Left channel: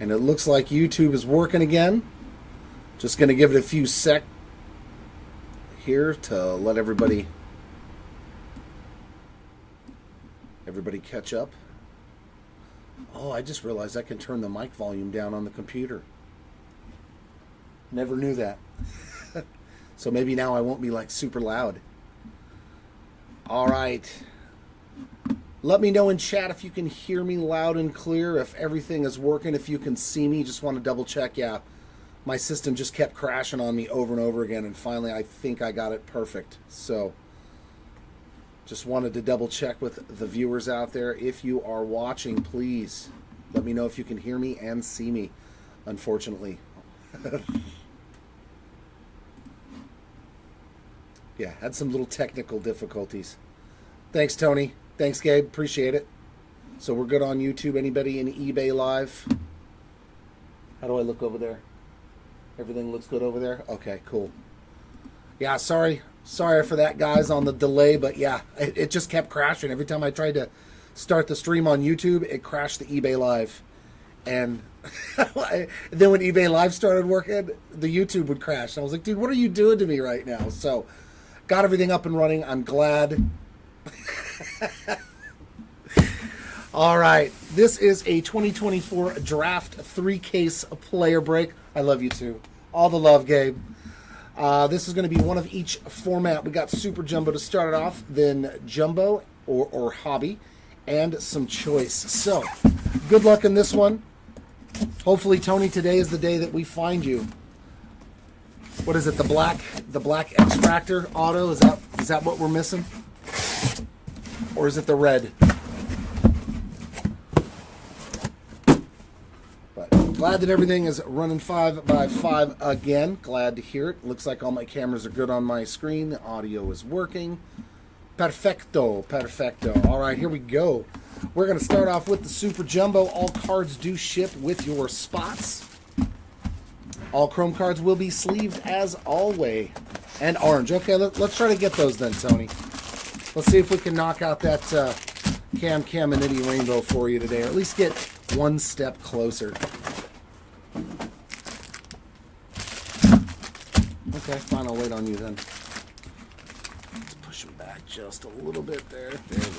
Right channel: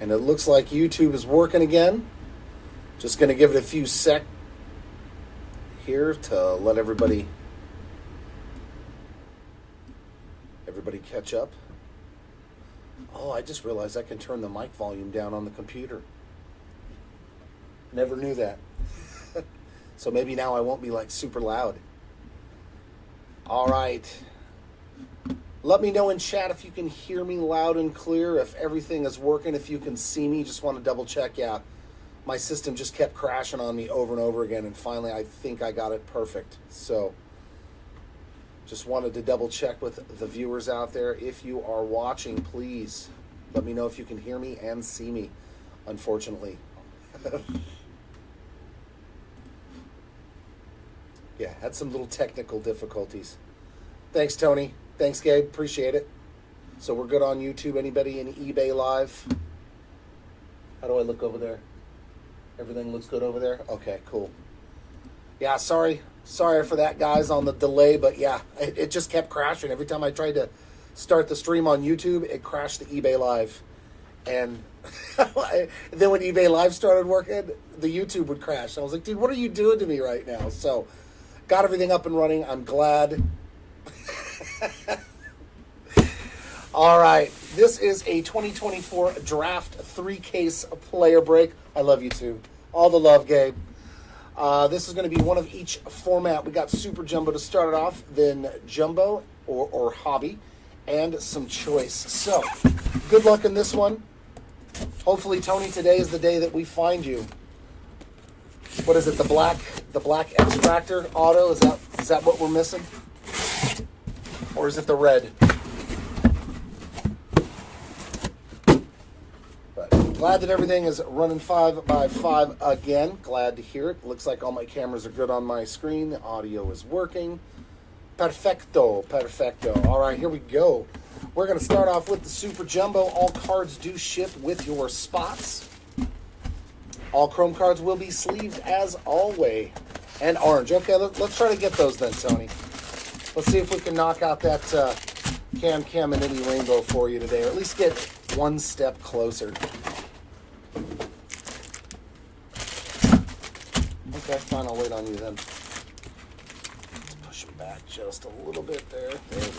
And it looks like YouTube is working again. Just going to give it a few sec here to let everybody catch up. Oh, I just realized I can turn the mic volume down on the computer. Never knew that. So maybe now I won't be like super loud. All right. Let me know in chat if you can hear me loud and clear, if everything is working, if you can see me. Just want to double check. Yeah, my system just kept crashing on me over and over again, and finally I think I got it perfect. So just wanted to double check with the viewers out there. If you are watching, please let me know if you can hear me and see me, unfortunately. Yeah, had some little technical difficulties. Thanks, Tony. Thanks, Gabe. Appreciate it. So we're good on YouTube. Anybody in eBay Live? How do I look over there? Everything looks good over there? Okay, cool. Yeah, sorry for that, guys, on the delay, but yeah, it just kept crashing. Every time I tried to start the stream on YouTube, it crashed the eBay Live. And then when eBay Live started working, the YouTube would crash. And I was like, dude, what are you doing to me right now? So got everything up and running. I'm glad. All right, this is a 2024 Draft 3-case player break. I love you too. All the love, Gabe. This is going to be one of each format. We got Super Jumbo to start it off, then Jumbo or Hobby, and some Choice. So, good luck in this one. Hopefully, Tony, today is the day that we find you. What is it? The black extractor auto? Is that what we're missing? Or is it the red? But glad that everything is running 5x5 again. Glad to hear it. Looks like all my cameras are good on my screen. The audio is working. Perfecto. All right, here we go. We're going to start off with the Super Jumbo. All cards do ship with your spots. All Chrome cards will be sleeved as always. And orange. Okay, let's try to get those then, Tony. Let's see if we can knock out that Cam and Nitty Rainbow for you today, or at least get one step closer. Okay, fine, I'll wait on you then. Let's push them back just a little bit there. There we go.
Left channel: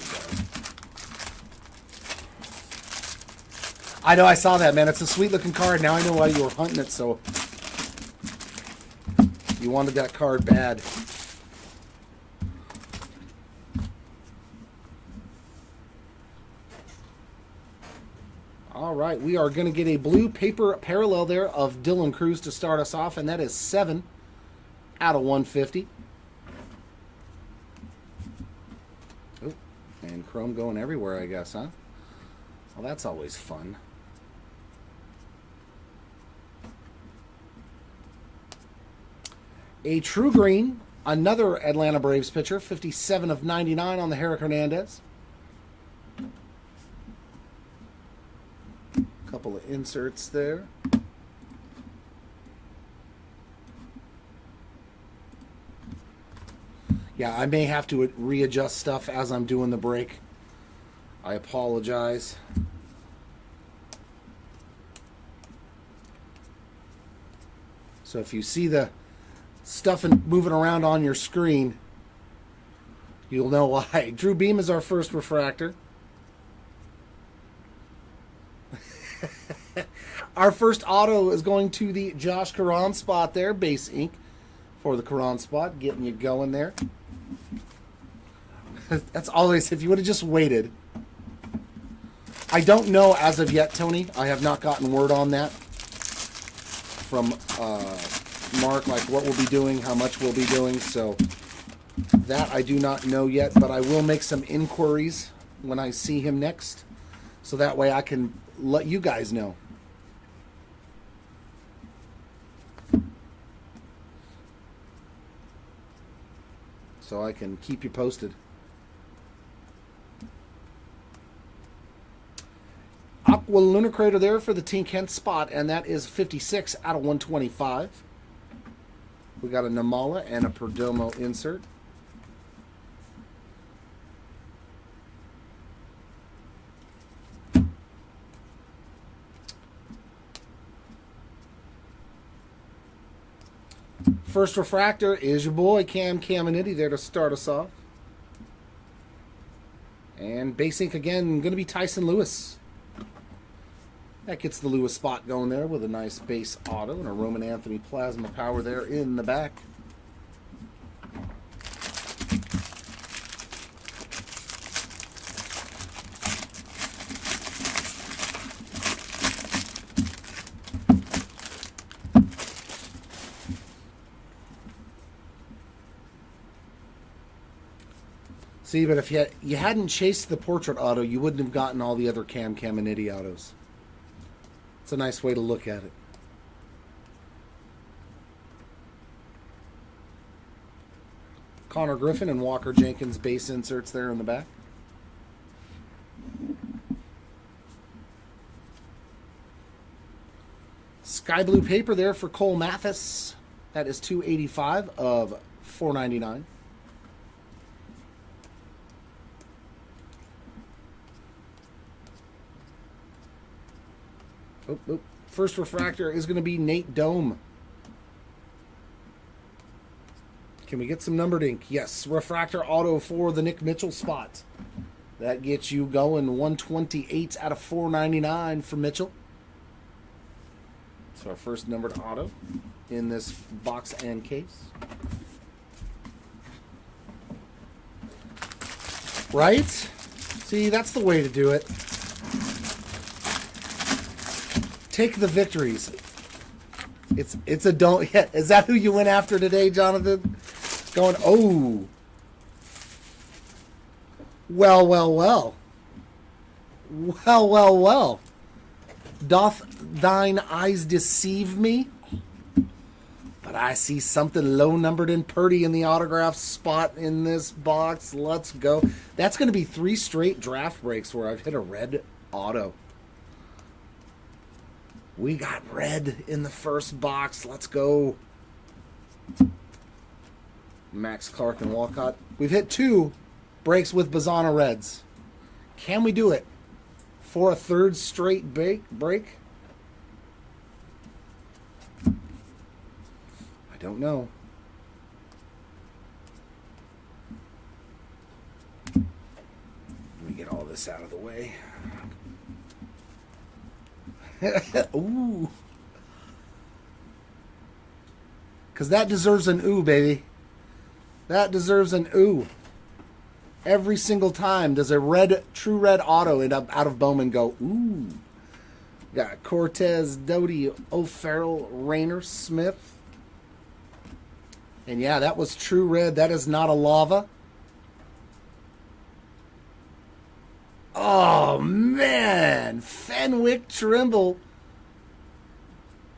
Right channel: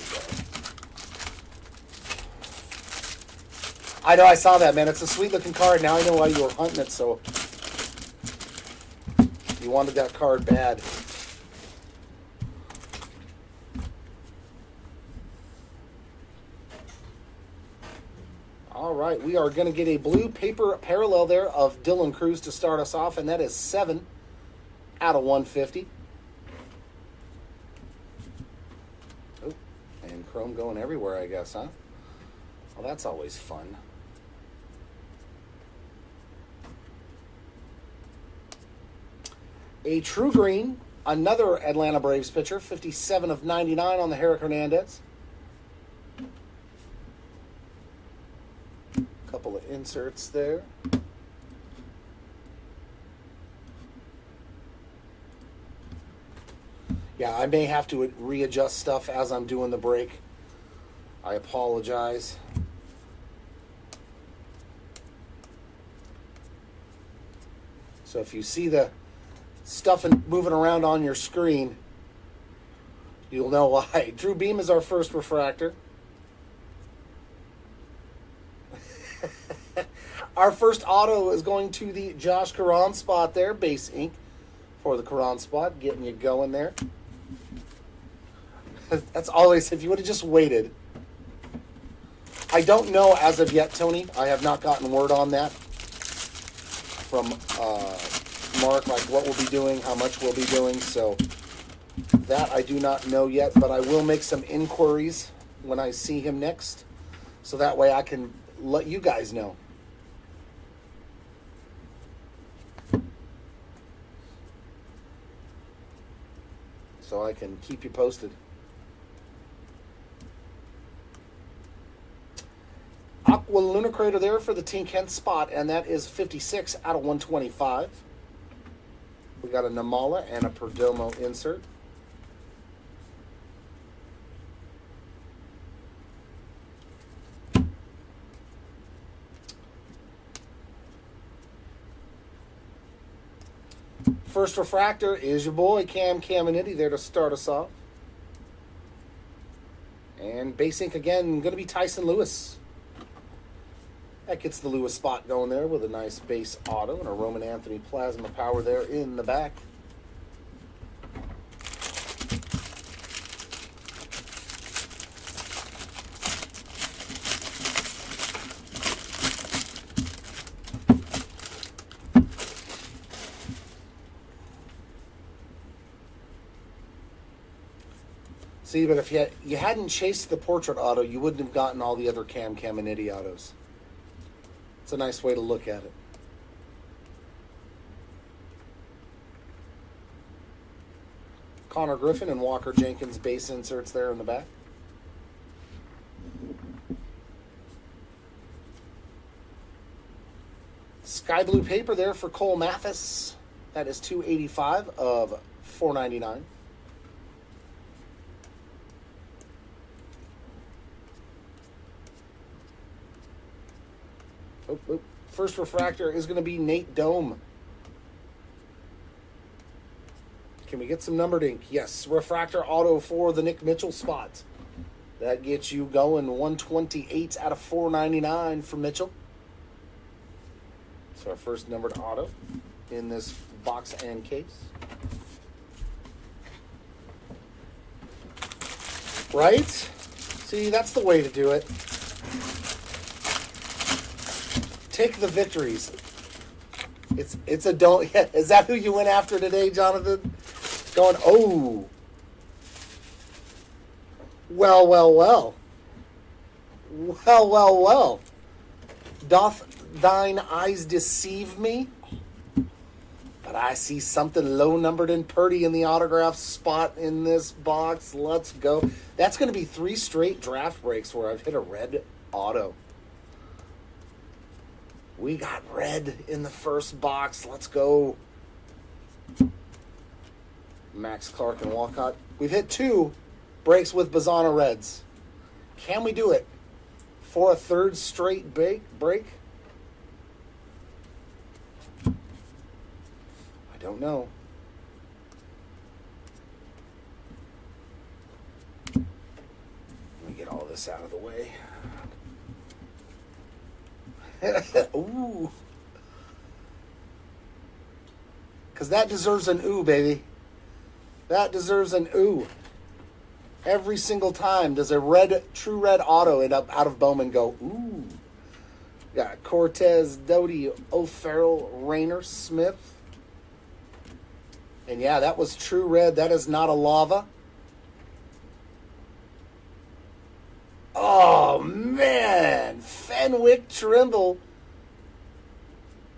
I know, I saw that, man. It's a sweet looking card. Now I know why you were hunting it, so you wanted that card bad. All right, we are going to get a blue paper parallel there of Dylan Cruz to start us off, and that is 7 out of 150. Oh, and Chrome going everywhere, I guess, huh? Well, that's always fun. A true green, another Atlanta Braves pitcher, 57 of 99 on the Herrick Hernandez. Couple of inserts there. Yeah, I may have to readjust stuff as I'm doing the break. I apologize. So if you see the stuff moving around on your screen, you'll know why. Drew Beam is our first refractor. Our first auto is going to the Josh Caron spot there, base ink for the Caron spot, getting you going there. That's always, if you would have just waited. I don't know as of yet, Tony. I have not gotten word on that from Mark, like what we'll be doing, how much we'll be doing. So that I do not know yet, but I will make some inquiries when I see him next. So that way I can let you guys know. So I can keep you posted. Aqua Luna Crater there for the Team Kent spot, and that is 56 out of 125. We got a Namala and a Perdomo insert. First refractor is your boy Cam Caminiti there to start us off. And base ink again, going to be Tyson Lewis. That gets the Lewis spot going there with a nice base auto and a Roman Anthony Plasma Power there in the back. See, but if you hadn't chased the portrait auto, you wouldn't have gotten all the other Cam Caminiti autos. It's a nice way to look at it. Connor Griffin and Walker Jenkins base inserts there in the back. Sky blue paper there for Cole Mathis. That is $285 of $499. First refractor is going to be Nate Dome. Can we get some numbered ink? Yes. Refractor auto for the Nick Mitchell spot. That gets you going 128 out of 499 for Mitchell. So our first numbered auto in this box and case. Right? See, that's the way to do it. Take the victories. It's a don't. Yeah, is that who you went after today, Jonathan? Going, oh. Well. Doth thine eyes deceive me? But I see something low numbered and Purdy in the autograph spot in this box. Let's go. That's going to be 3 straight draft breaks where I've hit a red auto. We got red in the first box. Let's go. Max Clark and Walcott. We've hit 2 breaks with Bazana Reds. Can we do it for a 3rd straight break? I don't know. Let me get all this out of the way. Ooh. Because that deserves an ooh, baby. That deserves an ooh. Every single time does a true red auto end up out of Bowman go, ooh. Got Cortez, Doty, O'Farrell, Rayner, Smith. And yeah, that was true red. That is not a lava. Oh, man. Fenwick Trimble.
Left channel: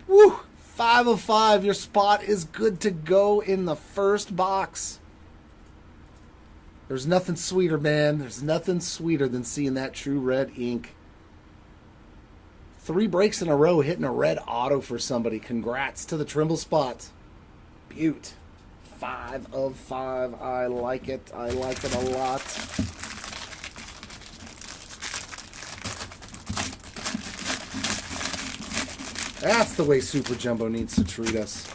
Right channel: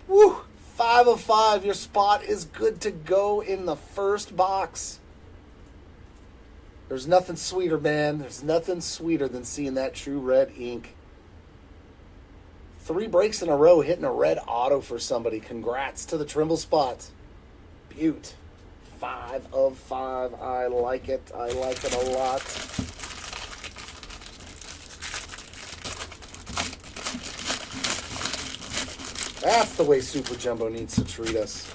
Woo. 5 of 5. Your spot is good to go in the first box. There's nothing sweeter, man. There's nothing sweeter than seeing that true red ink. 3 breaks in a row hitting a red auto for somebody. Congrats to the Trimble spot. Beaut. 5 of 5. I like it. I like it a lot. That's the way Super Jumbo needs to treat us.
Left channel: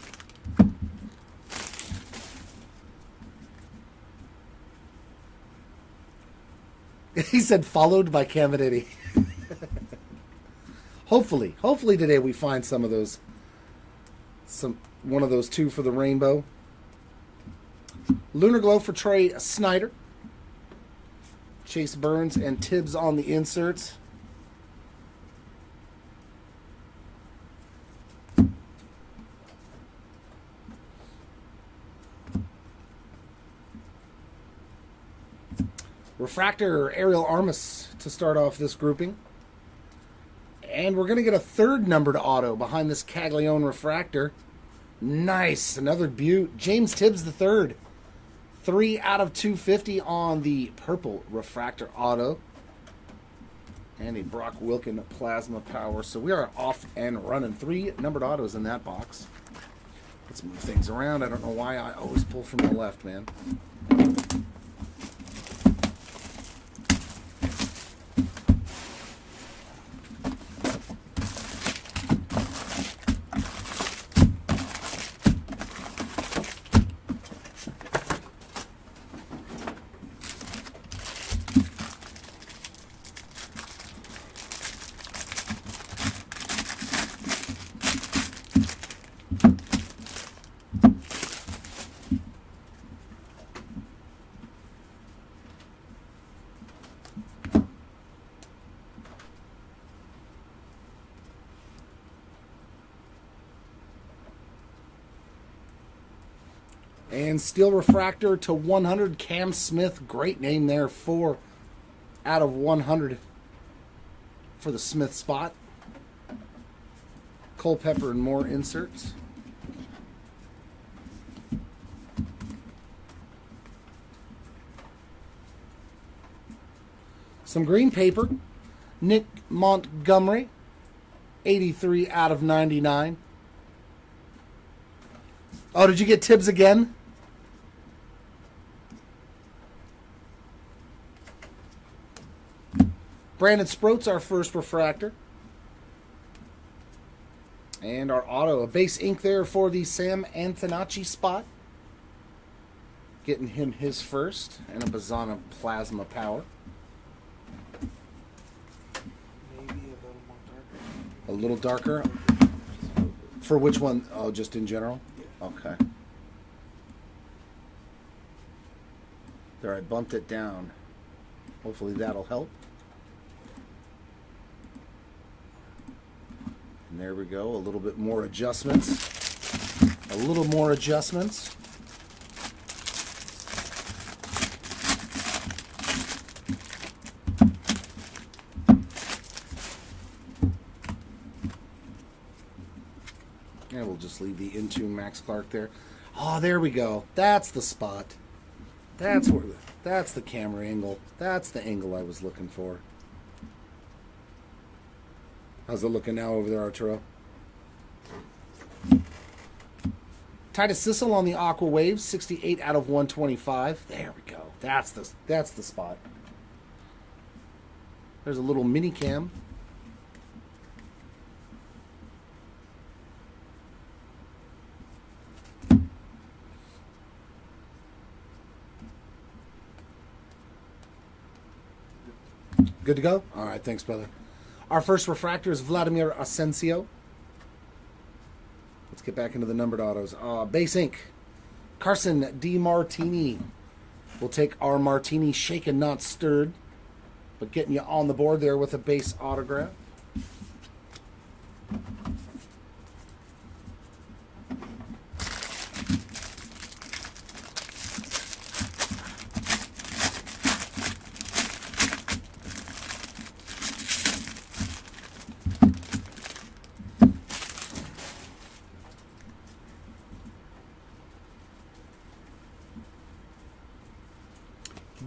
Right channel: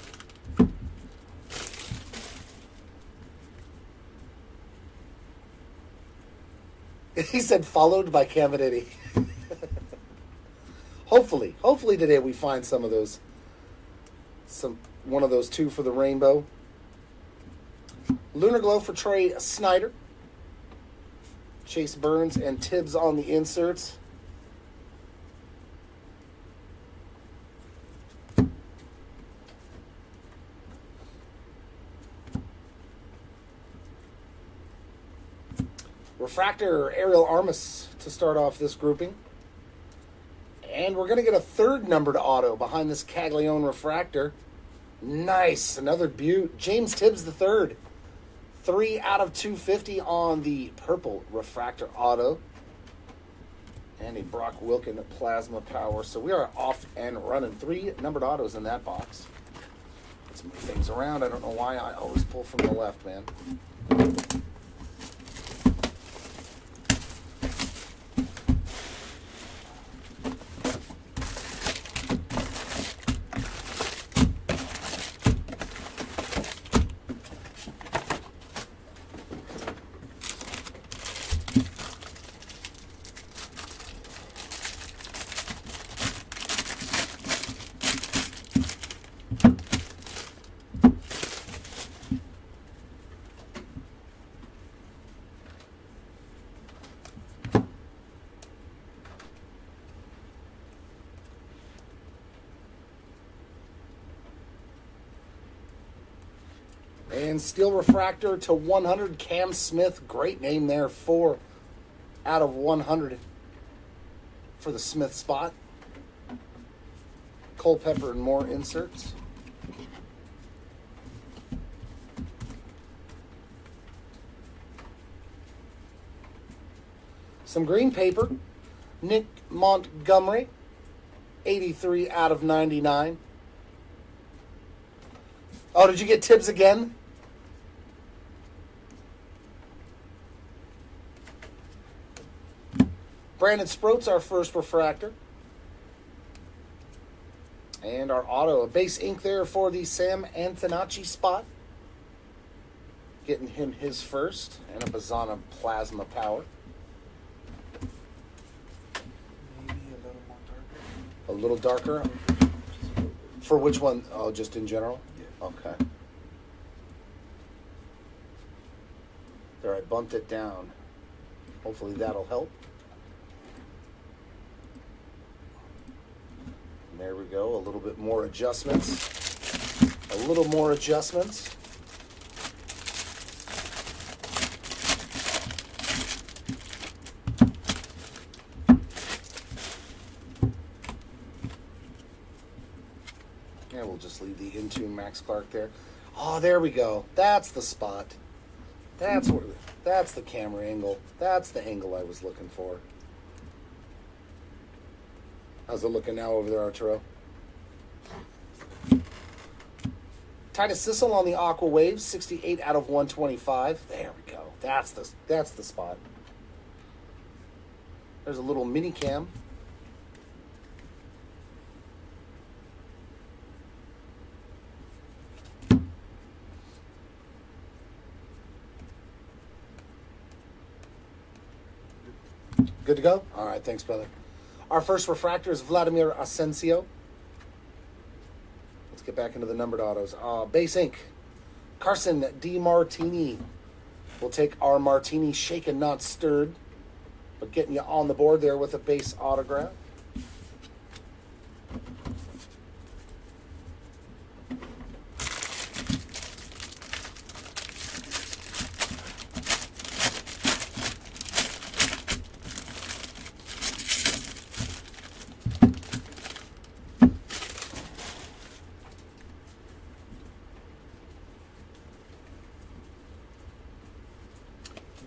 He said followed by Caminiti. Hopefully today we find some of those. One of those 2 for the rainbow. Lunar Glow for Trey Snyder. Chase Burns and Tibbs on the inserts. Refractor Ariel Armas to start off this grouping. And we're going to get a 3rd numbered auto behind this Caglione Refractor. Nice. Another beaut. James Tibbs III. 3 out of 250 on the purple Refractor auto. And a Brock Wilken Plasma Power. So we are off and running. 3 numbered autos in that box. Let's move things around. I don't know why I always pull from the left, man. And steel refractor to 100, Cam Smith. Great name there. 4 out of 100 for the Smith spot. Culpepper and more inserts. Some green paper. Nick Montgomery. 83 out of 99. Oh, did you get Tibbs again? Brandon Sproats, our first refractor. And our auto, a base ink there for the Sam Antonacci spot. Getting him his first. And a Bazana Plasma Power. Maybe a A little darker? For which one? Oh, just in general? Yeah. Okay. There, I bumped it down. Hopefully that'll help. And there we go. A little bit more adjustments. A little more adjustments. And we'll just leave the Intune Max Clark there. Oh, there we go. That's the spot. That's where. That's the camera angle. That's the angle I was looking for. How's it looking now over there, Arturo? Titus Sissel on the Aqua Waves, 68 out of 125. There we go. That's the spot. There's a little mini cam. Good to go? All right, thanks, brother. Our first refractor is Vladimir Asensio. Let's get back into the numbered autos. Base ink, Carson DiMartini. We'll take our Martini shaken, not stirred, but getting you on the board there with a base autograph.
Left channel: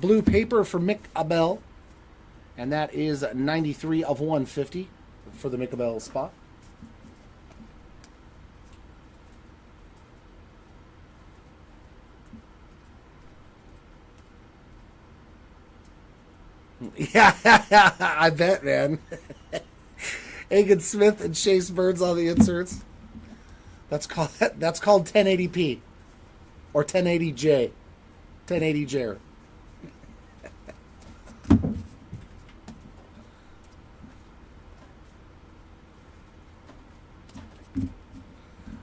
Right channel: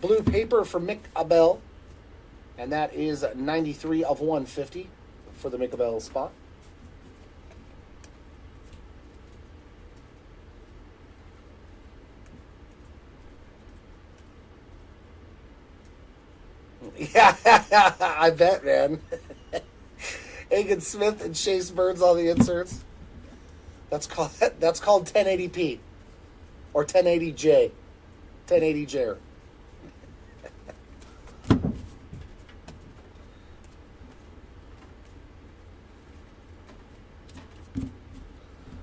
Blue paper for Mick Abel, and that is 93 of 150 for the Mick Abel spot. Yeah, I bet, man. Hagen Smith and Chase Burns on the inserts. That's called 1080p or 1080J. 1080J.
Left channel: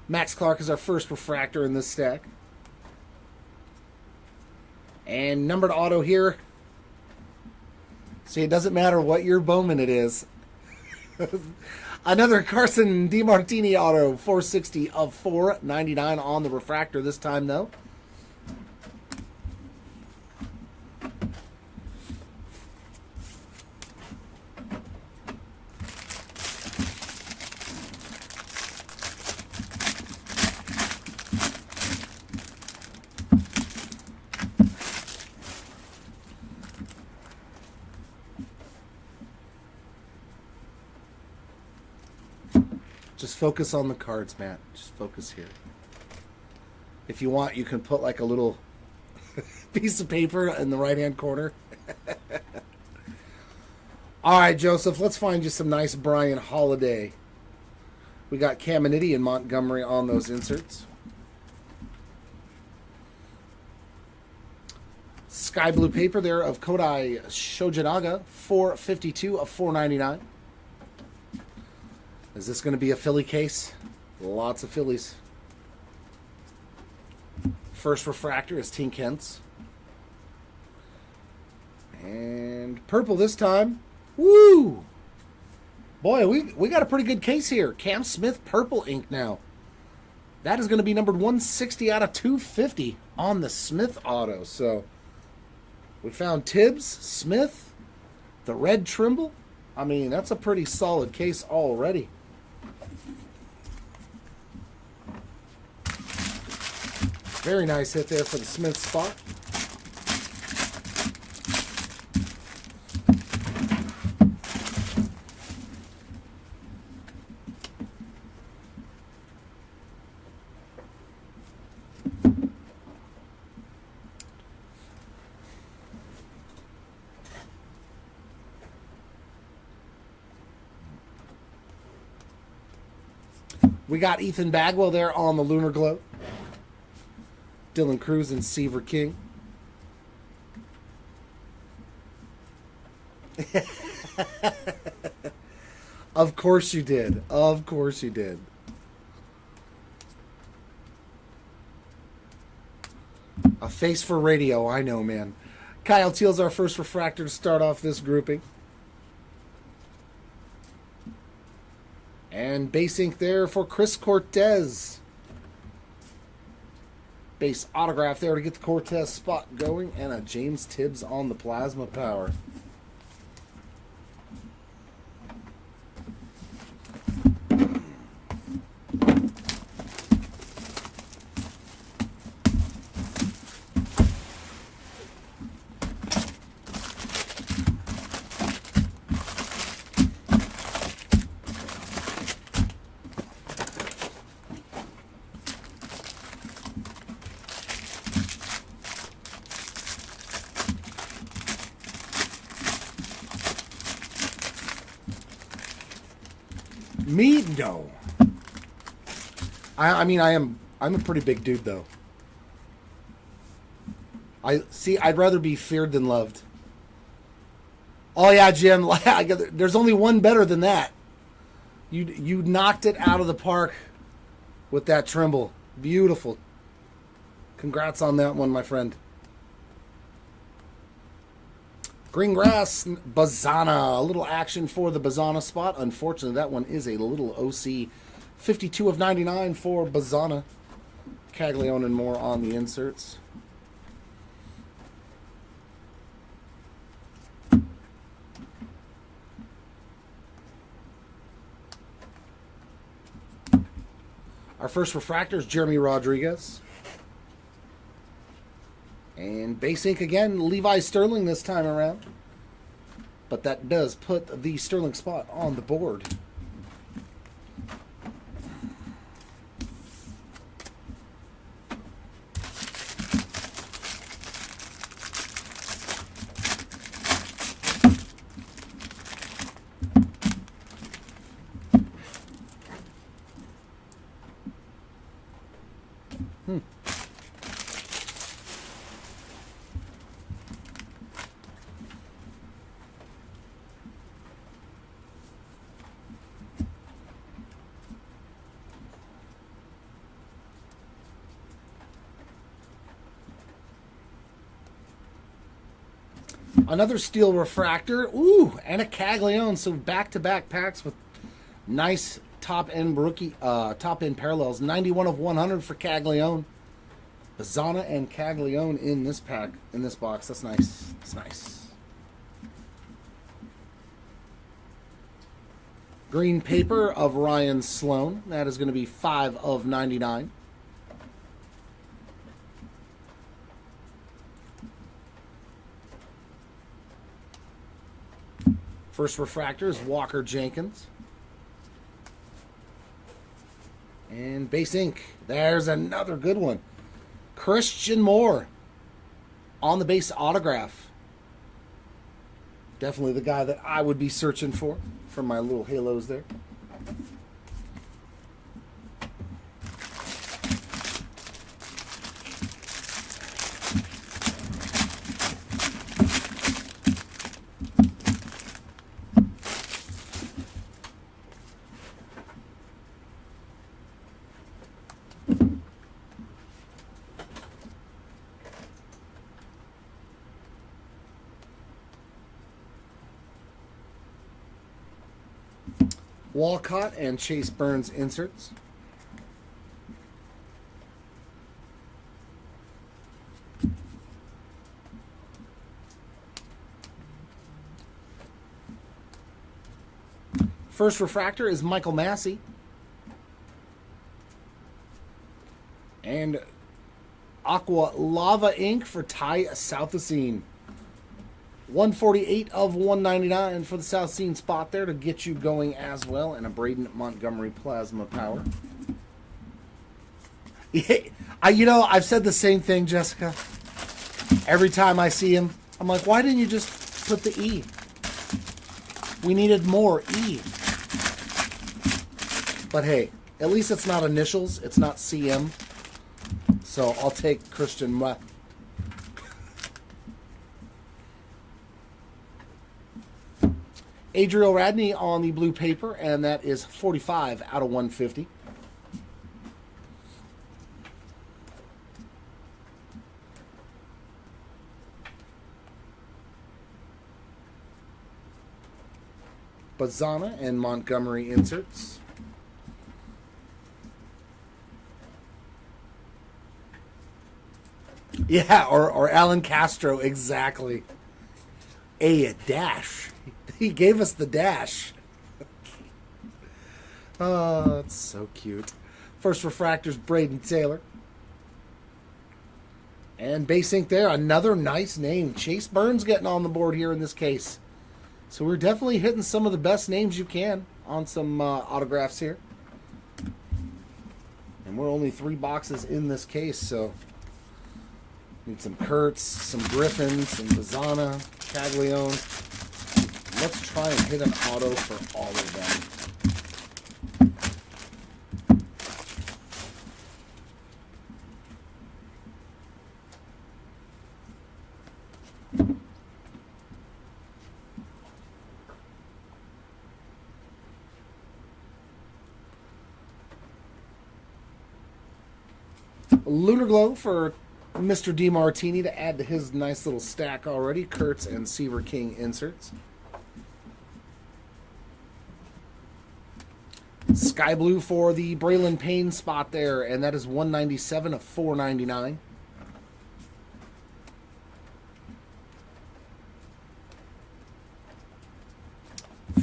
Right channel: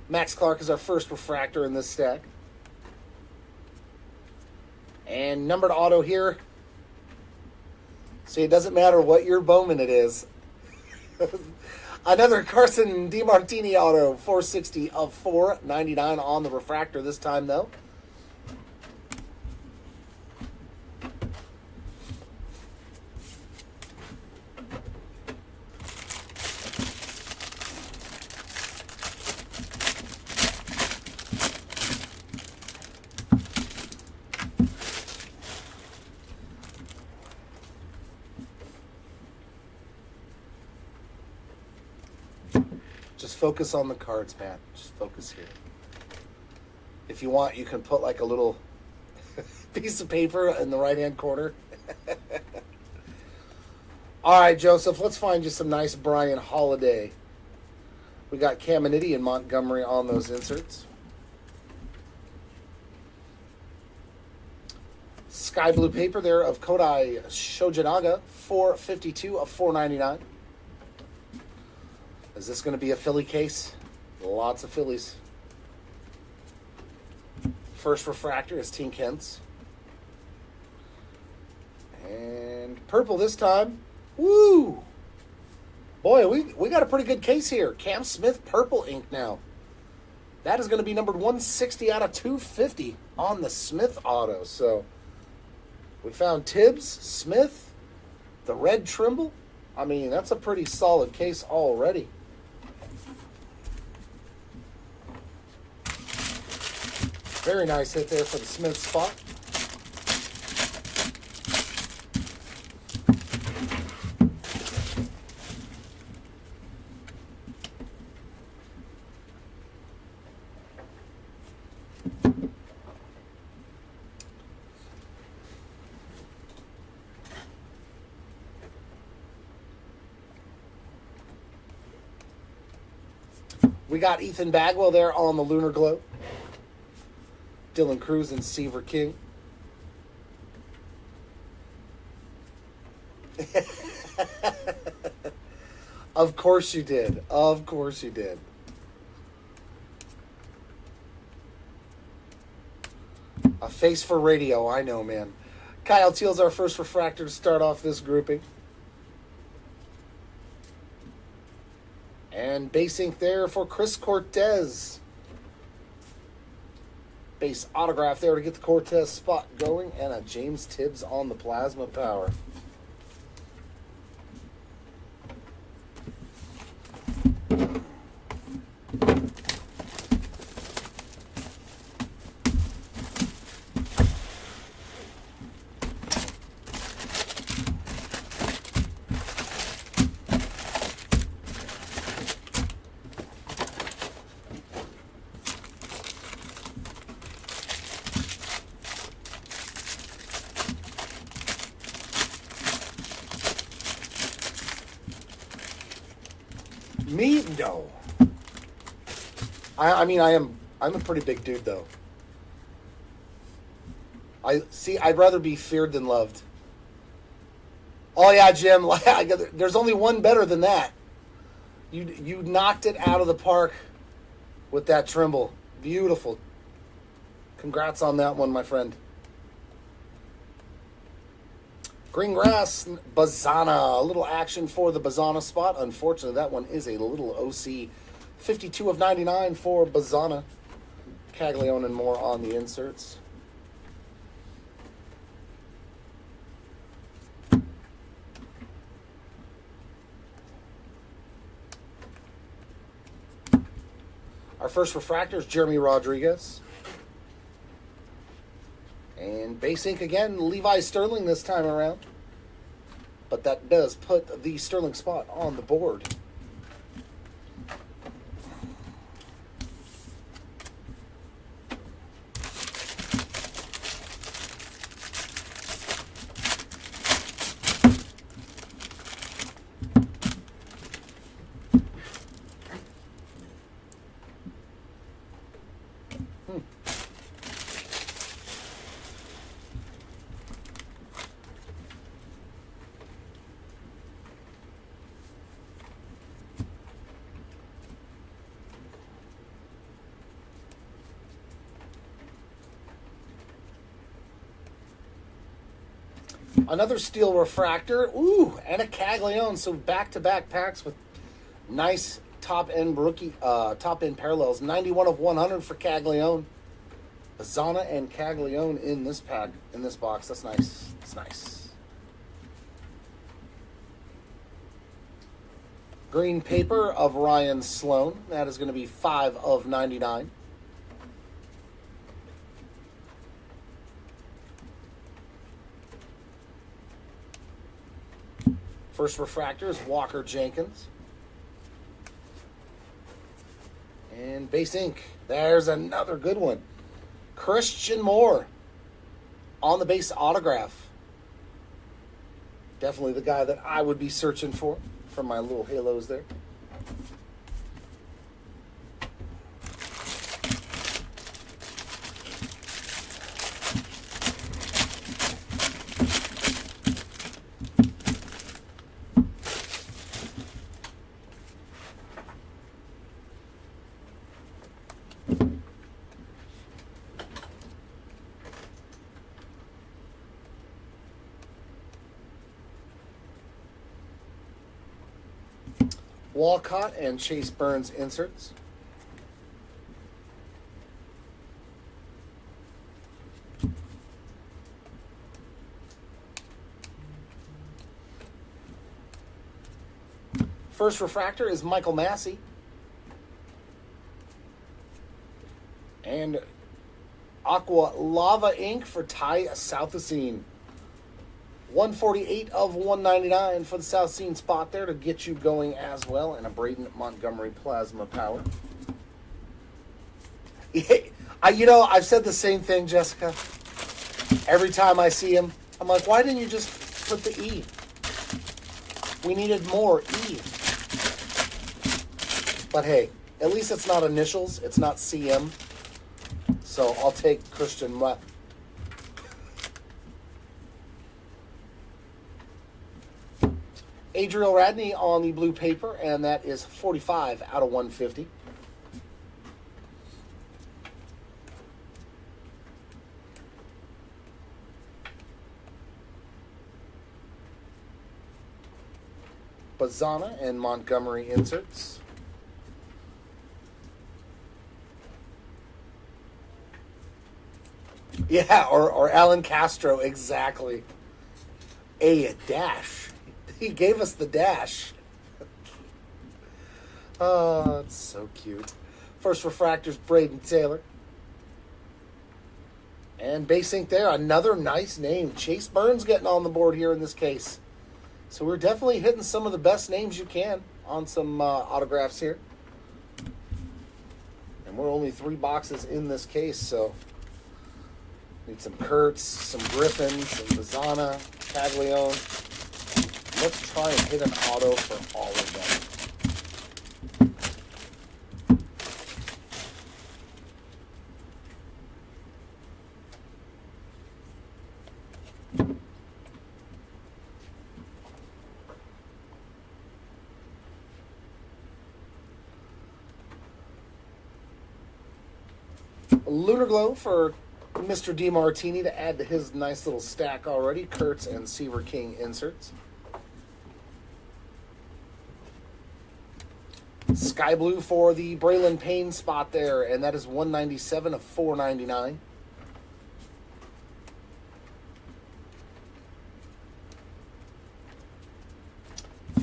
Max Clark is our first refractor in this stack. And numbered auto here. See, it doesn't matter what your Bowman it is. Another Carson DiMartini auto, 460 of 499 on the refractor this time, though. Just focus on the cards, Matt. Just focus here. If you want, you can put like a little piece of paper in the right-hand corner. All right, Joseph, let's find you some nice Brian Holiday. We got Caminiti and Montgomery on those inserts. Sky blue paper there of Kodai Shojinaga, 452 of 499. Is this going to be a Philly case? Lots of Phillies. First refractor is Tink Hence. And purple this time. Woo! Boy, we got a pretty good case here. Cam Smith purple ink now. That is going to be numbered 160 out of 250 on the Smith auto. So we found Tibbs, Smith, the red Trimble. I mean, that's a pretty solid case already. Very nice hit there for the Smith spot. We got Ethan Bagwell there on the Lunar Glow. Dylan Cruz and Seaver King. Of course you did. Of course you did. A face for radio, I know, man. Kyle Teal's our first refractor to start off this grouping. And base ink there for Chris Cortez. Base autograph there to get the Cortez spot going. And a James Tibbs on the Plasma Power. Me? No. I'm a pretty big dude, though. I'd rather be feared than loved. Oh, yeah, Jim. There's only one better than that. You knocked it out of the park with that Trimble. Beautiful. Congrats on that one, my friend. Green Grass, Bazana. A little action for the Bazana spot. Unfortunately, that one is a little OC. 52 of 99 for Bazana. Caglione and more on the inserts. Our first refractor is Jeremy Rodriguez. And base ink again, Levi Sterling this time around. But that does put the Sterling spot on the board. Another steel refractor. Ooh, and a Caglione. So back-to-back packs with nice top-end rookie, top-end parallels. 91 of 100 for Caglione. Bazana and Caglione in this pack, in this box. That's nice. That's nice. Green paper of Ryan Sloan. That is going to be 5 of 99. First refractor is Walker Jenkins. And base ink. There's another good one. Christian Moore on the base autograph. Definitely the guy that I would be searching for my little halos there. Walcott and Chase Burns inserts. First refractor is Michael Massey. And Aqua Lava Ink for Ty Southacene. 148 of 199 for the Southacene spot there to get you going as well. And a Braden Montgomery Plasma Power. Yeah, I've said the same thing, Jessica. Every time I see him, I'm like, why didn't you just put the E? We needed more E. But hey, at least it's not initials. It's not CM. So I'll take Christian. Adriel Radney on the blue paper, and that is 45 out of 150. Bazana and Montgomery inserts. Yeah, or Alan Castro, exactly. A dash. He gave us the dash. Oh, it's so cute. First refractor's Braden Taylor. And base ink there, another nice name. Chase Burns getting on the board here in this case. So we're definitely hitting some of the best names you can on some autographs here. And we're only 3 boxes in this case, so need some Kurtz, some Griffin, some Bazana, Caglione. Let's try and hit an auto for all of them. Lunar Glow for Mr. DeMartini to add to his nice little stack already. Kurtz and Seaver King inserts. Sky Blue for the Braylon Payne spot there, and that is 197 of 499.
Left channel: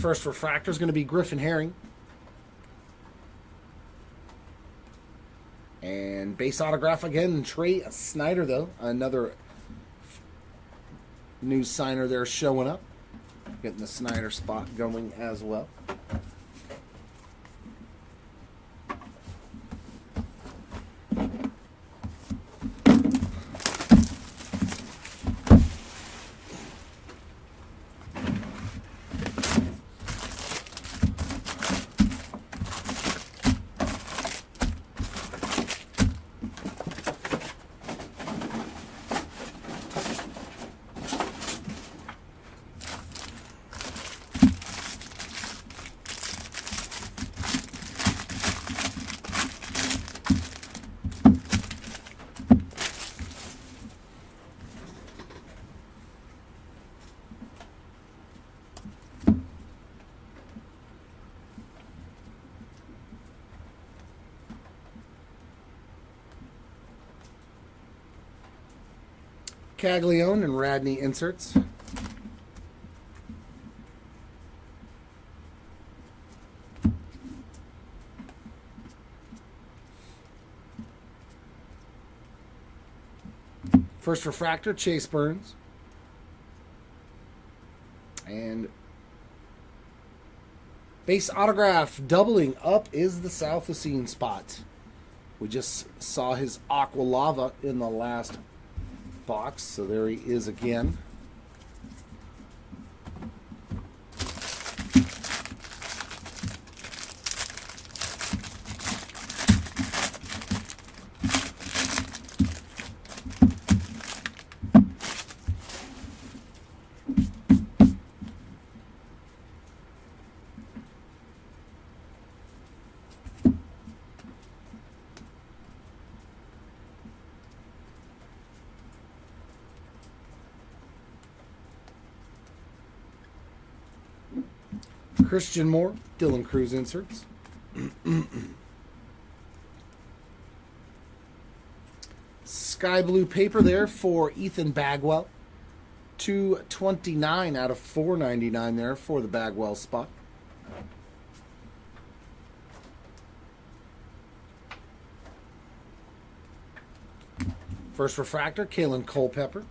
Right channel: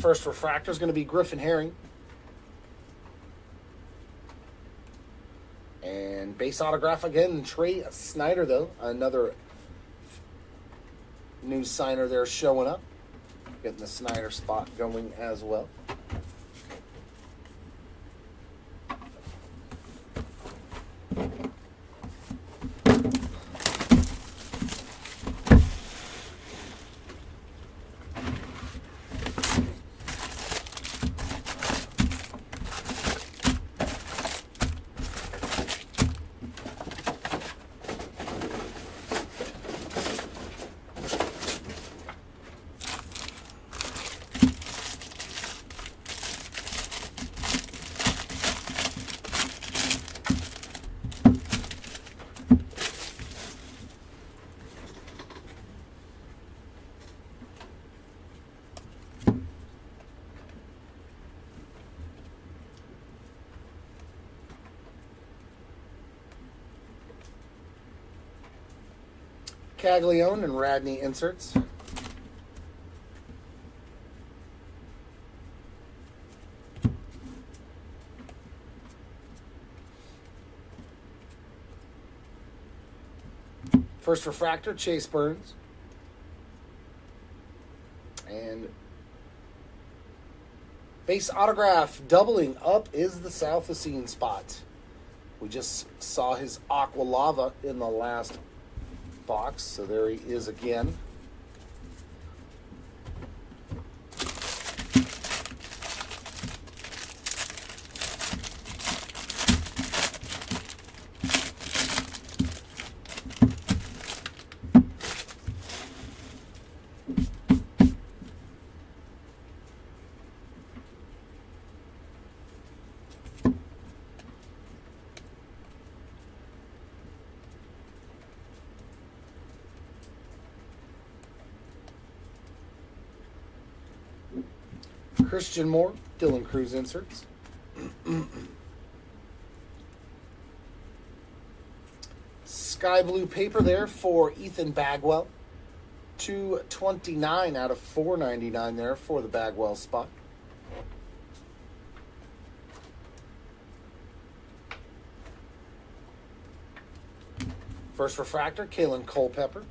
First refractor is going to be Griffin Herring. And base autograph again, Trey Snyder, though. Another new signer there showing up. Getting the Snyder spot going as well. Caglione and Radney inserts. First refractor, Chase Burns. And base autograph doubling up is the Southacene spot. We just saw his Aqua Lava in the last box, so there he is again. Christian Moore, Dylan Cruz inserts. Sky blue paper there for Ethan Bagwell. 229 out of 499 there for the Bagwell spot. First refractor, Kalen Culpepper.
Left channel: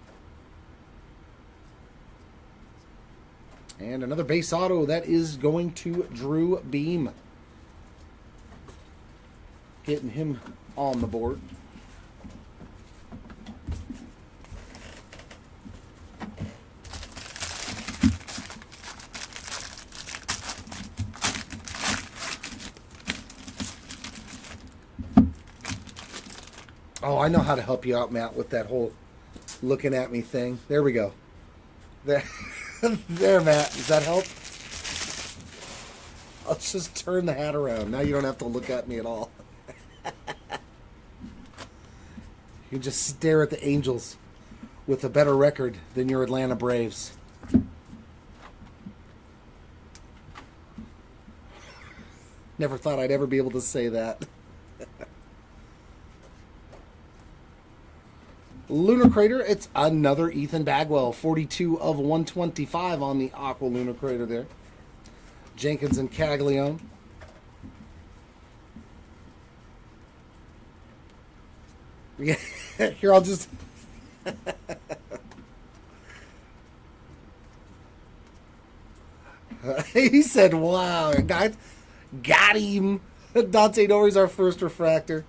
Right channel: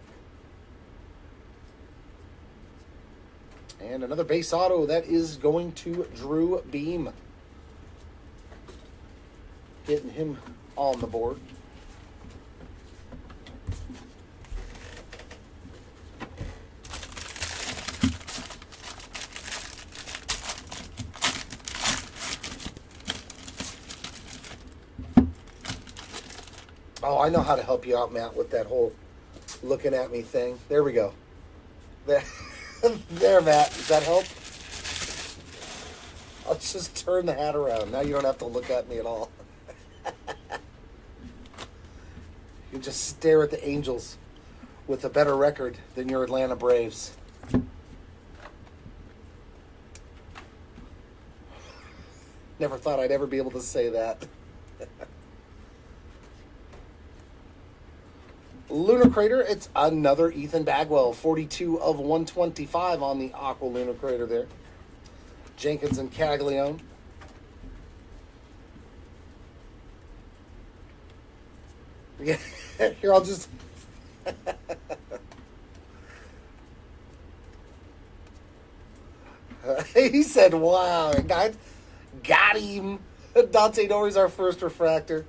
And another base auto, that is going to Drew Beam. Getting him on the board. Oh, I know how to help you out, Matt, with that whole looking at me thing. There we go. There, there, Matt. Does that help? I'll just turn the hat around. Now you don't have to look at me at all. You just stare at the Angels with a better record than your Atlanta Braves. Never thought I'd ever be able to say that. Lunar Crater, it's another Ethan Bagwell. 42 of 125 on the Aqua Lunar Crater there. Jenkins and Caglione. Yeah, here I'll just... He said, wow, got him. Dante Norrie's our first refractor.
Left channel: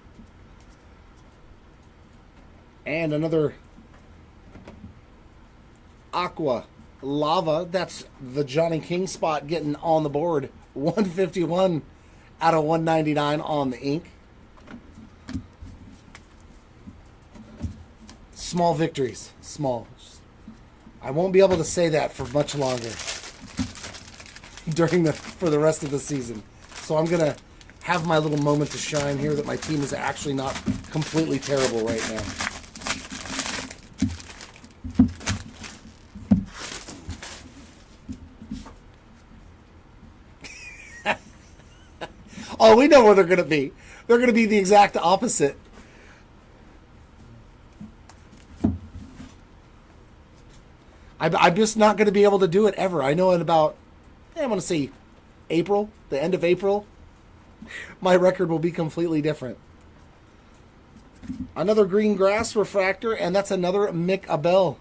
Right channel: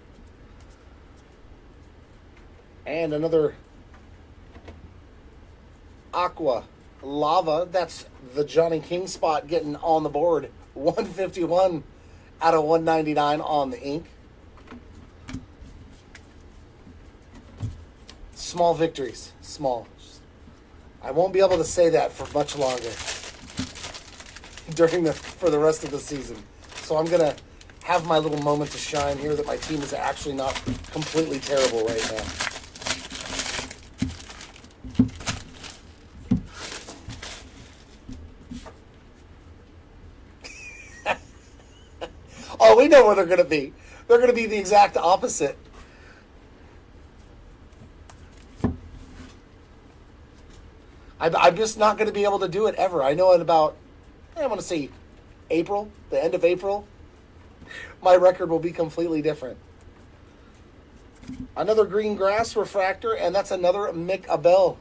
And another Aqua Lava. That's the Johnny King spot getting on the board. 151 out of 199 on the ink. Small victories. Small. I won't be able to say that for much longer for the rest of the season. So I'm going to have my little moment to shine here that my team is actually not completely terrible right now. Oh, we know where they're going to be. They're going to be the exact opposite. I'm just not going to be able to do it ever. I know in about, I want to say April, the end of April, my record will be completely different. Another green grass refractor, and that's another Mick Abel.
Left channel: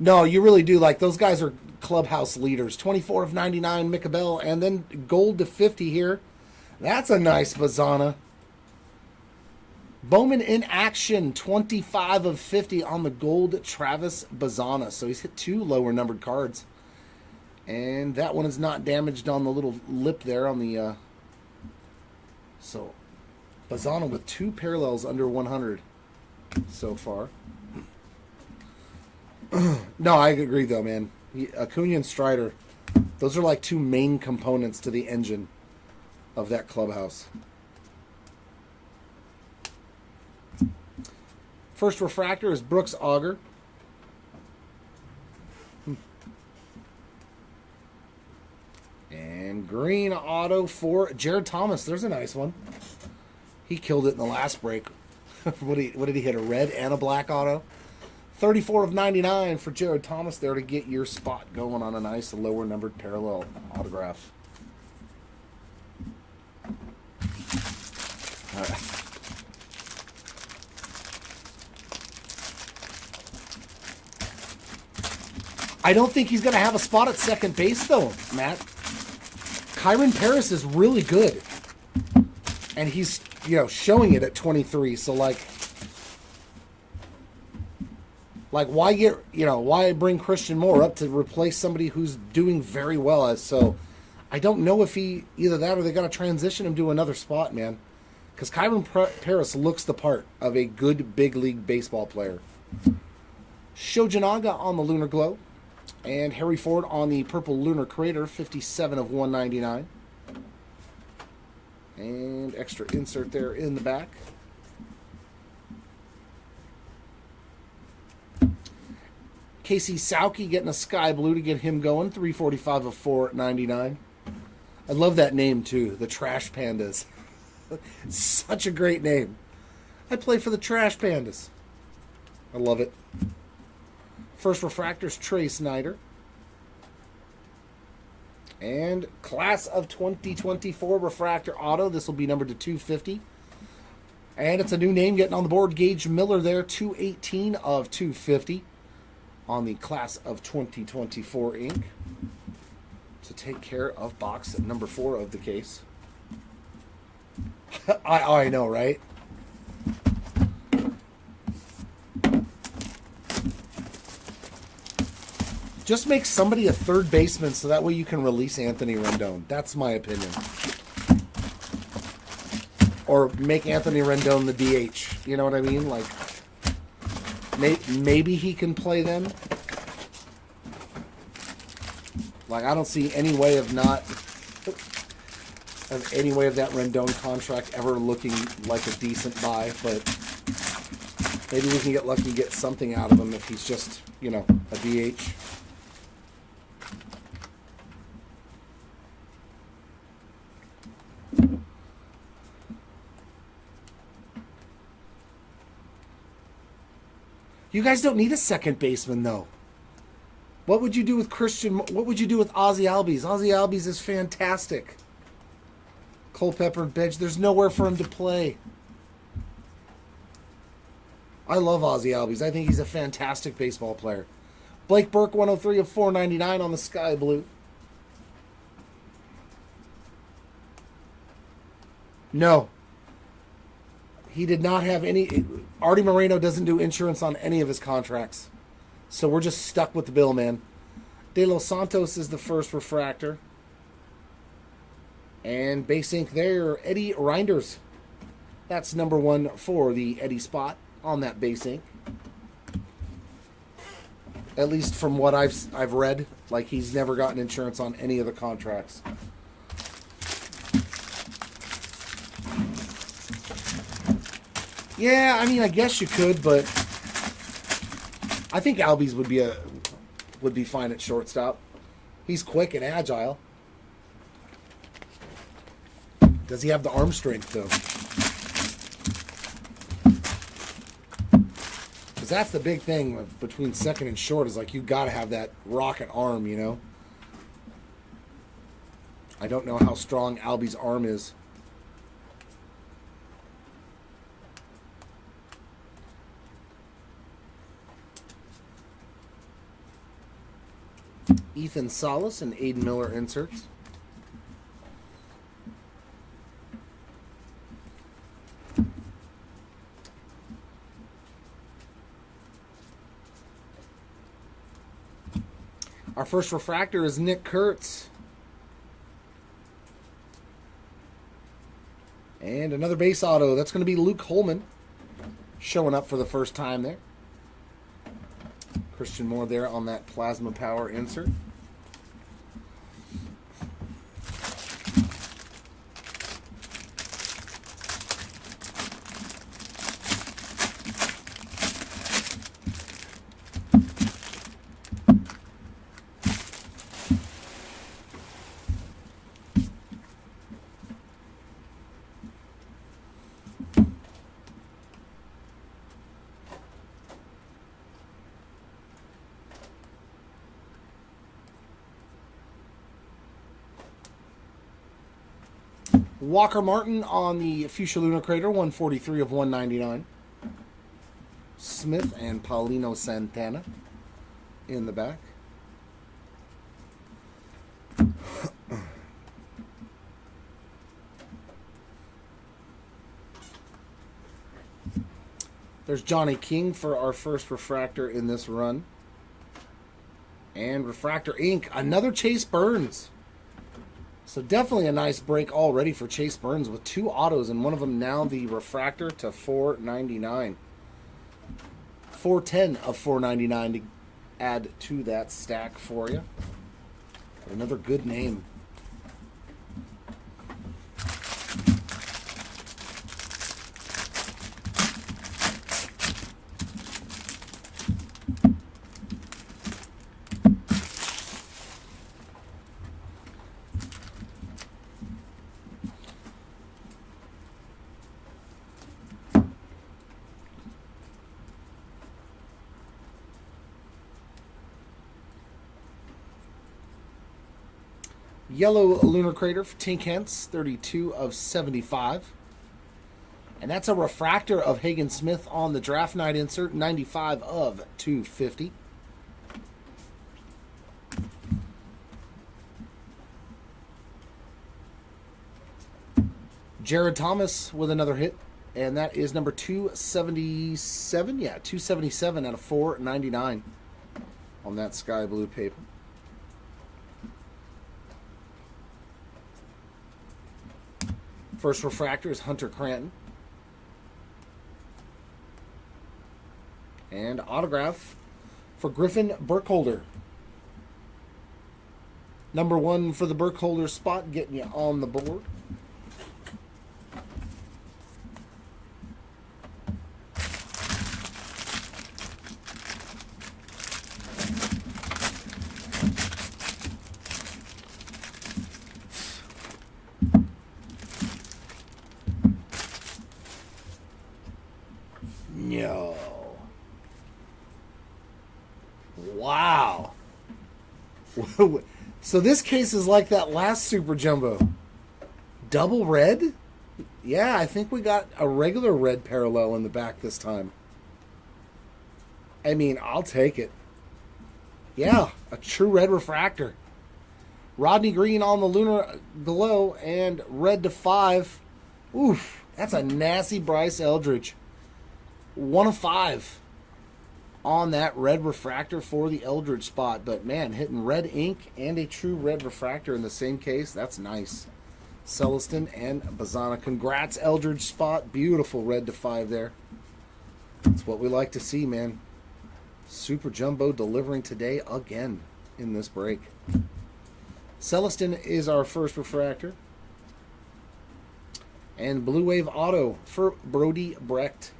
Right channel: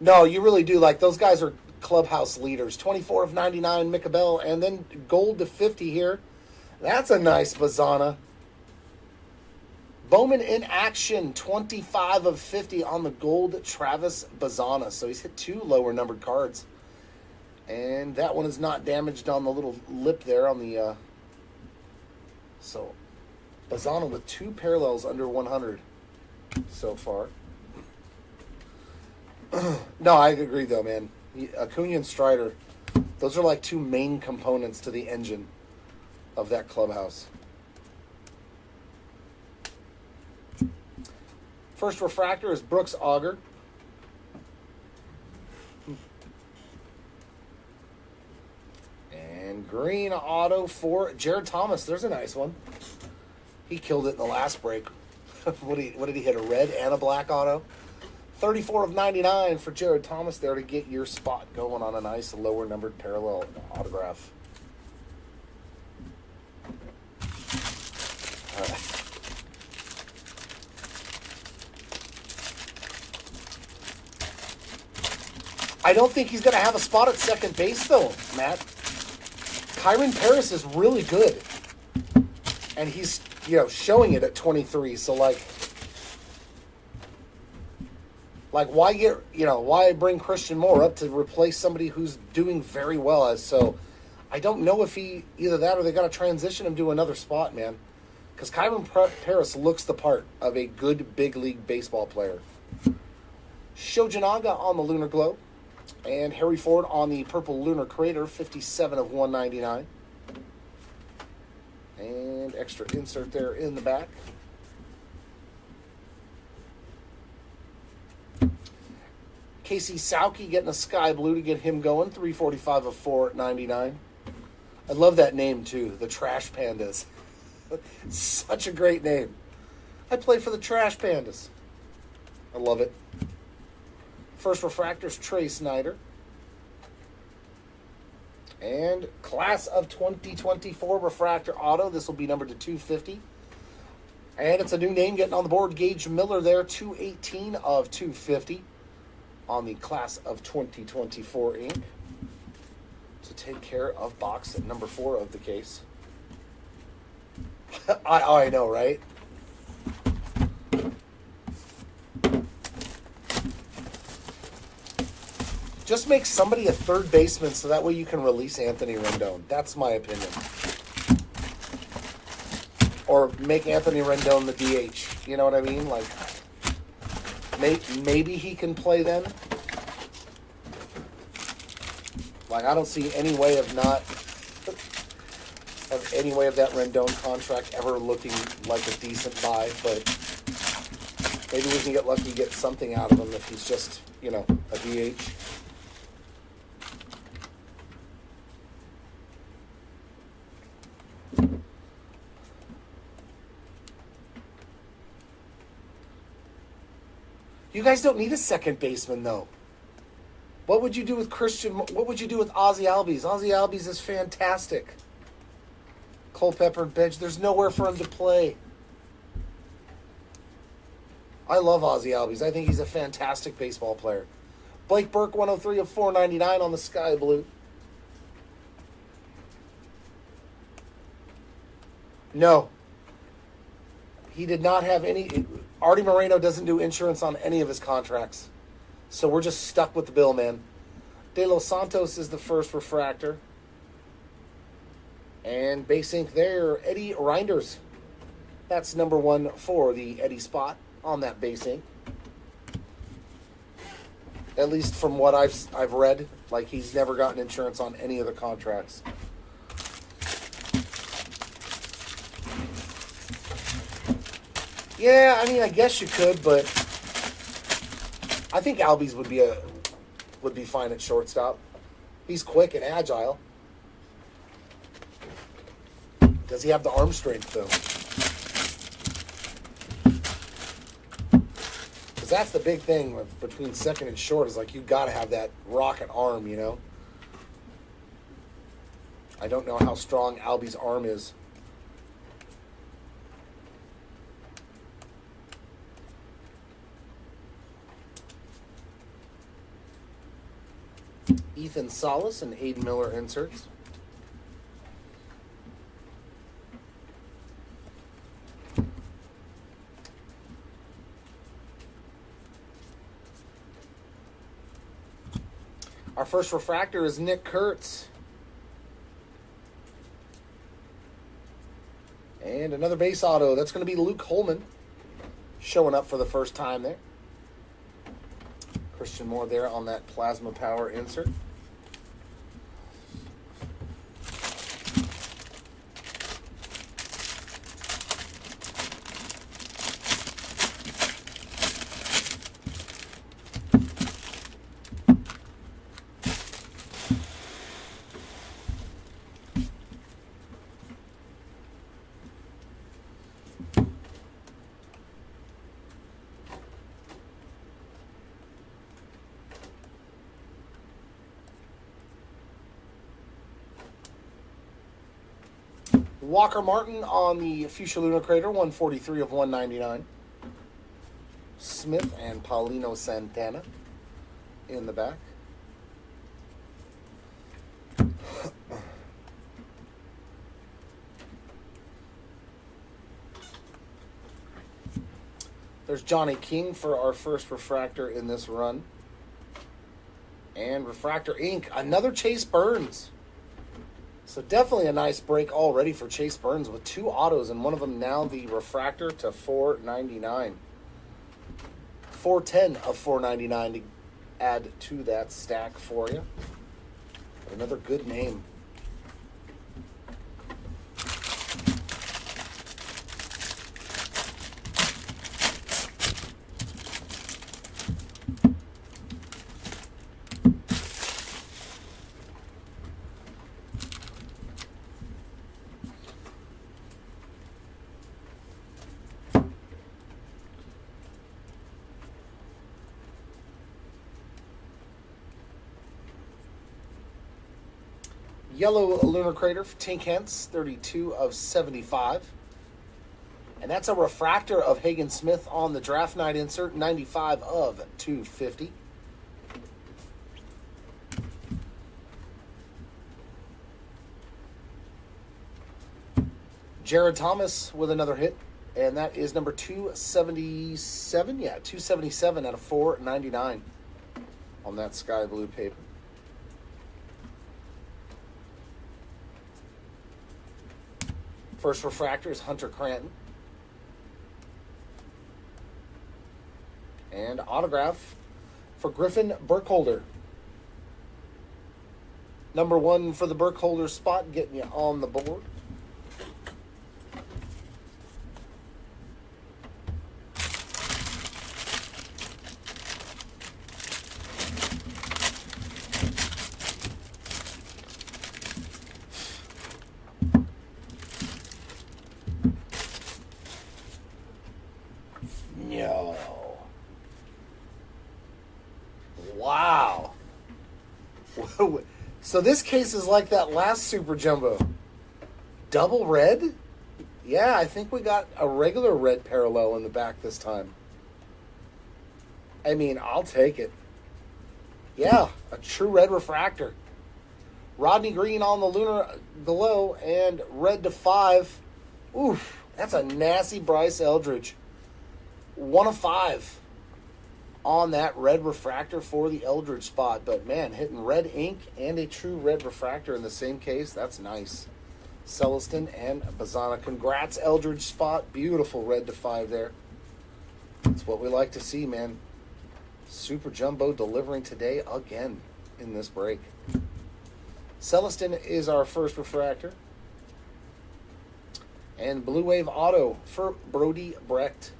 No, you really do. Like, those guys are clubhouse leaders. 24 of 99, Mick Abel, and then gold to 50 here. That's a nice Bazana. Bowman in action, 25 of 50 on the gold Travis Bazana. So he's hit 2 lower numbered cards. And that one is not damaged on the little lip there on the... So, Bazana with 2 parallels under 100 so far. No, I agree though, man. Acuna and Strider, those are like 2 main components to the engine of that clubhouse. First refractor is Brooks Auger. And green auto for Jared Thomas. There's a nice one. He killed it in the last break. What did he hit? A red and a black auto? 34 of 99 for Jared Thomas there to get your spot going on a nice lower numbered parallel autograph. All right. I don't think he's going to have a spot at second base, though, Matt. Kyron Paris is really good. And he's, showing it at 23. So, why bring Christian Moore up to replace somebody who's doing very well? So, I don't know if either that or they got to transition him to another spot, man. Because Kyron Paris looks the part of a good big league baseball player. Shojinaga on the Lunar Glow. And Harry Ford on the Purple Lunar Crater, 57 of 199. And extra insert there in the back. Casey Sauke getting a sky blue to get him going, 345 of 499. I love that name too, the Trash Pandas. It's such a great name. I play for the Trash Pandas. I love it. First refractor's Trey Snyder. And class of 2024 refractor auto. This will be numbered to 250. And it's a new name getting on the board. Gage Miller there, 218 of 250 on the class of 2024 ink to take care of box number 4 of the case. I know, right? Just make somebody a third baseman so that way you can release Anthony Rendon. That's my opinion. Or make Anthony Rendon the DH. You know what I mean? Like, maybe he can play then. Like, I don't see any way of that Rendon contract ever looking like a decent buy, but maybe we can get lucky and get something out of him if he's just, you know, a DH. You guys don't need a second baseman, though. What would you do with Christian? What would you do with Ozzie Albies? Ozzie Albies is fantastic. Culpepper bench. There's nowhere for him to play. I love Ozzie Albies. I think he's a fantastic baseball player. Blake Burke, 103 of 499 on the Sky Blue. No. He did not have any... Artie Moreno doesn't do insurance on any of his contracts. So we're just stuck with the bill, man. De Los Santos is the first refractor. And base ink there, Eddie Reinders. That's number 1 for the Eddie spot on that base ink. At least from what I've read, like he's never gotten insurance on any of the contracts. Yeah, I mean, I guess you could, but I think Albies would be fine at shortstop. He's quick and agile. Does he have the arm strength, though? Because that's the big thing between second and short is, like, you got to have that rocket arm, you know? I don't know how strong Albies' arm is. Ethan Salas and Aiden Miller inserts. Our first refractor is Nick Kurtz. And another base auto. That's going to be Luke Holman showing up for the first time there. Christian Moore there on that plasma power insert. Walker Martin on the Fuchsia Lunar Crater, 143 of 199. Smith and Paulino Santana in the back. There's Johnny King for our first refractor in this run. And Refractor Ink, another Chase Burns. So definitely a nice break already for Chase Burns with 2 autos, and one of them now the refractor to 499. 410 of 499 to add to that stack for you. Another good name. Yellow Lunar Crater for Tink Hence, 32 of 75. And that's a refractor of Hagen Smith on the draft night insert, 95 of 250. Jared Thomas with another hit, and that is number 277. Yeah, 277 out of 499 on that sky blue paper. First refractor is Hunter Cranton. And autograph for Griffin Burkholder. Number 1 for the Burkholder spot, getting you on the board. No. Wow. So this case is like that last Super Jumbo. Double red? Yeah, I think we got a regular red parallel in the back this time. I mean, I'll take it. Yeah, a true red refractor. Rodney Green on the lunar below and red to 5. Oof, that's a nasty Bryce Eldridge. 1 of 5 on that red refractor for the Eldridge spot. But man, hitting red ink and a true red refractor in the same case, that's nice. Celestin and Bazana. Congrats, Eldridge spot. Beautiful red to 5 there. That's what we like to see, man. Super Jumbo delivering today again in this break. Celestin is our first refractor. And Blue Wave Auto for Brody Brecht.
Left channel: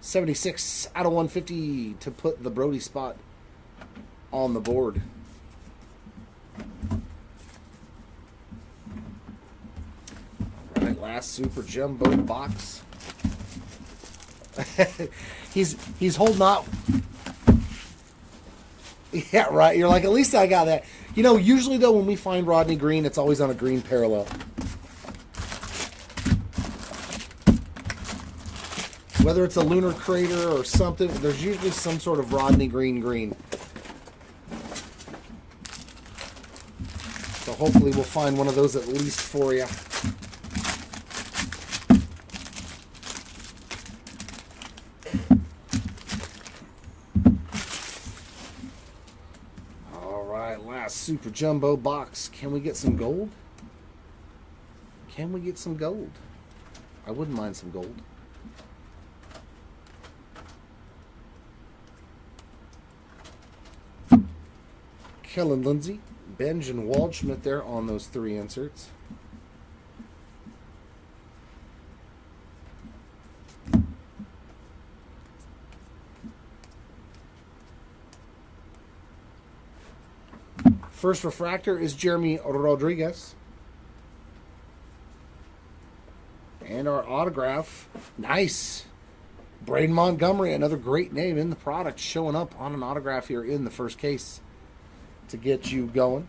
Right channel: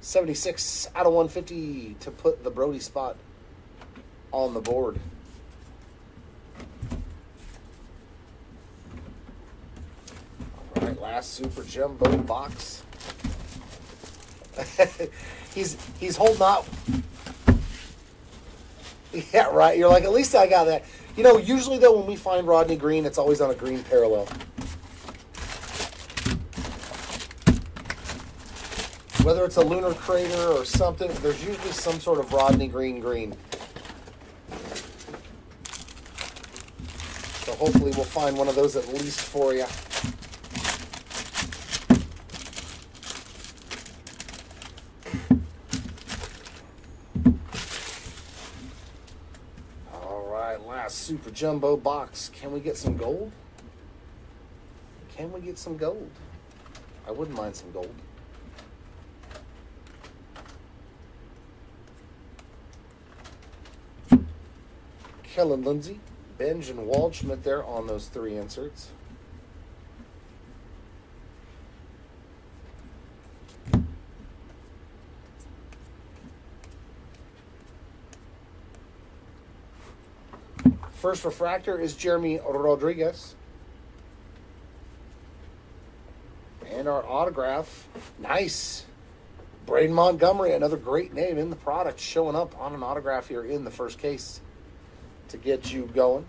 76 out of 150 to put the Brody spot on the board. All right, last Super Jumbo box. he's holding out. Yeah, right. You're like, at least I got that. You know, usually though, when we find Rodney Green, it's always on a green parallel. Whether it's a lunar crater or something, there's usually some sort of Rodney Green. So hopefully we'll find one of those at least for you. All right, last Super Jumbo box. Can we get some gold? Can we get some gold? I wouldn't mind some gold. Kellen Lindsay, Benj, and Waldschmidt there on those 3 inserts. First refractor is Jeremy Rodriguez. And our autograph, nice. Braden Montgomery, another great name in the product, showing up on an autograph here in the first case to get you going.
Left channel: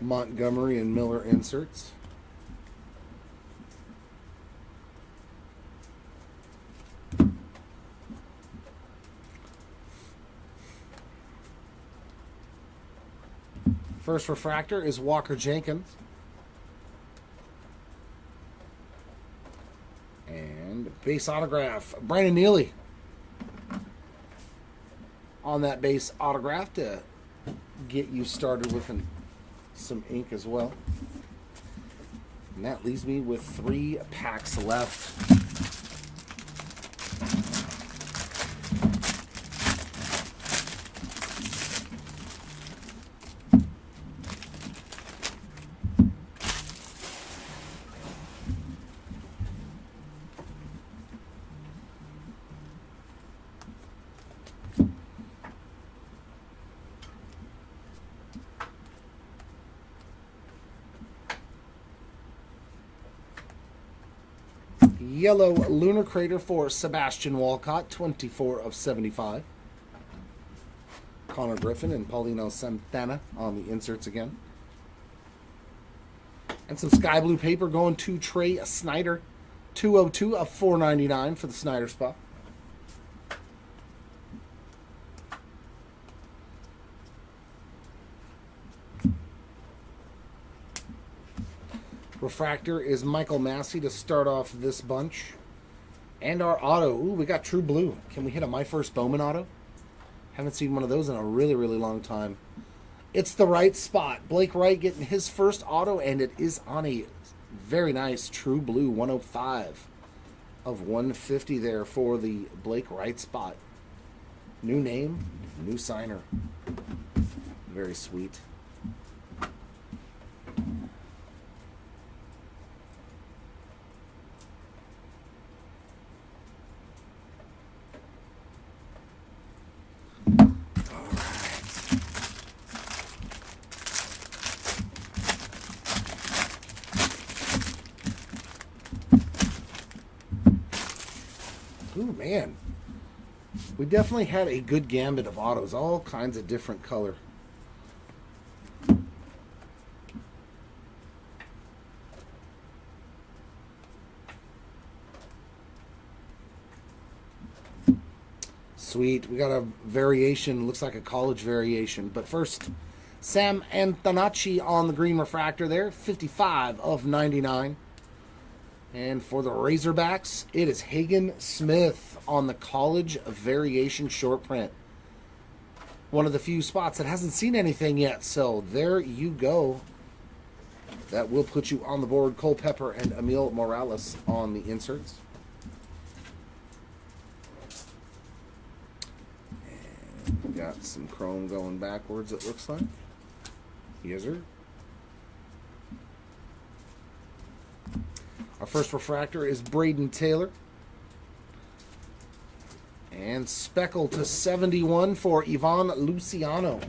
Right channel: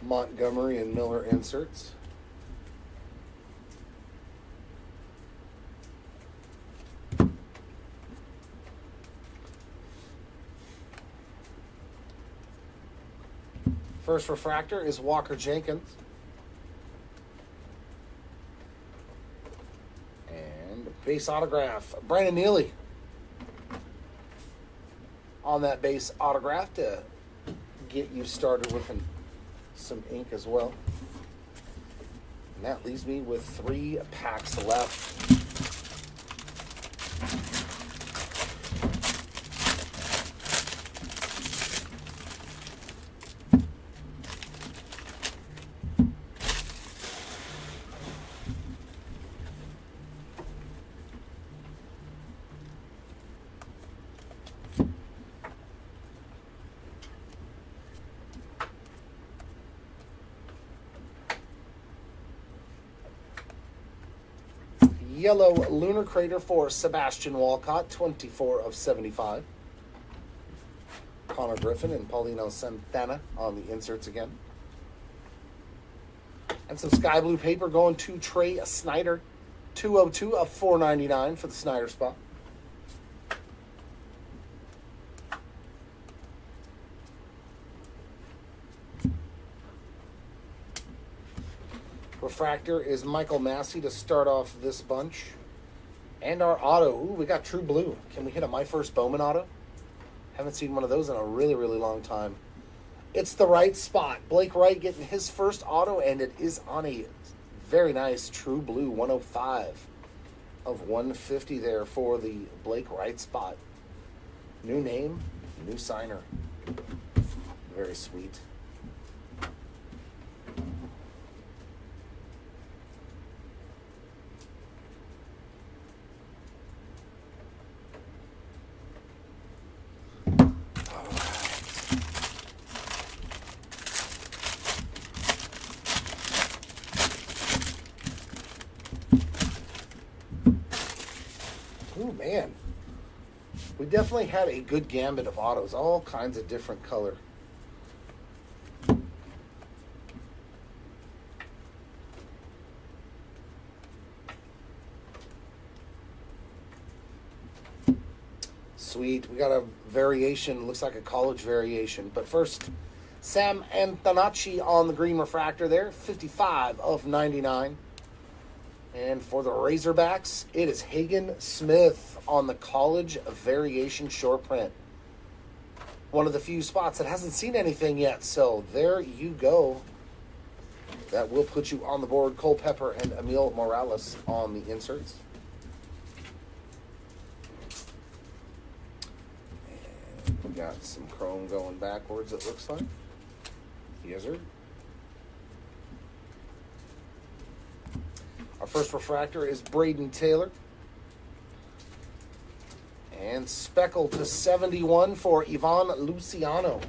Montgomery and Miller inserts. First refractor is Walker Jenkins. And base autograph, Brandon Neely on that base autograph to get you started looking some ink as well. And that leaves me with 3 packs left. Yellow Lunar Crater for Sebastian Walcott, 24 of 75. Connor Griffin and Paulino Santana on the inserts again. And some sky blue paper going to Trey Snyder, 202 of 499 for the Snyder spot. Refractor is Michael Massey to start off this bunch. And our auto. Ooh, we got True Blue. Can we hit a My First Bowman auto? Haven't seen one of those in a really, really long time. It's the right spot. Blake Wright getting his first auto, and it is on a very nice True Blue 105 of 150 there for the Blake Wright spot. New name, new signer. Very sweet. Ooh, man. We definitely had a good gambit of autos, all kinds of different color. Sweet. We got a variation, looks like a college variation. But first, Sam Antonacci on the green refractor there, 55 of 99. And for the Razorbacks, it is Hagen Smith on the college variation short print. One of the few spots that hasn't seen anything yet, so there you go. That will put you on the board. Cole Pepper and Emil Morales on the inserts. And we got some chrome going backwards, it looks like. Yes, sir. Our first refractor is Braden Taylor. And speckle to 71 for Ivan Luciano.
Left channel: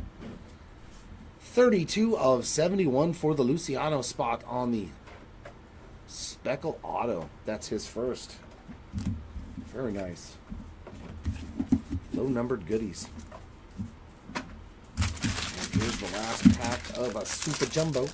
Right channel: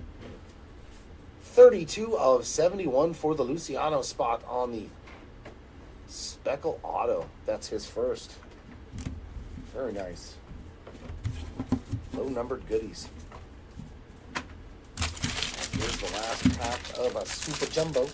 32 of 71 for the Luciano spot on the speckle auto. That's his first. Very nice. Low numbered goodies. Here's the last pack of a Super Jumbo.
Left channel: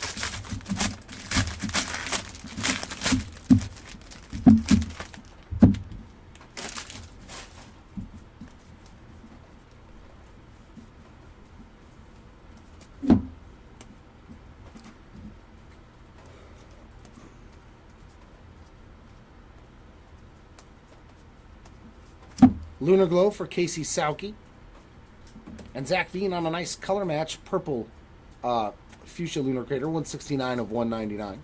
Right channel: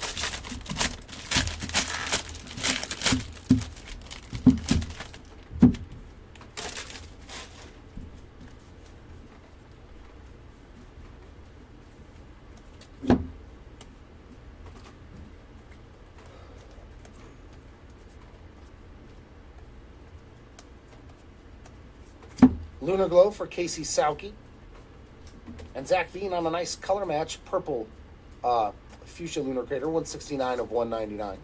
Lunar Glow for Casey Sauke. And Zach Veen on a nice color match, purple Fuchsia Lunar Crater, 169 of 199.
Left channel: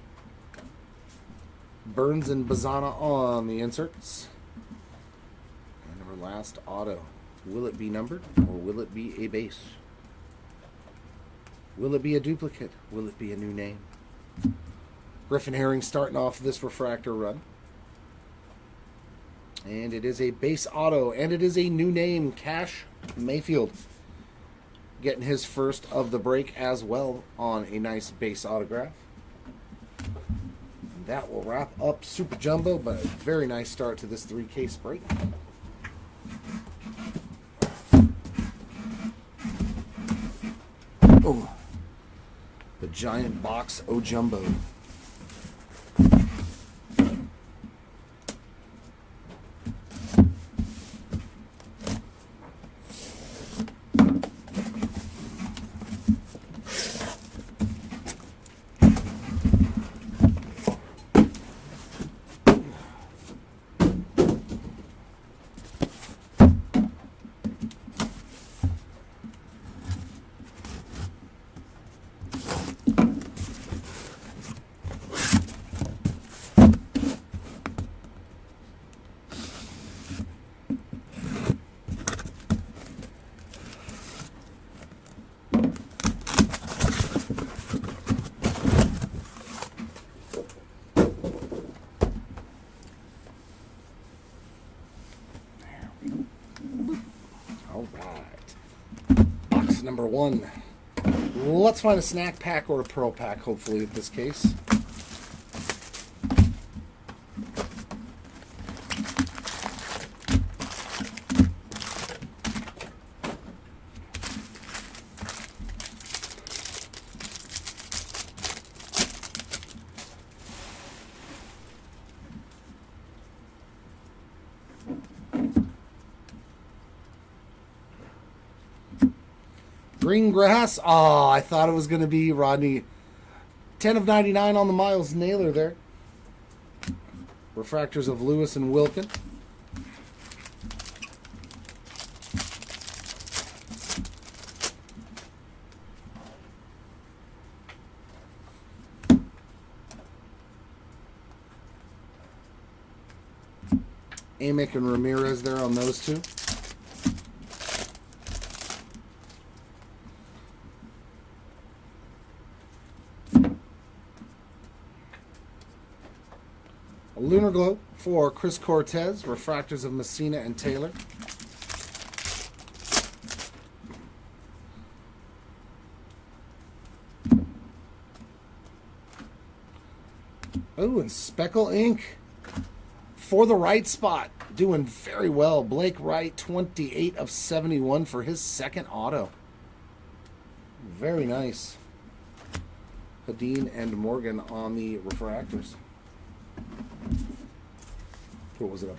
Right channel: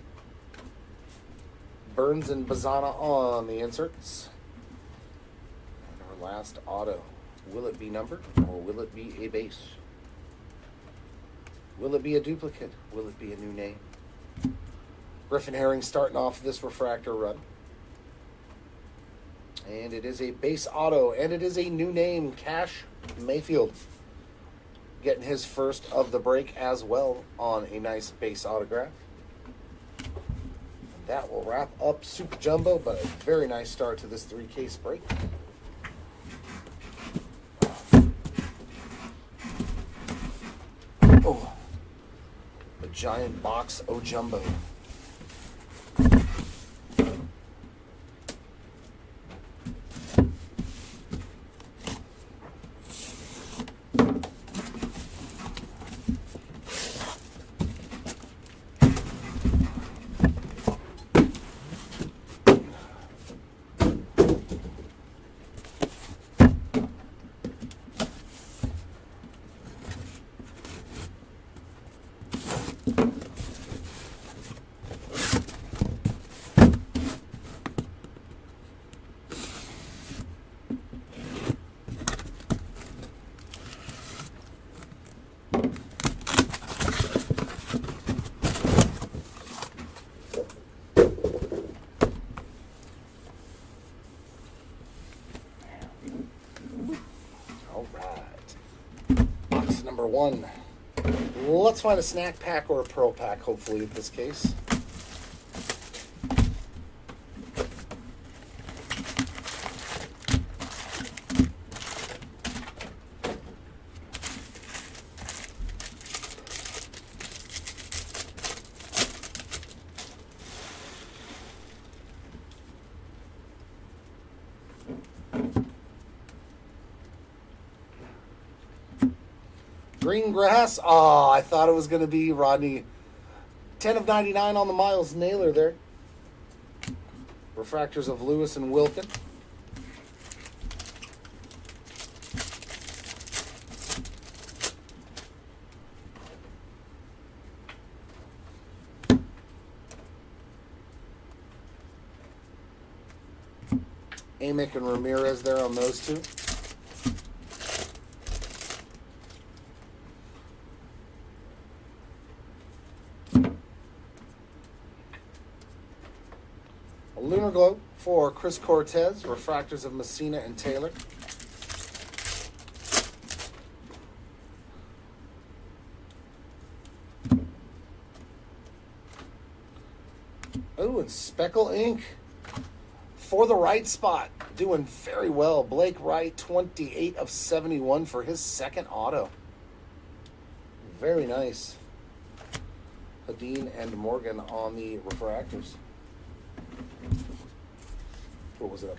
Burns and Bazana on the inserts. And our last auto. Will it be numbered or will it be a base? Will it be a duplicate? Will it be a new name? Griffin Herring starting off this refractor run. And it is a base auto, and it is a new name, Cash Mayfield. Getting his first of the break as well on a nice base autograph. That will wrap up Super Jumbo, but a very nice start to this 3-case break. Oh, the giant box O-Jumbo. Number one. Let's find a snack pack or a pearl pack, hopefully, in this case. Green grass. Oh, I thought it was going to be Rodney. 10 of 99 on the Miles Naylor there. Refractors of Lewis and Wilkin. Amick and Ramirez there on those two. A Lunar Glow for Chris Cortez. Refractors of Messina and Taylor. Oh, and Speckle Ink. For the right spot, doing very well. Blake Wright, 28 of 71 for his second auto. Very nice. Hadeen and Morgan on the refractors. What was it?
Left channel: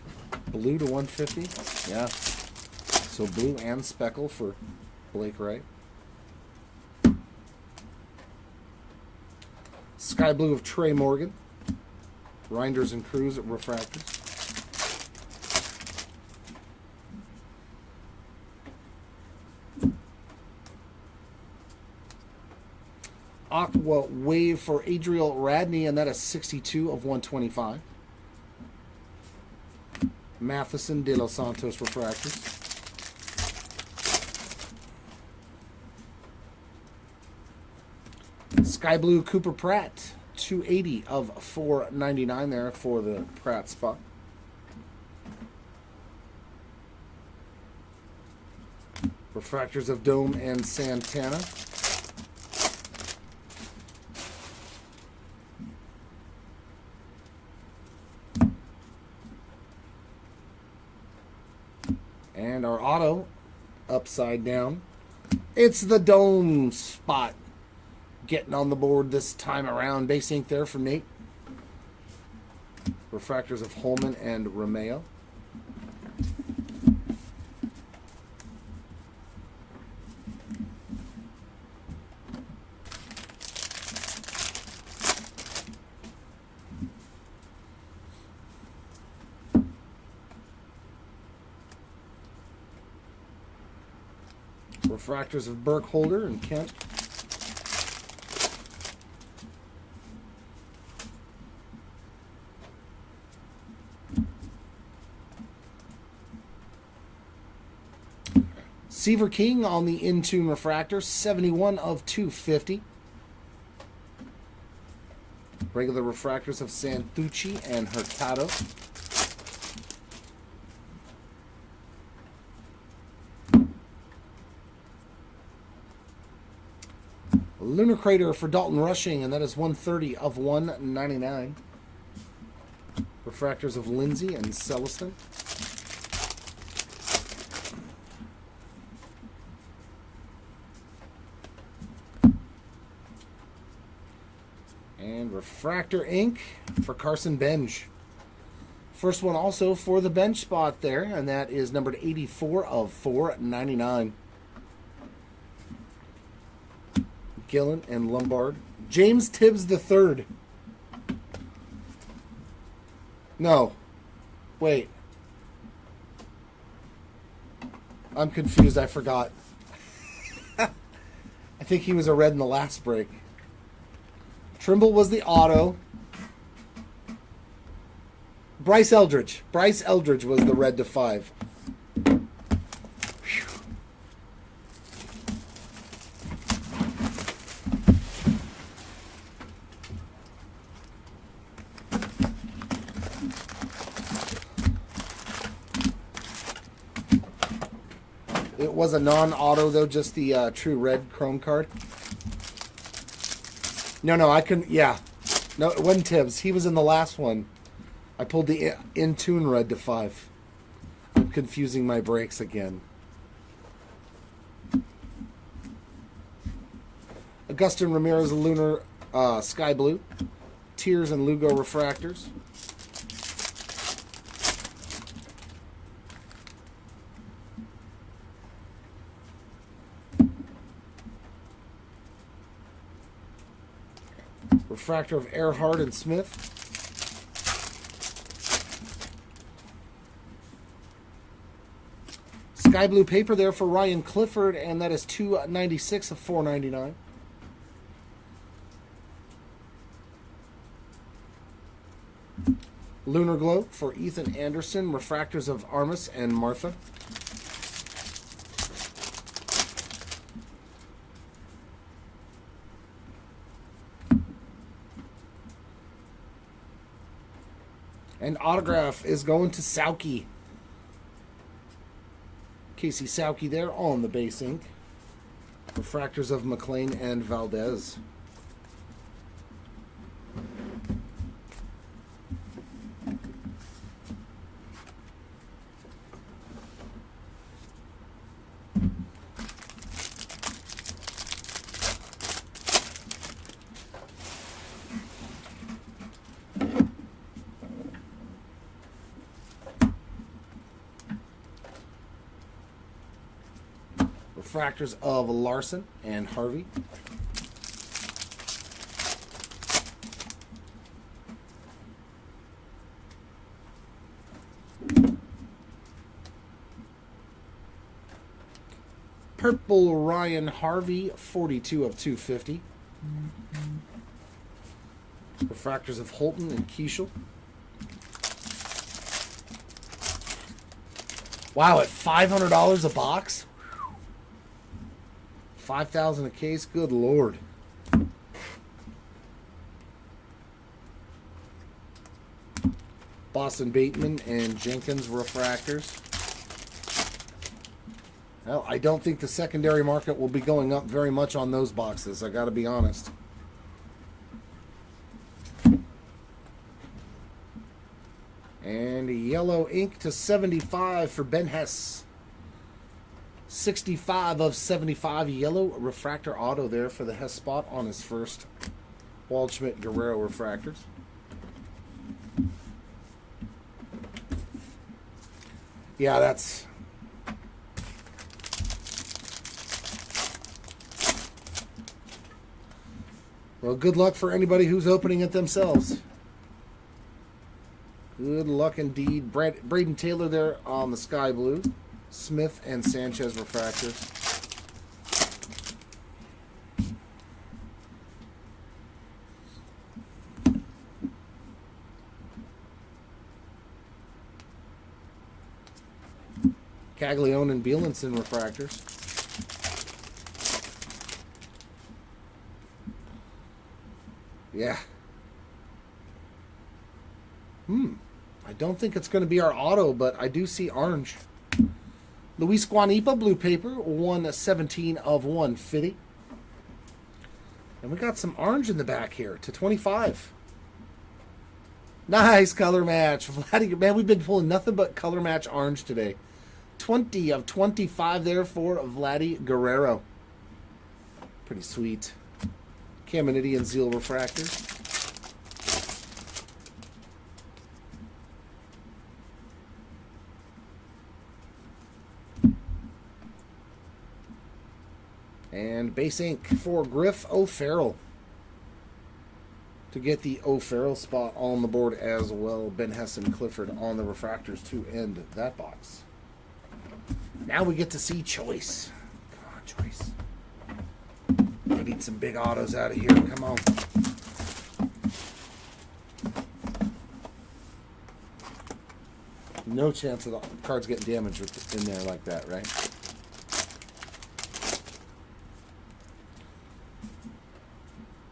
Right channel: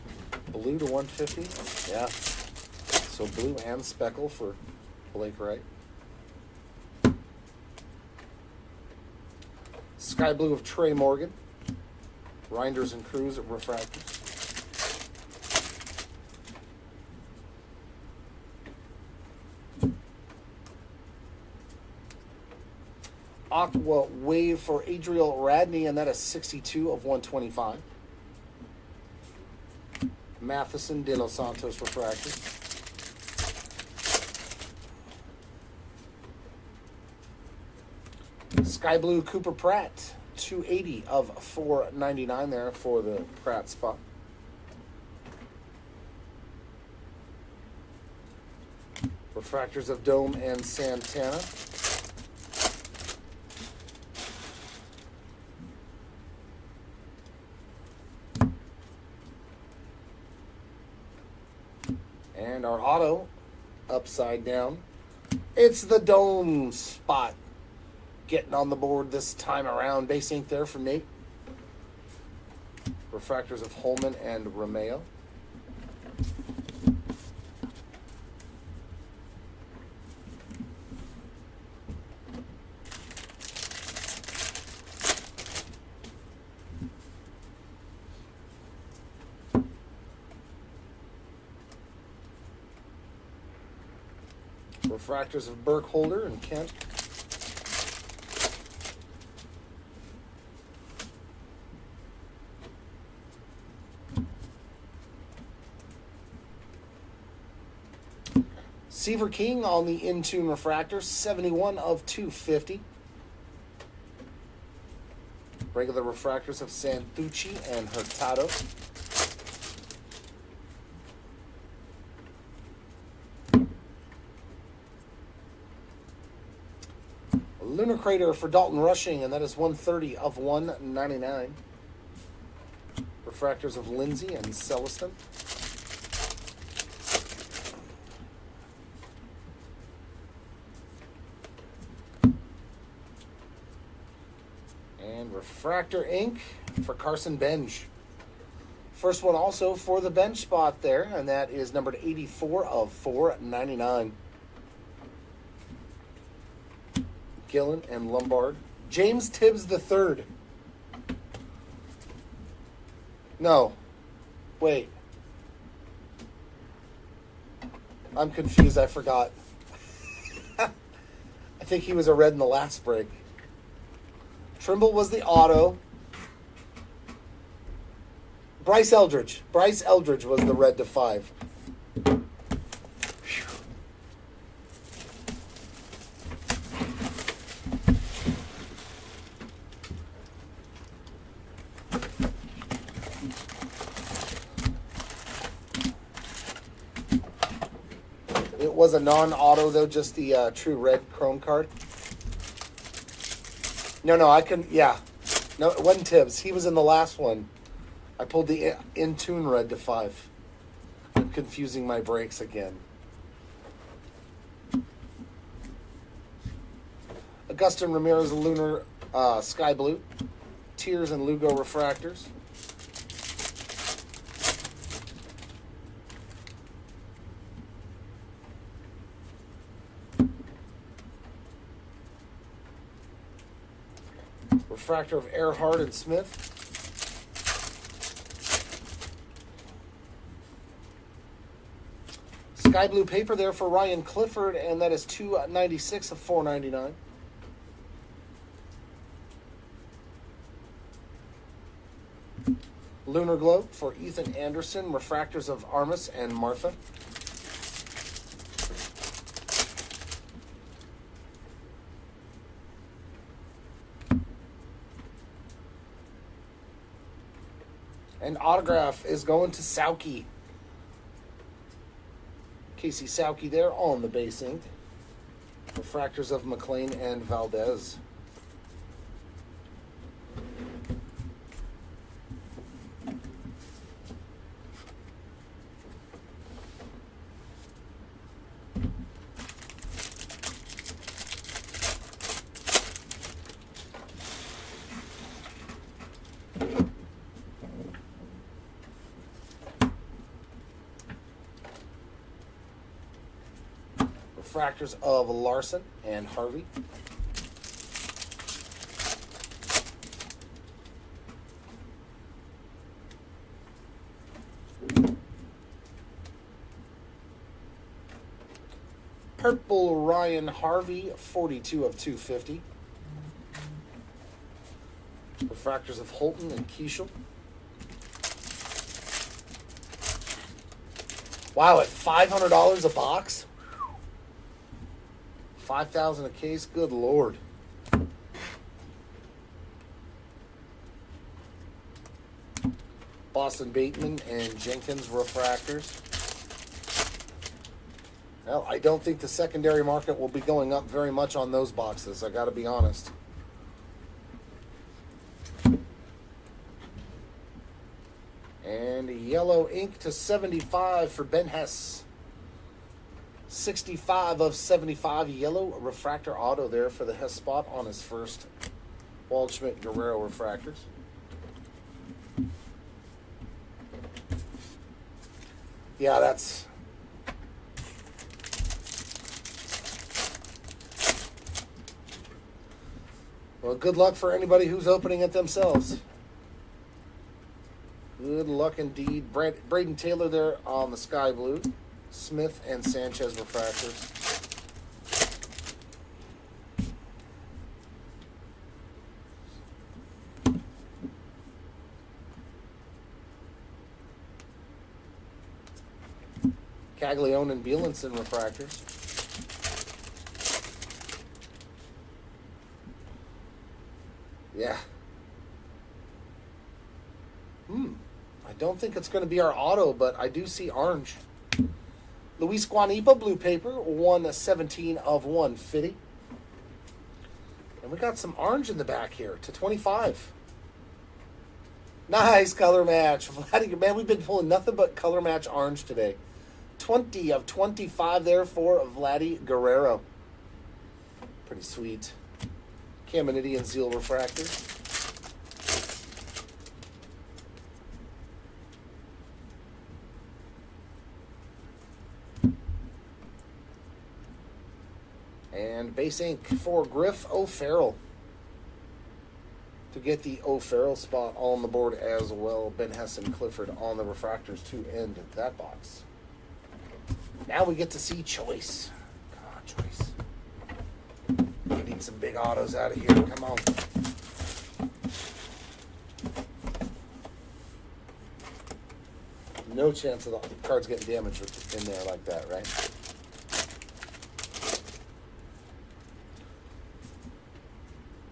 Blue to 150? Yeah. So blue and speckle for Blake Wright. Sky blue of Trey Morgan. Reinders and Cruz at refractors. Aqua Wave for Adriel Radney, and that is 62 of 125. Matheson de Los Santos refractors. Sky Blue Cooper Pratt, 280 of 499 there for the Pratt spot. Refractors of Dome and Santana. And our auto, upside down. It's the Dome spot. Getting on the board this time around. Base ink there for Nate. Refractors of Holman and Romeo. Refractors of Burkholder and Kent. Seaver King on the In-Tune refractor, 71 of 250. Regular refractors of Santucci and Hurtado. Lunar Crater for Dalton Rushing, and that is 130 of 199. Refractors of Lindsay and Celestin. And Refractor Ink for Carson Benj. First one also for the bench spot there, and that is numbered 84 of 499. Gillen and Lombard. James Tibbs III. No. Wait. I'm confused. I forgot. I think he was a red in the last break. Trimble was the auto. Bryce Eldridge. Bryce Eldridge was the red to 5. It was a non-auto, though, just the true red chrome card. No, I couldn't. Yeah. No, it wasn't Tibbs. He was in the last one. I pulled the in-tune red to 5. I'm confusing my breaks again. Augustin Ramirez Lunar Sky Blue. Tears and Lugo refractors. Refractor of Earhart and Smith. Sky blue paper there for Ryan Clifford, and that is $2.96 of $4.99. Lunar Glow for Ethan Anderson. Refractors of Armis and Martha. And autograph is going to Sauki. Casey Sauki there on the base ink. Refractors of McLean and Valdez. Refractors of Larson and Harvey. Purple Ryan Harvey, 42 of 250. Refractors of Holton and Keishel. Wow, at $500 a box? 5,000 a case? Good Lord. Boston Bateman and Jenkins refractors. Well, I don't think the secondary market will be going up very much on those boxes, I got to be honest. And a yellow ink to 75 for Ben Hess. 65 of 75 yellow refractor auto there for the Hess spot on his first Waldschmidt Guerrero refractors. Yeah, that's... Well, good luck for anybody who's opening it themselves. Good luck indeed. Braden Taylor there on the sky blue. Smith and Sanchez refractors. Caglione and Bielenson refractors. Yeah. I don't think it's going to be our auto, but I do see orange. Luis Guanipa, blue paper, 117 of 150. And we got some orange in the back here to 25. Nice color match. Man, we've been pulling nothing but color match orange today. 20 of 25 there for Vladdy Guerrero. Pretty sweet. Caminiti and Zeal refractors. And base ink for Griff O'Farrell. To get the O'Farrell spot on the board as well. Ben Hess and Clifford on the refractors to end that box. Now we get to see Choice. Come on, Choice. We need some big autos out of here. Come on. No chance of the cards getting damaged in there like that, right?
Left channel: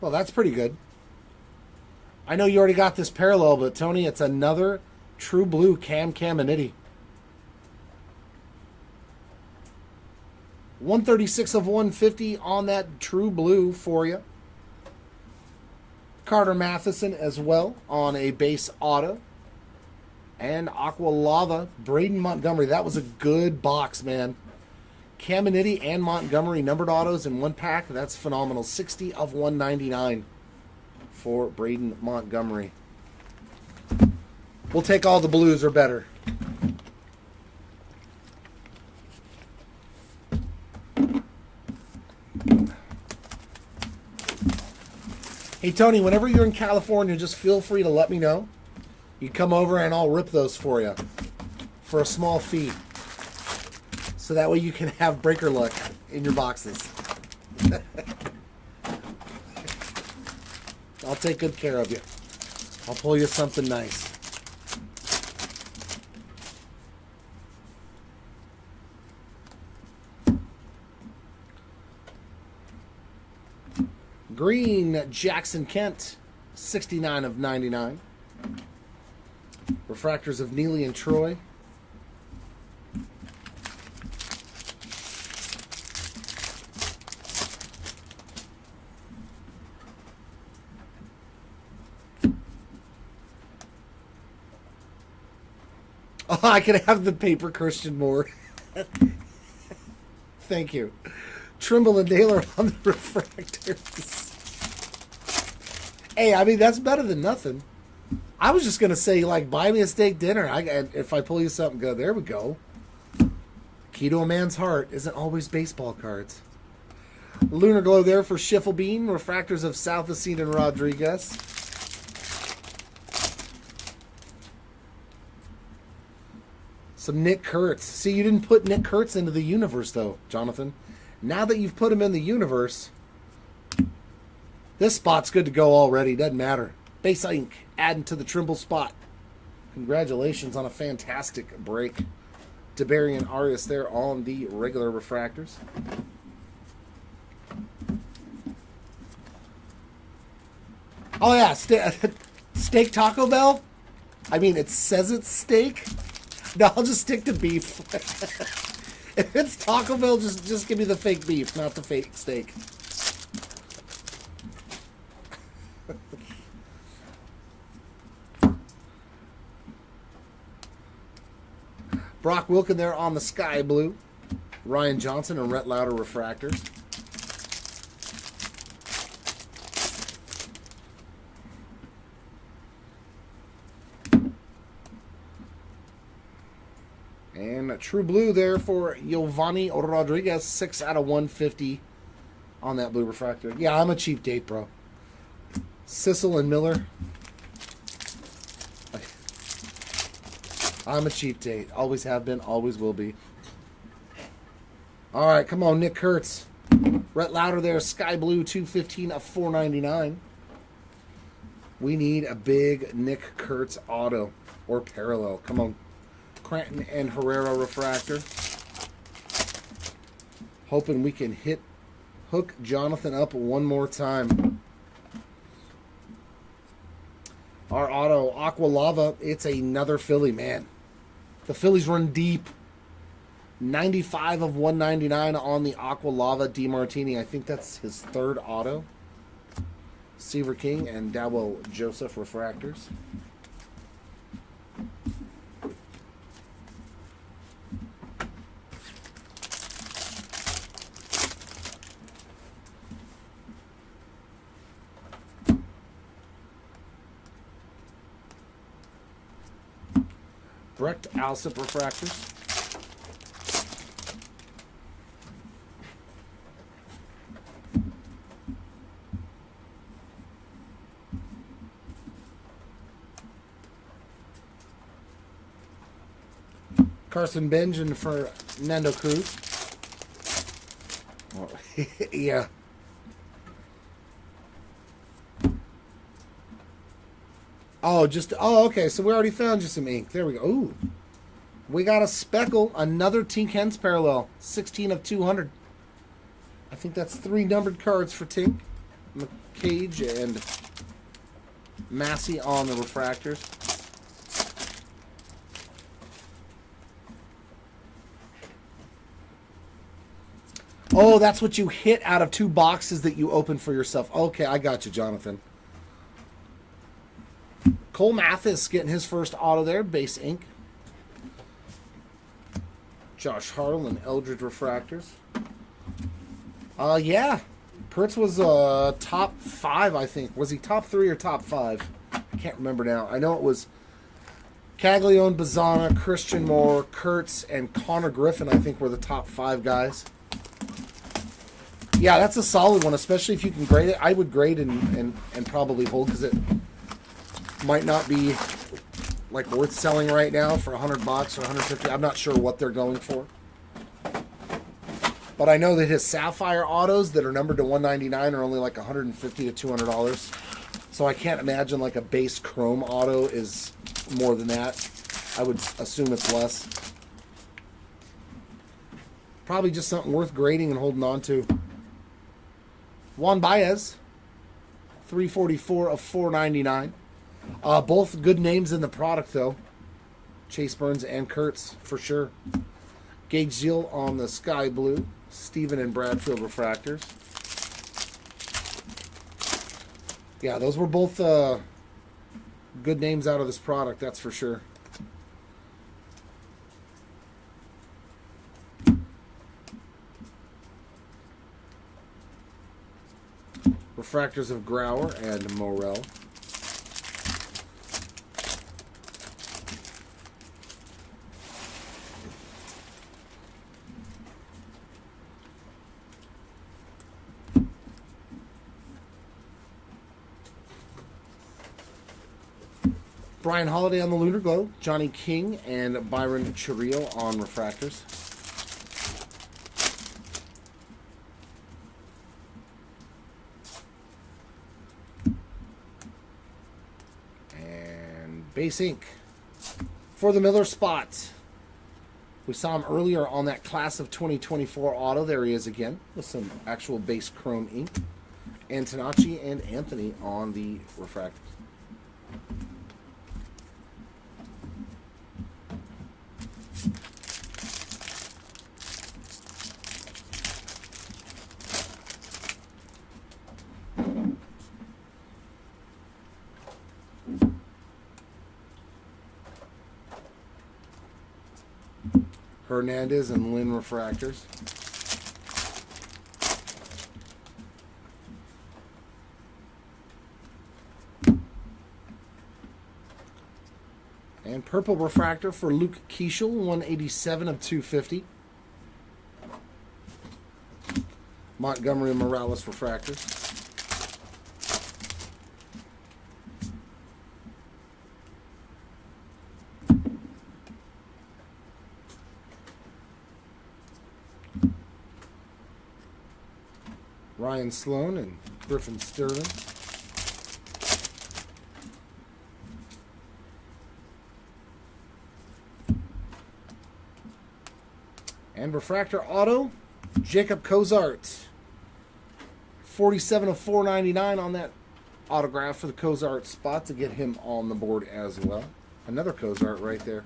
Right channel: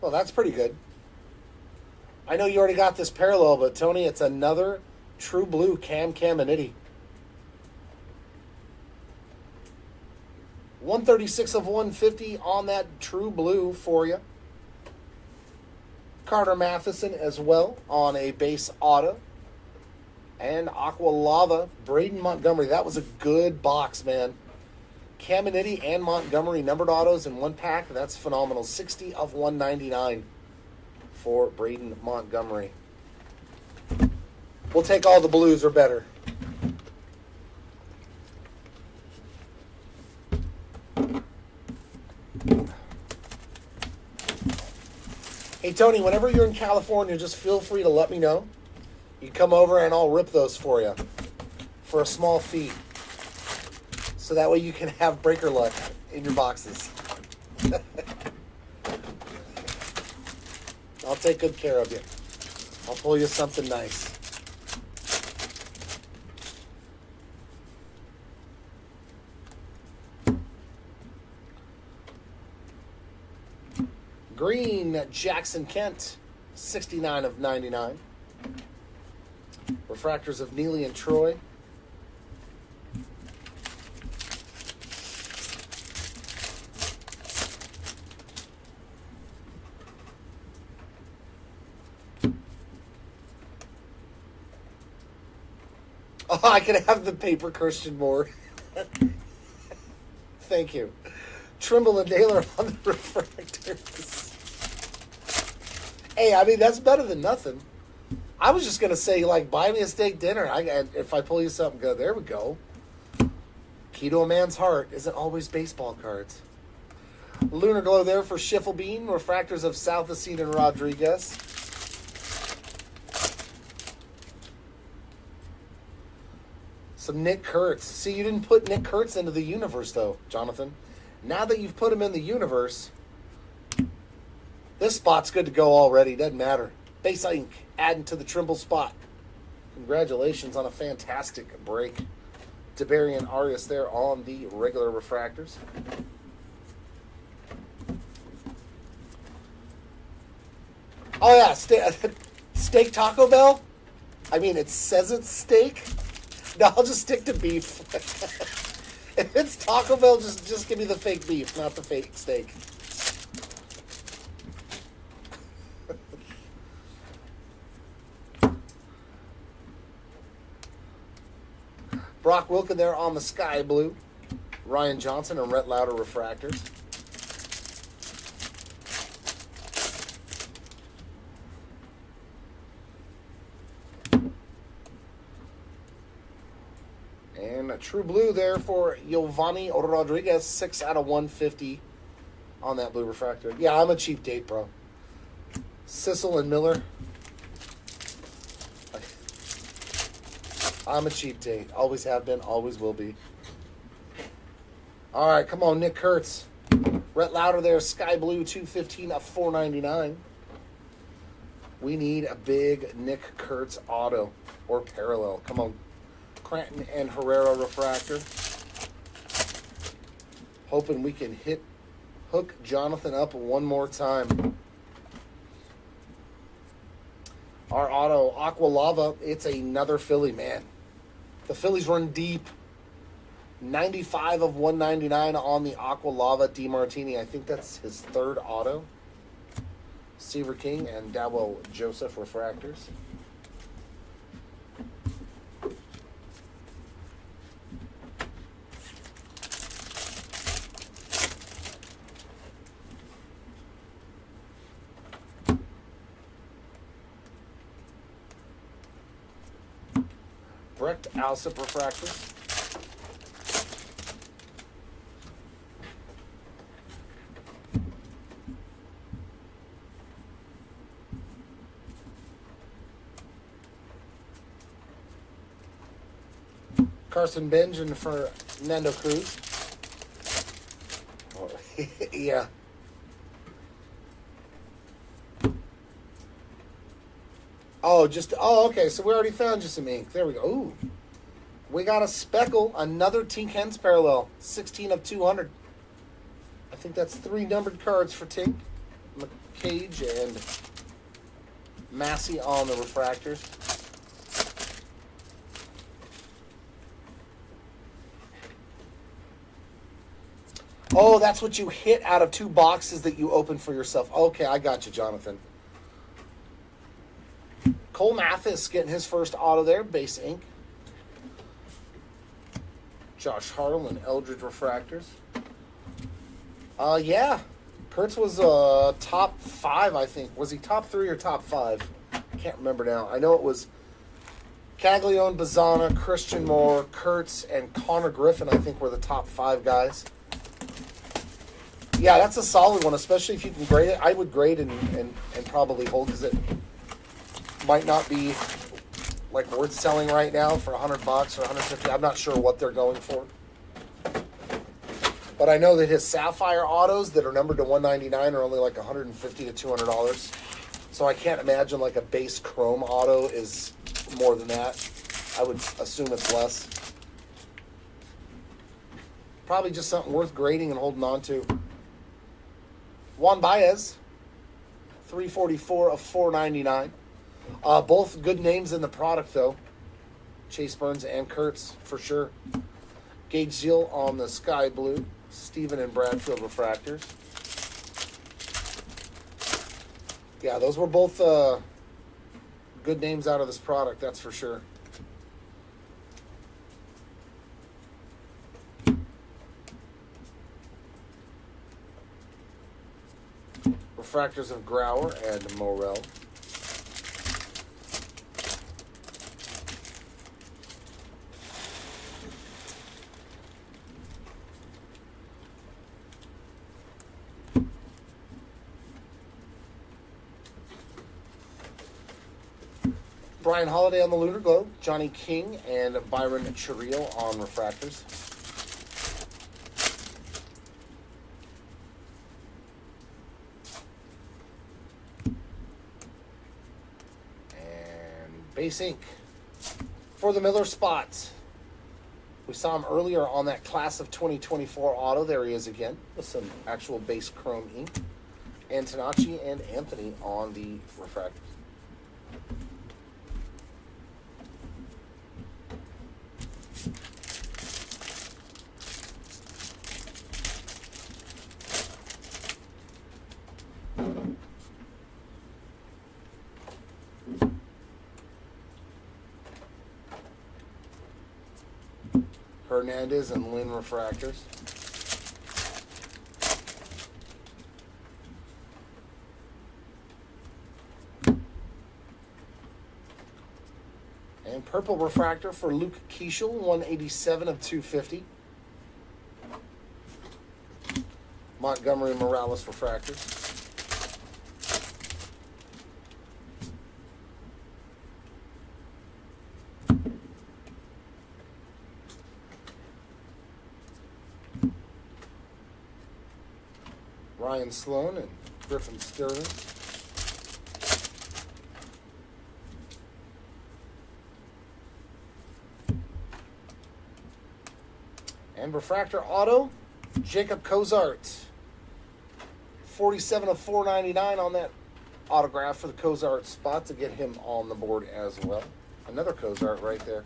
Well, that's pretty good. I know you already got this parallel, but Tony, it's another true blue Caminiti. 136 of 150 on that true blue for you. Carter Matheson as well on a base auto. And Aqua Lava, Braden Montgomery. That was a good box, man. Caminiti and Montgomery numbered autos in one pack. That's phenomenal. 60 of 199 for Braden Montgomery. We'll take all the blues or better. Hey, Tony, whenever you're in California, just feel free to let me know. You come over and I'll rip those for you for a small fee. So that way you can have breaker luck in your boxes. I'll take good care of you. I'll pull you something nice. Green, Jackson Kent, 69 of 99. Refractors of Neely and Troy. Oh, I could have the paper Christian Moore. Thank you. Trimble and Naylor on the refractors. Hey, I mean, that's better than nothing. I was just going to say, like, buy me a steak dinner. If I pull you something good, there we go. Key to a man's heart isn't always baseball cards. Lunar Glow there for Schiffelbean. Refractors of Southacene and Rodriguez. Some Nick Kurtz. See, you didn't put Nick Kurtz into the universe, though, Jonathan. Now that you've put him in the universe, this spot's good to go already. Doesn't matter. Base ink, adding to the Trimble spot. Congratulations on a fantastic break. DeBarian Arias there on the regular refractors. Oh, yeah. Steak Taco Bell? I mean, it says it's steak. No, I'll just stick to beef. If it's Taco Bell, just give me the fake beef, not the fake steak. Brock Wilken there on the sky blue. Ryan Johnson and Rhett Lauder refractors. And a true blue there for Giovanni Rodriguez, 6 out of 150 on that blue refractor. Yeah, I'm a cheap date, bro. Sissel and Miller. I'm a cheap date. Always have been, always will be. All right, come on, Nick Kurtz. Rhett Lauder there, sky blue, 215 of 499. We need a big Nick Kurtz auto or parallel. Come on. Cranton and Herrera refractor. Hoping we can hook Jonathan up one more time. Our auto, Aqua Lava, it's another Philly, man. The Phillies run deep. 95 of 199 on the Aqua Lava DeMartini. I think that's his third auto. Seaver King and Dawo Joseph refractors. Brecht Alsip refractors. Carson Benjamin for Nando Cruz. Oh, yeah. Oh, okay. So we already found you some ink. There we go. Ooh. We got a speckle, another Tink Hens parallel, 16 of 200. I think that's 3 numbered cards for Tink. McCage and Massey on the refractors. Oh, that's what you hit out of 2 boxes that you opened for yourself. Okay, I got you, Jonathan. Cole Mathis getting his first auto there, base ink. Josh Hartle and Eldridge refractors. Yeah. Kurtz was top 5, I think. Was he top 3 or top 5? I can't remember now. I know it was Caglione, Bazzana, Christian Moore, Kurtz, and Connor Griffin, I think, were the top 5 guys. Yeah, that's a solid one, especially if you can grade it. I would grade and probably hold because it might not be like worth selling right now for $100 or $150. I'm not sure what they're going for. But I know that his Sapphire autos that are numbered to $199 are only like $150 to $200. So I can't imagine like a base chrome auto is more than that. I would assume it's less. Probably just something worth grading and holding on to. Juan Baez, 344 of 499. Both good names in the product though. Chase Burns and Kurtz for sure. Gage Zeal on the Sky Blue. Steven and Bradfield refractors. Yeah, those were both good names out of this product, that's for sure. Refractors of Grauer and Morel. Brian Holiday on the Lunar Glow, Johnny King and Byron Churriel on refractors. And base ink for the Miller spot. We saw him earlier on that class of 2024 auto. There he is again with some actual base chrome ink. Antonacci and Anthony on the refractors. Hernandez and Lynn refractors. And purple refractor for Luke Keishel, 187 of 250. Montgomery Morales refractors. Ryan Sloan and Griffin Sterling. And refractor auto, Jacob Cozart. 47 of 499 on that autograph for the Cozart spot to get him on the board as well. Another Cozart right there.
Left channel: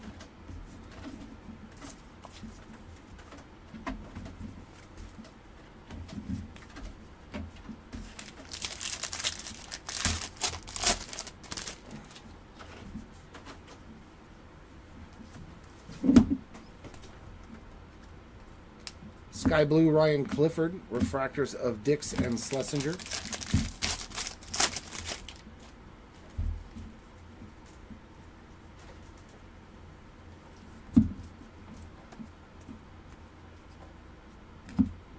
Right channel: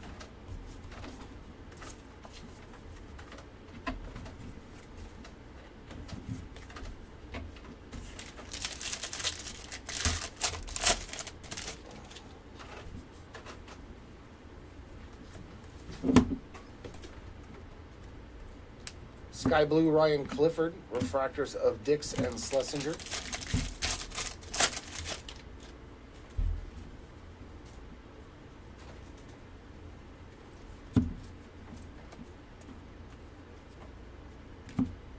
Sky Blue Ryan Clifford, refractors of Dix and Schlesinger.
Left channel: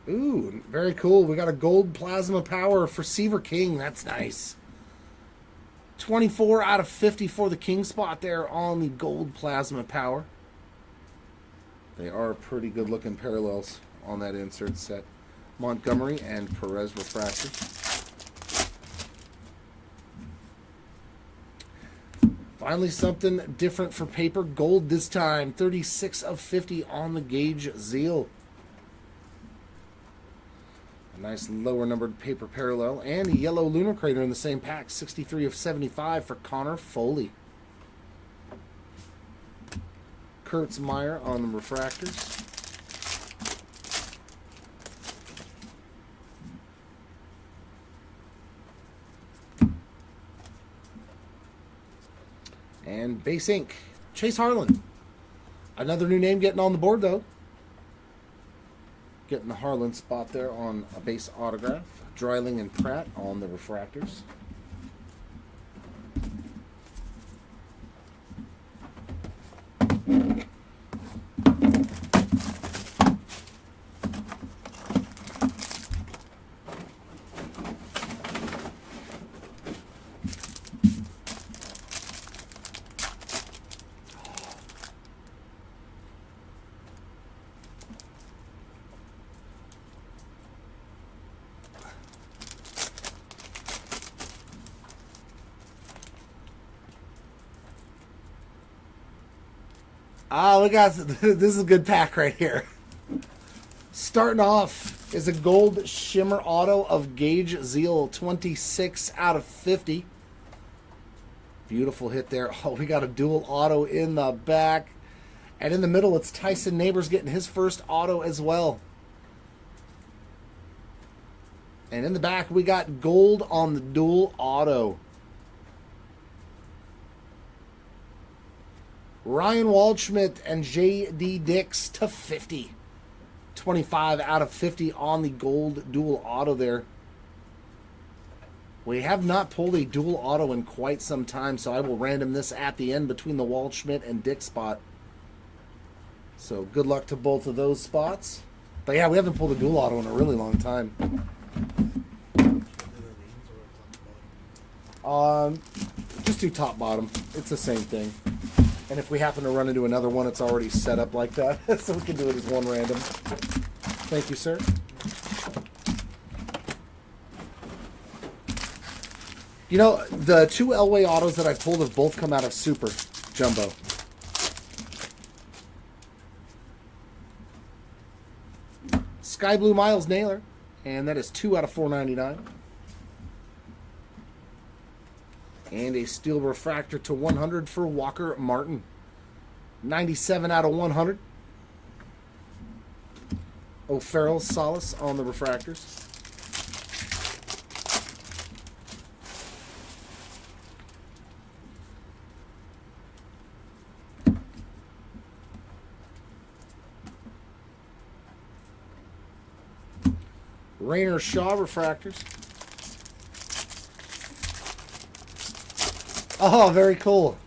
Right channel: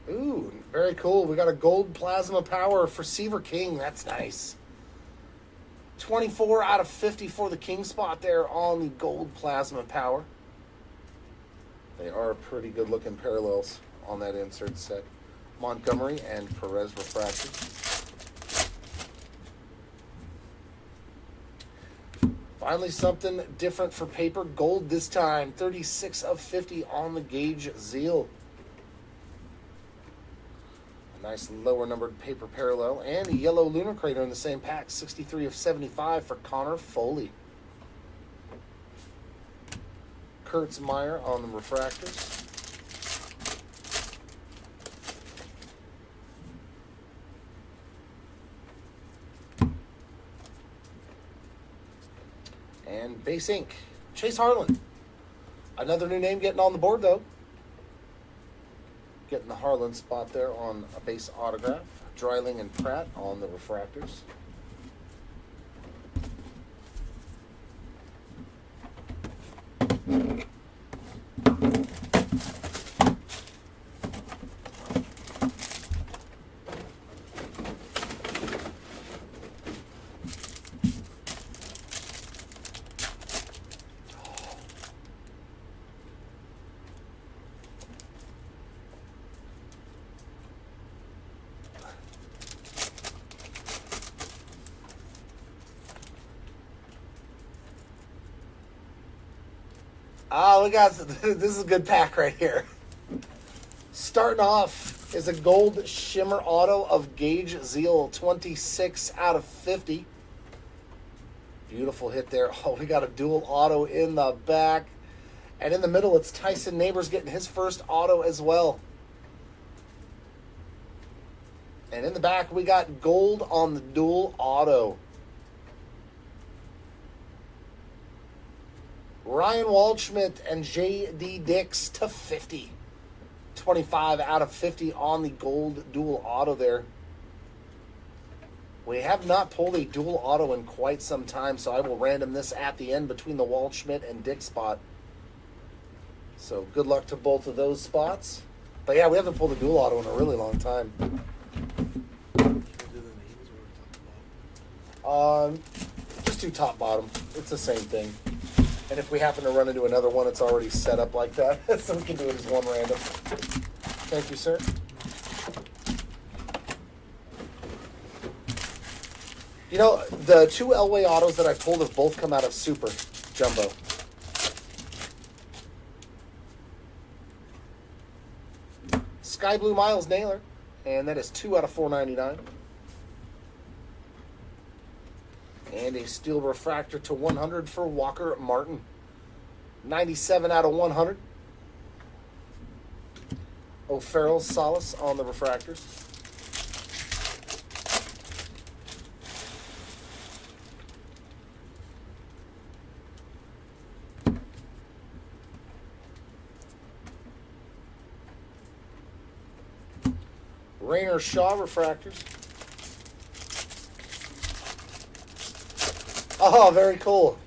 Ooh, very cool. We got a gold plasma power for Seaver King. That's nice. 24 out of 50 for the King spot there on the gold plasma power. They are pretty good looking parallels on that insert set. Montgomery and Perez refractors. Finally something different for paper. Gold this time. 36 of 50 on the Gage Zeal. A nice lower numbered paper parallel. And a yellow lunar crater in the same pack. 63 of 75 for Connor Foley. Kurtz Meyer on the refractors. And base ink, Chase Harlan. Another new name getting on the board though. Getting the Harlan spot there on a base autograph. Dreiling and Pratt on the refractors. Ah, we got this is a good pack right here. Starting off is a gold shimmer auto of Gage Zeal, 26 out of 50. Beautiful hit there. Oh, we got a dual auto in the back. And in the middle, it's Tyson Neighbors getting his first auto as well. And in the back, we got gold on the dual auto. Ryan Waldschmidt and J.D. Dix to 50. 25 out of 50 on the gold dual auto there. We have not pulled a dual auto in quite some time, so I will random this at the end between the Waldschmidt and Dix spot. So good luck to both of those spots. But yeah, we haven't pulled a dual auto in a really long time. Just do top bottom. It's the same thing. And if we happen to run into another one, it's already set up like that. So we can do it as one random. Thank you, sir. You know, the two Elway autos that I pulled have both come out of Super Jumbo. Sky Blue Miles Naylor, and that is 2 out of 499. And a steel refractor to 100 for Walker Martin. 97 out of 100. O'Farrell Solace on the refractors. Rainer Shaw refractors. Oh, very cool.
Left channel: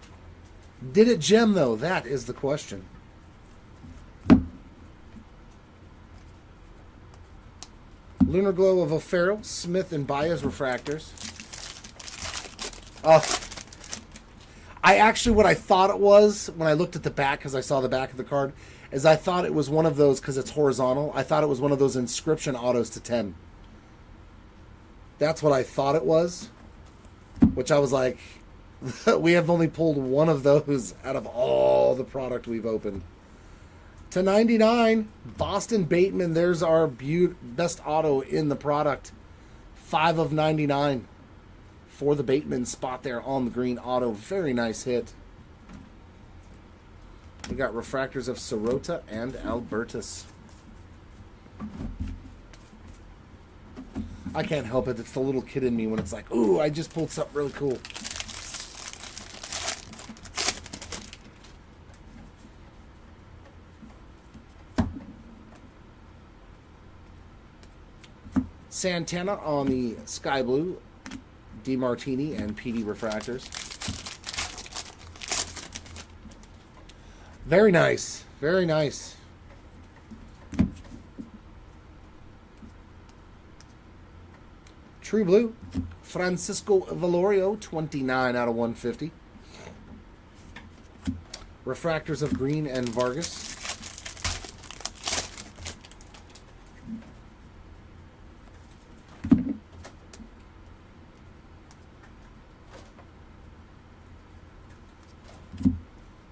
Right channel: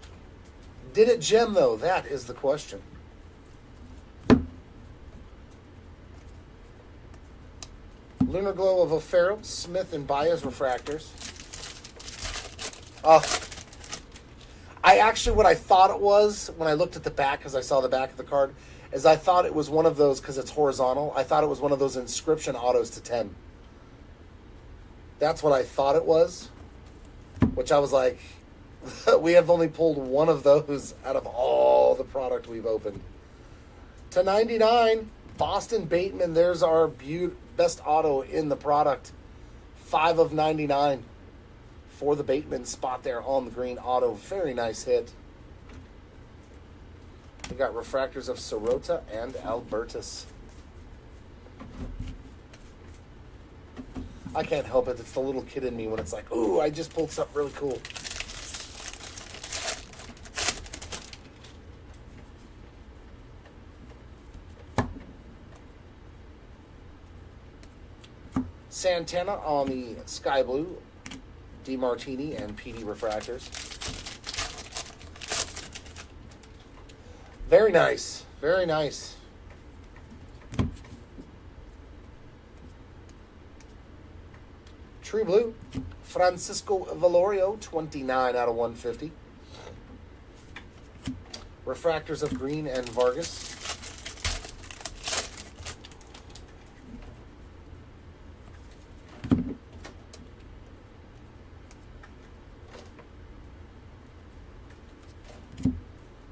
Did it gem, though? That is the question. Lunar Glow of O'Farrell, Smith, and Baez refractors. Oh. What I thought it was, when I looked at the back, because I saw the back of the card, is I thought it was one of those, because it's horizontal, I thought it was one of those inscription autos to 10. That's what I thought it was. Which I was like, we have only pulled one of those out of all the product we've opened. To 99, Boston Bateman. There's our best auto in the product. 5 of 99 for the Bateman spot there on the green auto. Very nice hit. We got refractors of Sirota and Albertus. I can't help it. It's the little kid in me when it's like, ooh, I just pulled something really cool. Santana on the Sky Blue, DeMartini and PD refractors. Very nice. Very nice. True Blue, Francisco Valorio, 29 out of 150. Refractors of Green and Vargas.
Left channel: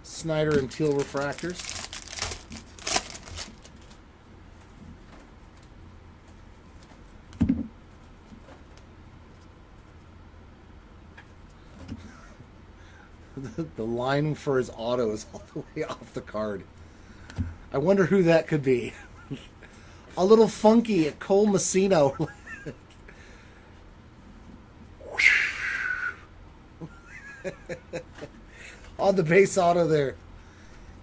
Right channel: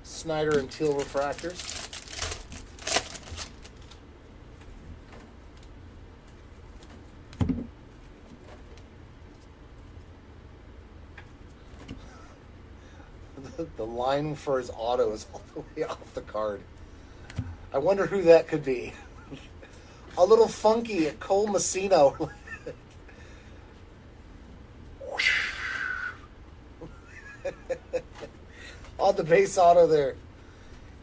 Snyder and Teal refractors. The line for his auto is all the way off the card. I wonder who that could be. A little funky at Cole Messino. On the base auto there.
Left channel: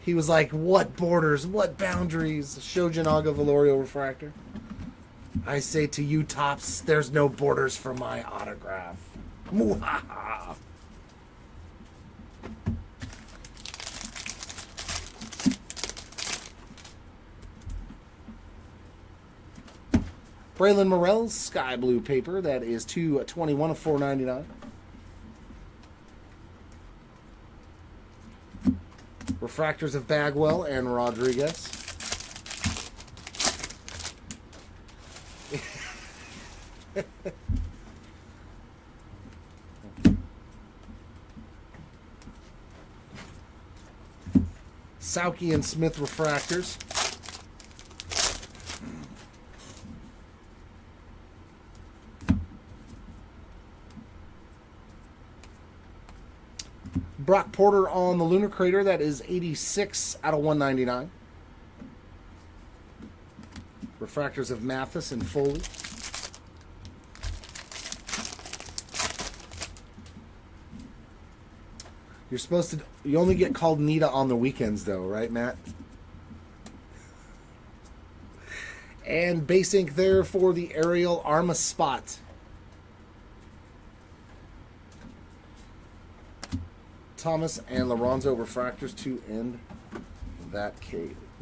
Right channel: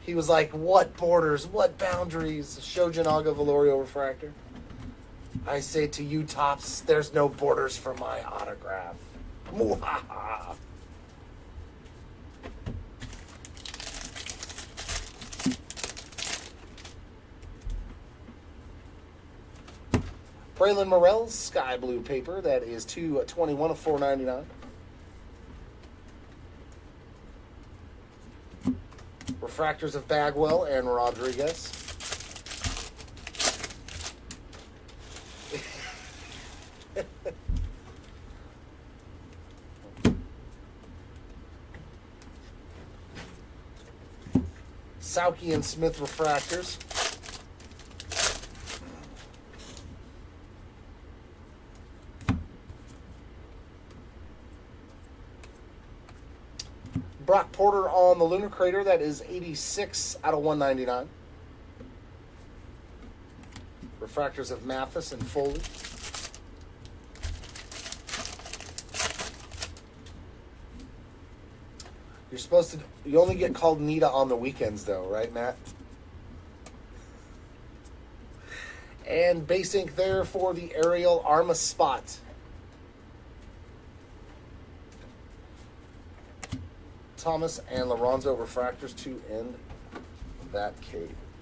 He was like, what borders, what boundaries? Shojinaga Valorio refractor. I say to you, Tops, there's no borders for my autograph. Mwahaha. Braylon Morrell's Sky Blue paper. That is 2/21 of 499. Refractors of Bagwell and Rodriguez. Sauke and Smith refractors. Brock Porter on the Lunar Crater. That is 86 out of 199. Refractors of Mathis and Foley. You're supposed to... You only get called Nita on the weekends, though, right, Matt? And base ink there for the Ariel Arma spot. Thomas and Lorenzo refractors to end that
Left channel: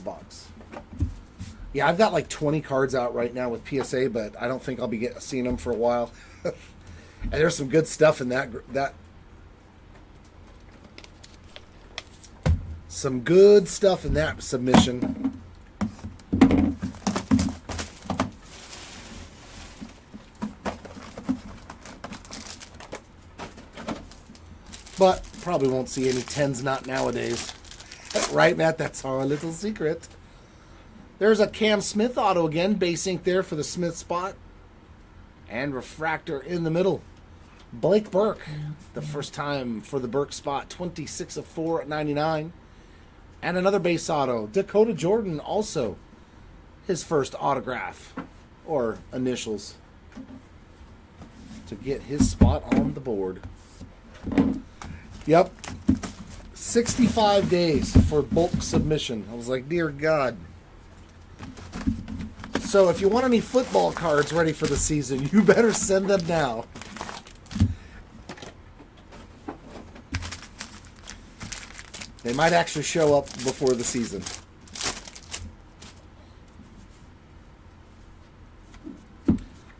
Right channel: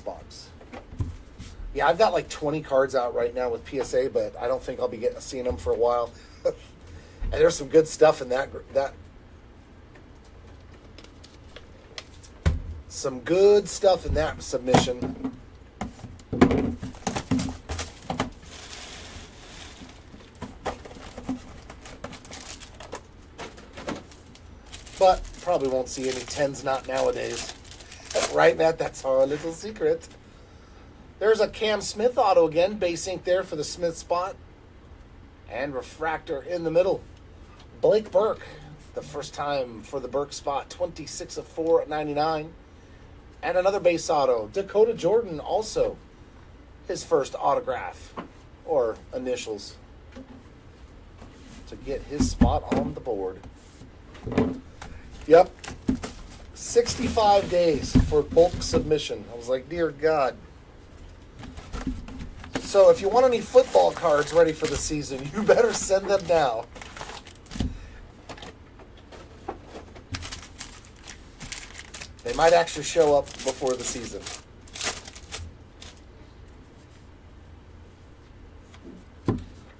box. Yeah, I've got like 20 cards out right now with PSA, but I don't think I'll be seeing them for a while. And there's some good stuff in that. Some good stuff in that submission. But probably won't see any 10s, not nowadays. Right, Matt? That's our little secret. There's a Cam Smith auto again. Base ink there for the Smith spot. And refractor in the middle. Blake Burke, the first time for the Burke spot. 26 of 4 at 99. And another base auto. Dakota Jordan also. His first autograph. Or initials. To get his spot on the board. Yep. 65 days for bulk submission. I was like, dear God. So if you want any football cards ready for the season, you better send them now. They might actually show up before the season.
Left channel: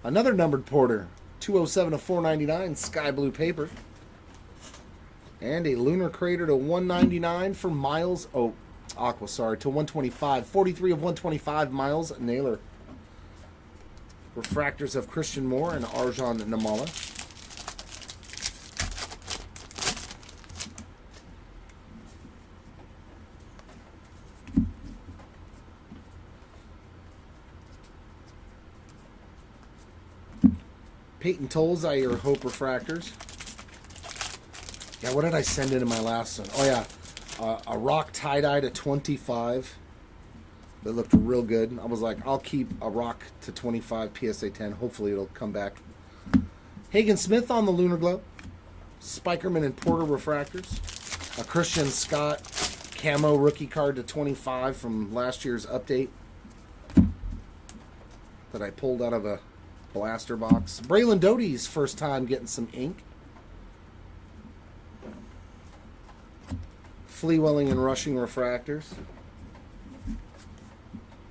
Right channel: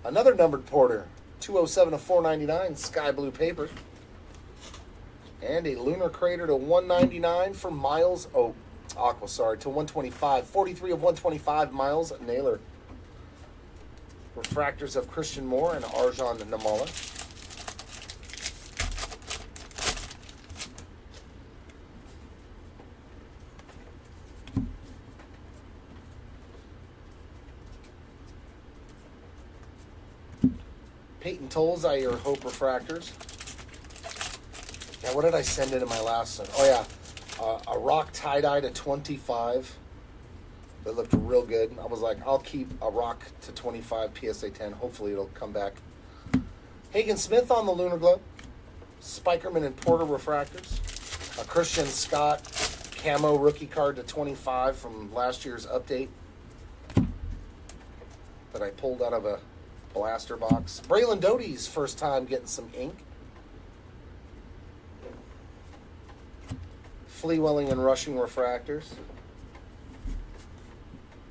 Another numbered Porter. 207 of 499, sky blue paper. And a Lunar Crater to 199 for Miles. Oh, Aqua, sorry, to 125. 43 of 125, Miles Naylor. Refractors of Christian Moore and Arjan Namala. Peyton Tolles, Zaire Hope refractors. Yeah, what did I send in my last one? Oh, yeah. A rock tie-dye to 25. That looked real good. I was like, I'll keep a rock to 25 PSA 10. Hopefully it'll come back. Hagen Smith on the Lunar Globe. Spikerman and Porter refractors. A Christian Scott camo rookie card to 25 from last year's update. That I pulled out of a blaster box. Braylon Doty's first time getting some ink. Flea-Welling and Rushing refractors.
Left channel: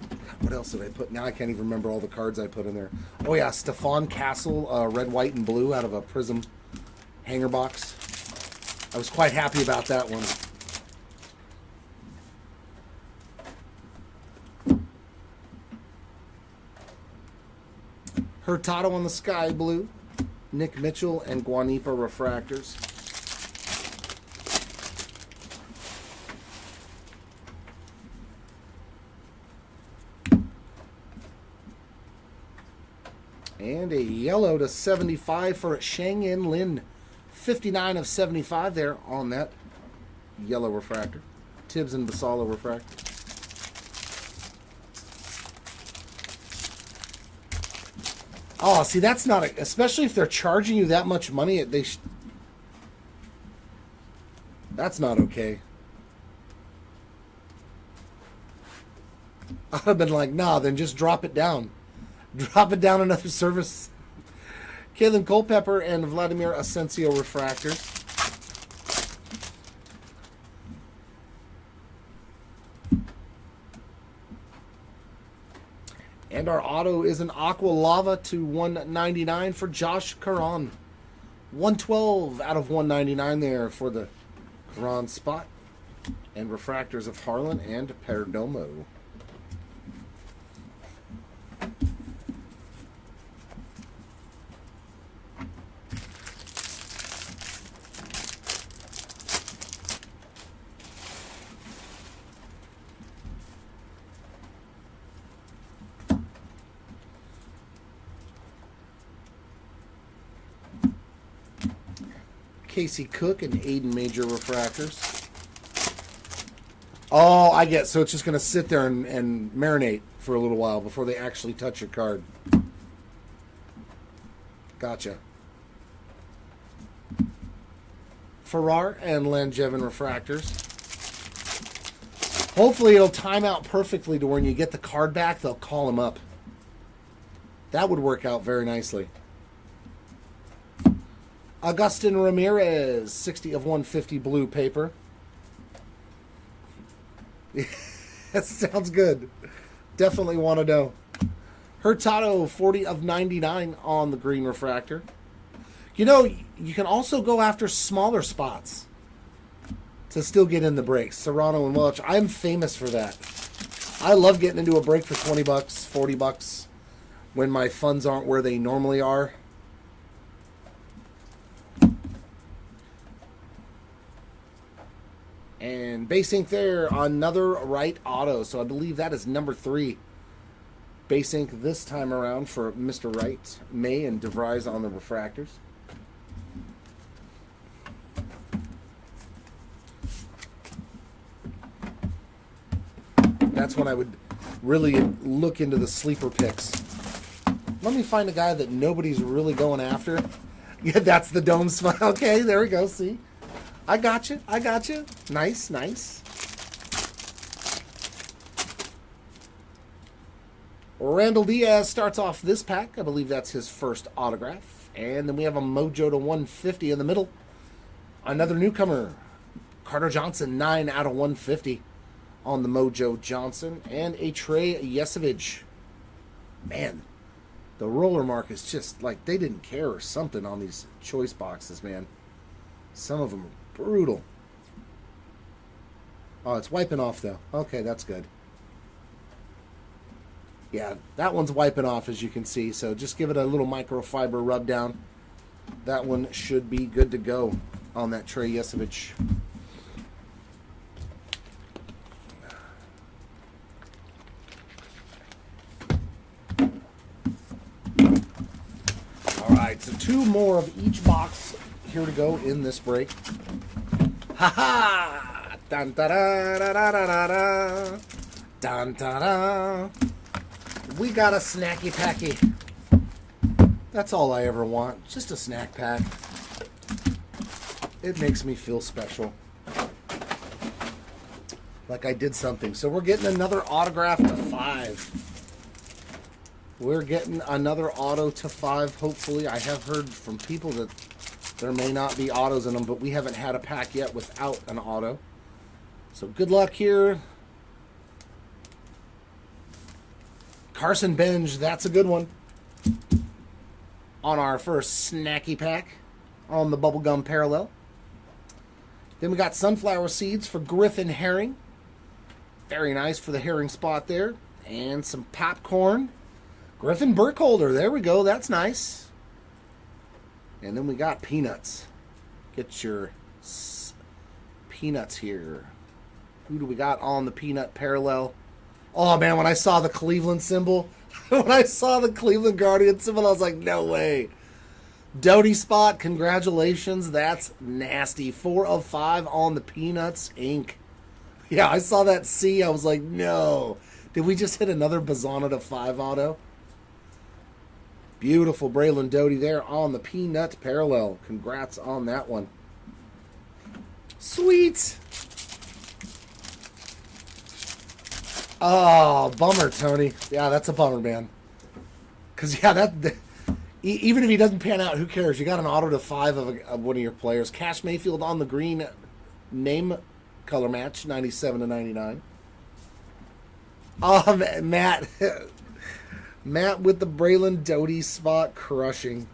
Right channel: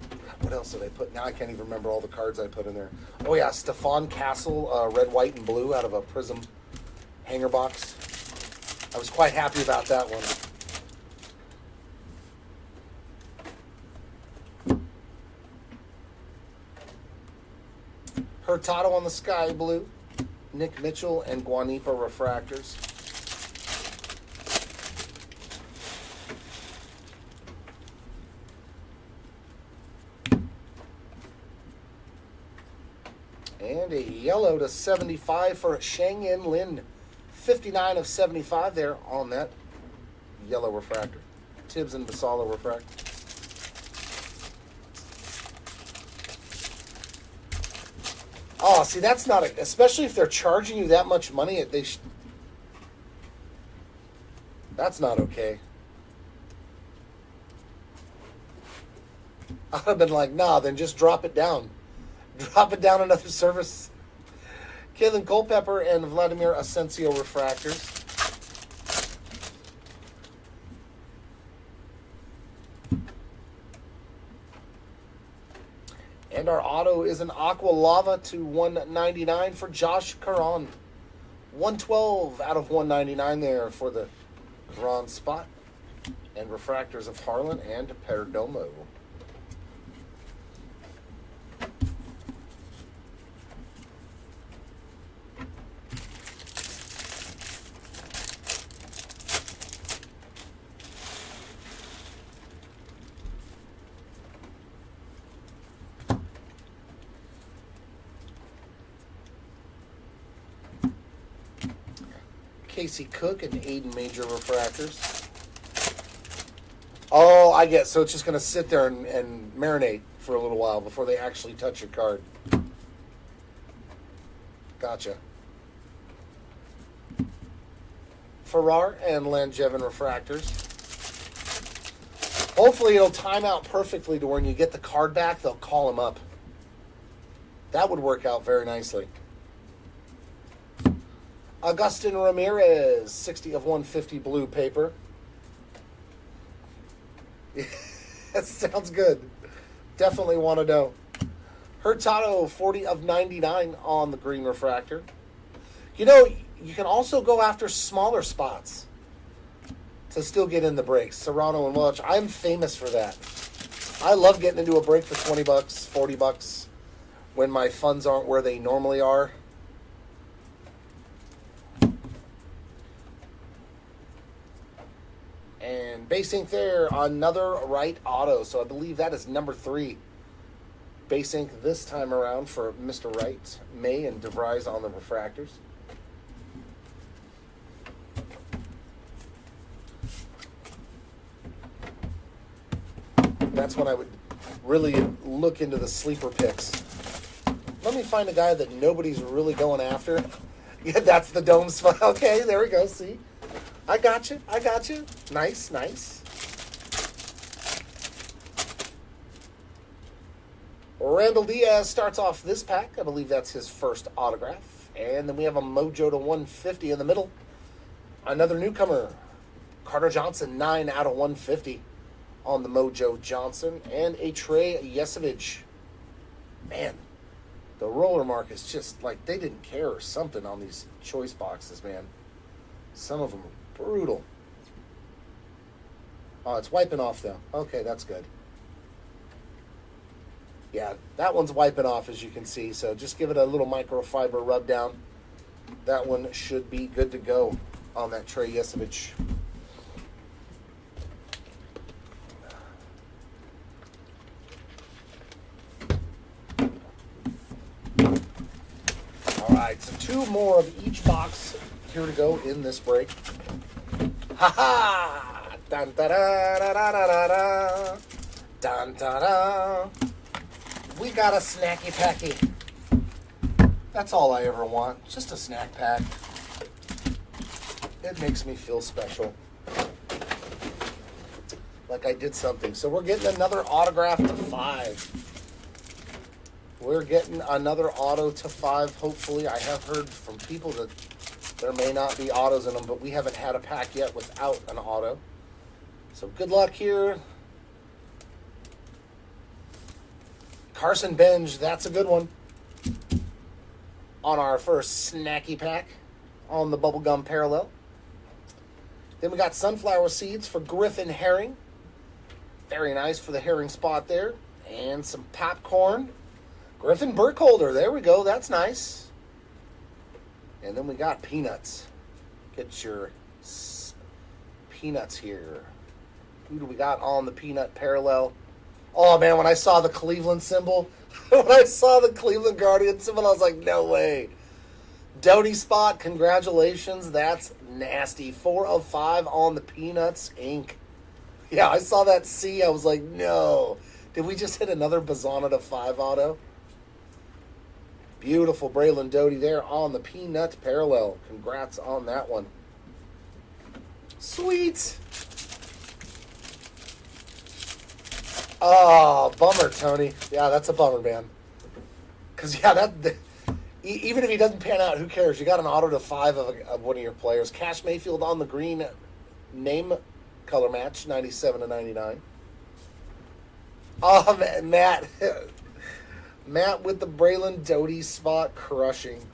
God, what else did I put? Now I can't even remember all the cards I put in there. Oh yeah, Stephon Castle, red, white, and blue out of a Prism hanger box. I was quite happy about that one. Hurtado on the sky blue. Nick Mitchell and Guanipa refractors. And a yellow to 75 for Shang-In Lin. 59 of 75 there on that yellow refractor. Tibbs and Basala refractor. Oh, see, that's not a... Especially if they're charging you that much money, that's not okay. I'd have been like, nah, then just drop it down. Drop it down another service. Kalen Culpepper and Vladimir Asensio refractors. And our auto is an Aqua Lava to 199 for Josh Caron. 112 out of 199 there for the Caron spot. And refractors of Harlan and Perdomo. Casey Cook and Aiden Major refractors. Oh, I get. So it's just going to sit there and marinate for a little while before they actually touch your card. Gotcha. Farrar and Langevin refractors. Hopefully it'll time out perfectly to when you get the card back, they'll call him up. That would work out very nicely. Agustin Ramirez, 60 of 150 blue paper. That sounds good. Definitely want to know. Hurtado, 40 of 99 on the green refractor. You know, you can also go after smaller spots to still get in the breaks. Serrano and Welch. I'm famous for that. I love getting into a break for 20 bucks, 40 bucks when my funds aren't where they normally are. And base ink there, another right auto. So I believe that is number 3. Base ink this time around for Mr. Wright, May, and DeVries on the refractors. That's when I would really look into the sleeper picks. Let me find a guy that nobody's really going after. Yeah, that's the dome spot. Okay, there we go. See? I got you. I got you. Nice, nice. Randall Diaz starts off this pack. I believe that's his first autograph. And then we have a Mojo to 150 in the middle. Another newcomer. Carter Johnson, 9 out of 150 on the Mojo Johnson. And a Trey Yesevich. Man, the roller mark is just like they didn't care or something on these choice boxes, man. Some of them are brutal. Oh, it's wiping off, though. Okay, that's good. Yeah, that one's wiping off, as you can see. So just give it a little microfiber rub down. That one should be good to go on that Trey Yesevich. All right, so 2 more of each box here to go in this break. Ha ha! Dun da da da da da da. Dun da da. We got a snacky packy. That's all I ever want. Just a snack pack. It makes me feel special. Like I did something. So we're getting another autograph to 5. We're getting another auto to 5, hopefully. I have heard from people that there may not be autos in them, but we haven't had a pack yet without an auto. So good luck here. Carson Benj, that's a good one. On our first snacky pack on the bubblegum parallel. Then we got sunflower seeds for Griffin Herring. Very nice for the herring spot there. And some popcorn. Griffin Burkholder, there we go, that's nice. And then we got peanuts. Get your peanuts here. Who do we got on the peanut parallel? Oh man, when I saw the Cleveland symbol, when I saw the Cleveland Guardian symbol, I was like, no way. Doty spot, congratulations. That's nasty. 4 of 5 on the Peanuts Inc. Yeah, I saw that C. I was like, no. Did we just hit another Bazana to 5 auto? Beautiful Braylon Doty there on the Peanut parallel. Congrats on that one. Sweet. Oh, bummer, Tony. Yeah, that's a bummer, man. Because, yeah, even if he doesn't pan out, who cares? You got an auto to 5 of one of your players. Cash Mayfield on the green name color match, 97 to 99. Oh, Matt. Matt with the Braylon Doty spot crushing.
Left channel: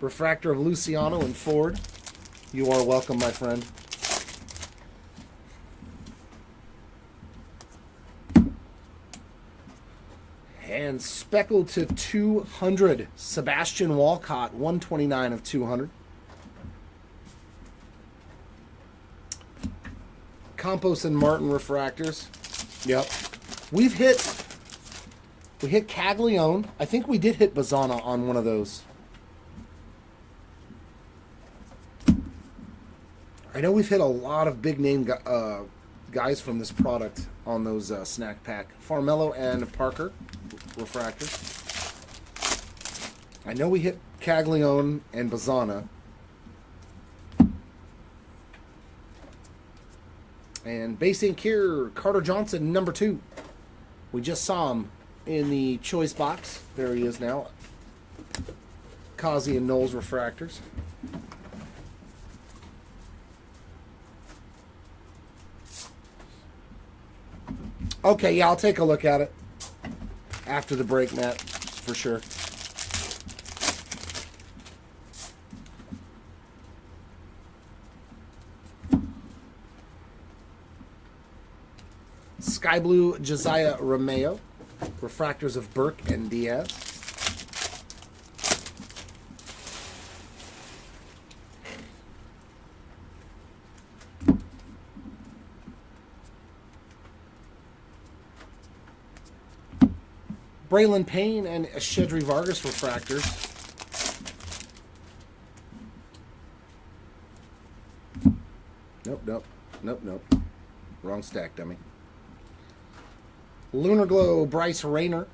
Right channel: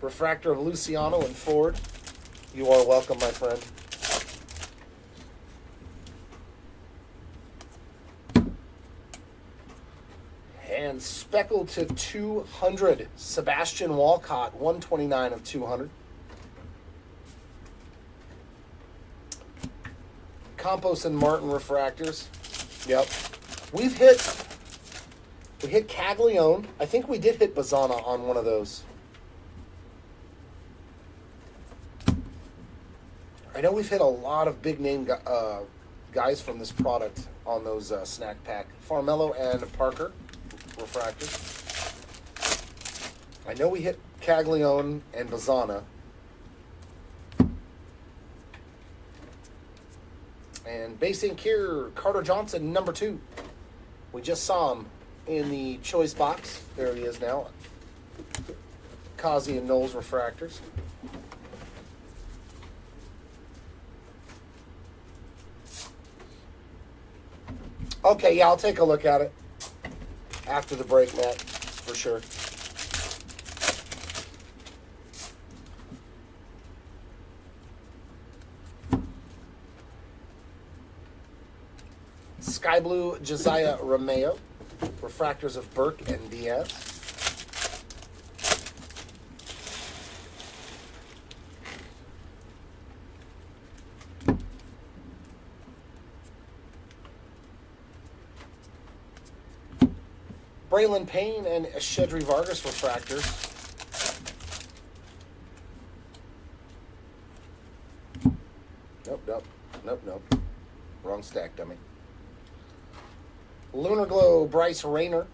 Refractor of Luciano and Ford. You are welcome, my friend. And speckled to 200. Sebastian Walcott, 129 of 200. Campos and Martin refractors. Yep. We hit Caglione. I think we did hit Bazana on one of those. I know we've hit a lot of big name guys from this product on those snack pack. Farmello and Parker refractors. I know we hit Caglione and Bazzana. And base ink here, Carter Johnson, number 2. We just saw him in the choice box. There he is now. Kazi and Knowles refractors. Okay, yeah, I'll take a look at it after the break, Matt, for sure. Sky Blue Josiah Romeo, refractors of Burke and Diaz. Braylon Payne and Shedry Vargas refractors. Nope. Wrong stack, dummy. Lunar Glow, Bryce Rayner,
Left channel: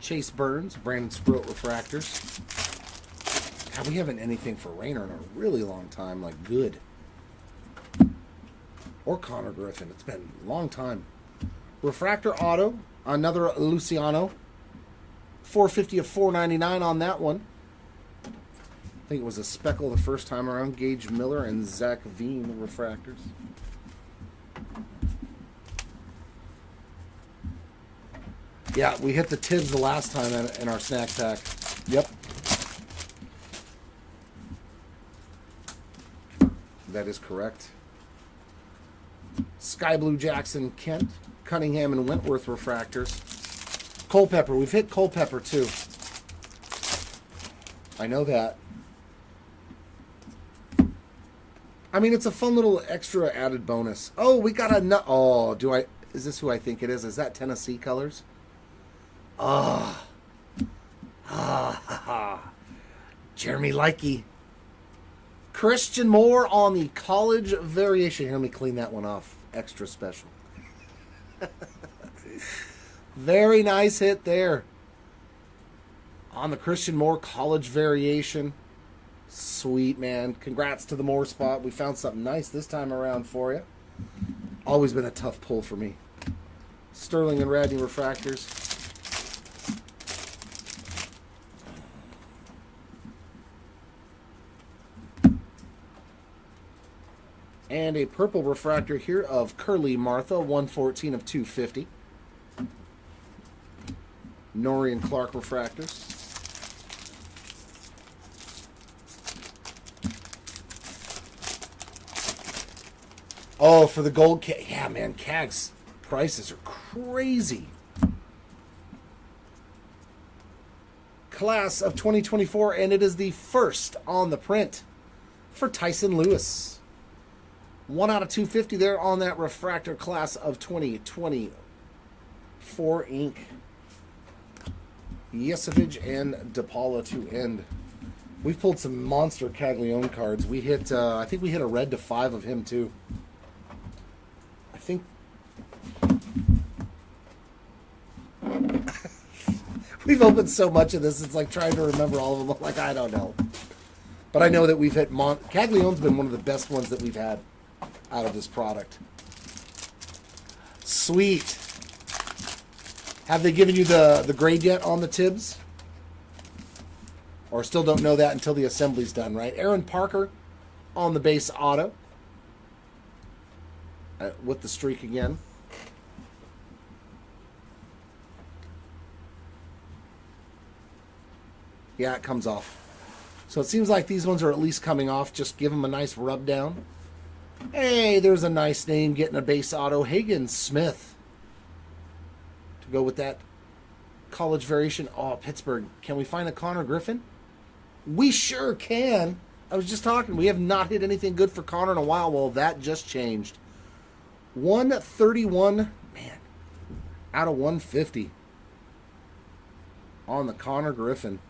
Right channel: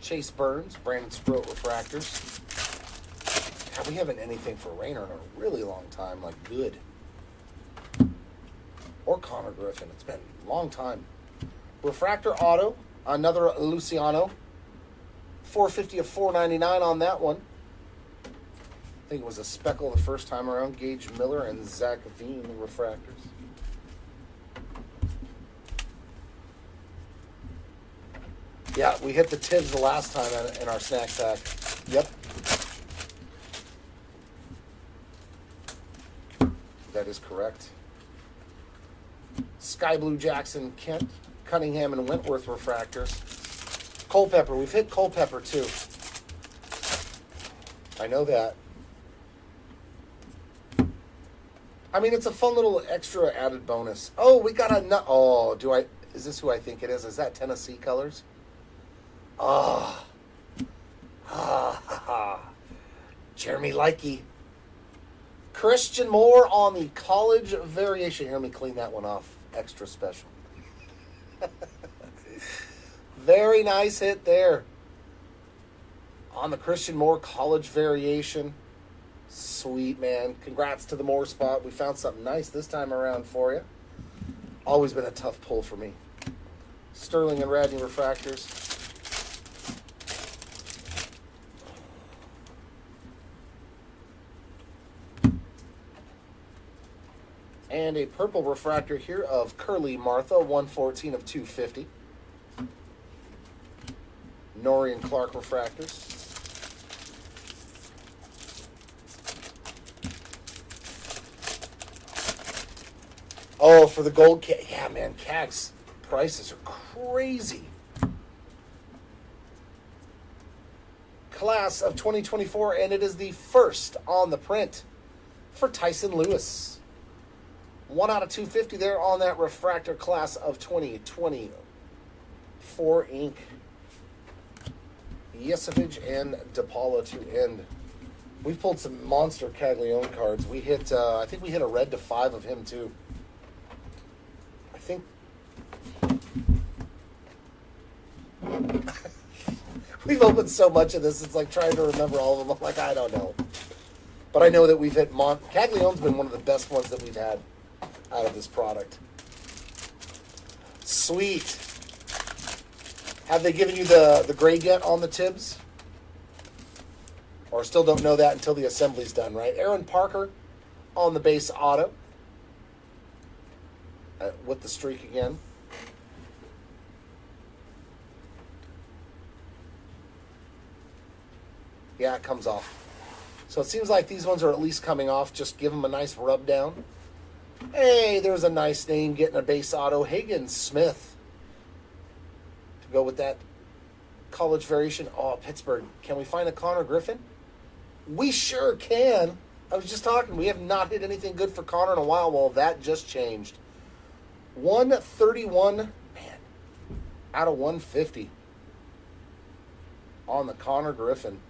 Chase Burns, Brandon Sproat refractors. God, we haven't anything for Rayner in a really long time, like good. Or Connor Griffin. It's been a long time. Refractor Auto, another Luciano. 450 of 499 on that one. I think it was a speckle the first time around. Gage Miller and Zach Veen, the refractors. Yeah, we hit the Tibbs the last time in our snack pack. Yep. That is correct. Sky Blue Jackson Kent, Cunningham and Wentworth refractors. Culpepper, we've hit Culpepper too. I know that. I mean, it's a fun little extra added bonus. Oh, we got a nut. Oh, is this who I think it is? Is that Tennessee colors? Jeremy Likey. Christian Moore on the college variation. Hear me clean that one off. Extra special. Very nice hit there. On the Christian Moore college variation. Sweet, man. Congrats to the Moore spot. We found something nice this time around for you. Always been a tough pull for me. Sterling and Radney refractors. And a purple refractor here of Curly Martha, 114 of 250. Norrie and Clark refractors. Oh, for the gold CAG. Yeah, man, CAG's prices are crazy. Class of 2024, and it is the first on the print for Tyson Lewis. 1 out of 250 there on that refractor class of 2024 ink. Yesevich and DePaula to end. We've pulled some monster Caglione cards. We hit, I think we hit a red to 5 of him too. I think. We've opened so much of this, it's like trying to remember all of them. I'm like, I don't know. But I know that we've hit Caglione's been one of the best ones that we've had out of this product. Sweet. Have they given you the grade yet on the Tibbs? Or still don't know that until the assembly's done, right? Aaron Parker on the base auto. With the streak again. Yeah, it comes off. So it seems like these ones are at least coming off. Just give them a nice rub down. Hey, there's a nice name getting a base auto. Higgins Smith. To go with that college variation. Oh, Pittsburgh. Can we find a Connor Griffin? We sure can. I was just talking. We have not hit anything good for Connor in a while. Well, that just changed. 131, man, out of 150 on the Connor Griffin.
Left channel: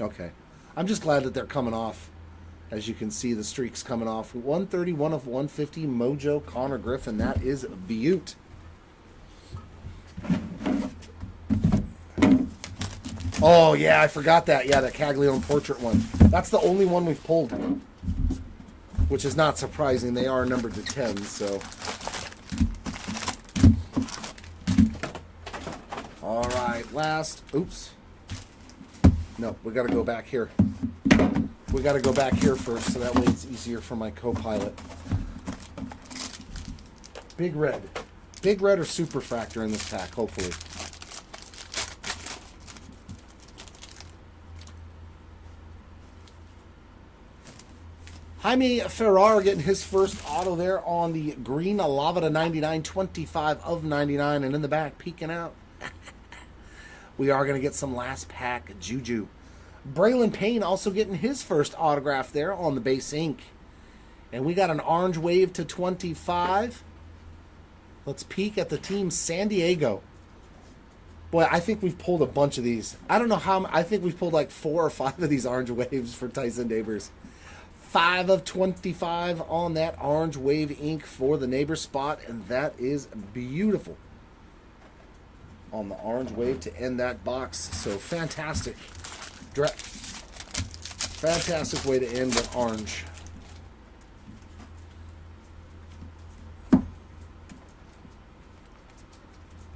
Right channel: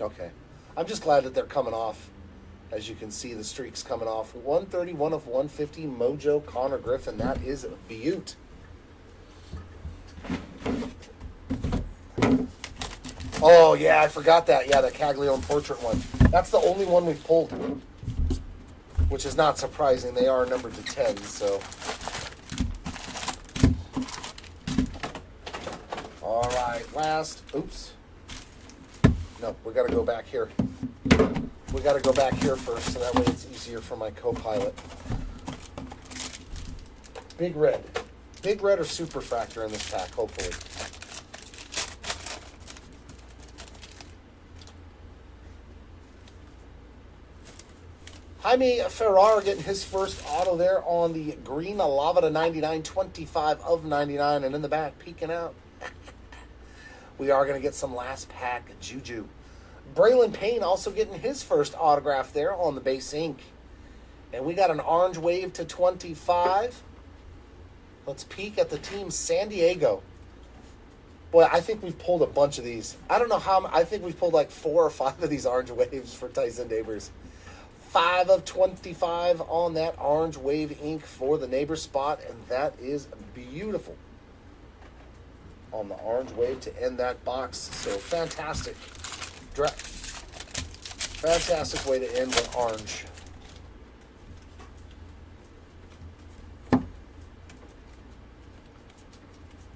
Okay. I'm just glad that they're coming off. As you can see, the streak's coming off. 131 of 150, Mojo Connor Griffin. That is a beaut. Oh, yeah, I forgot that. Yeah, that Caglione portrait one. That's the only one we've pulled, which is not surprising. They are numbered to 10, so. All right, last. Oops. No, we got to go back here. We got to go back here first, so that way it's easier for my co-pilot. Big red. Big red or super fractor in this pack, hopefully. Jaime Ferrar getting his first auto there on the green Lava to 99, 25 of 99, and in the back, peeking out. We are going to get some last pack Juju. Braylon Payne also getting his first autograph there on the base ink. And we got an orange wave to 25. Let's peek at the team San Diego. Boy, I think we've pulled a bunch of these. I don't know how. I think we've pulled like 4 or 5 of these orange waves for Tyson Neighbors. 5 of 25 on that orange wave ink for the neighbor spot. And that is beautiful. On the orange wave to end that box. So fantastic. Fantastic way to end with orange.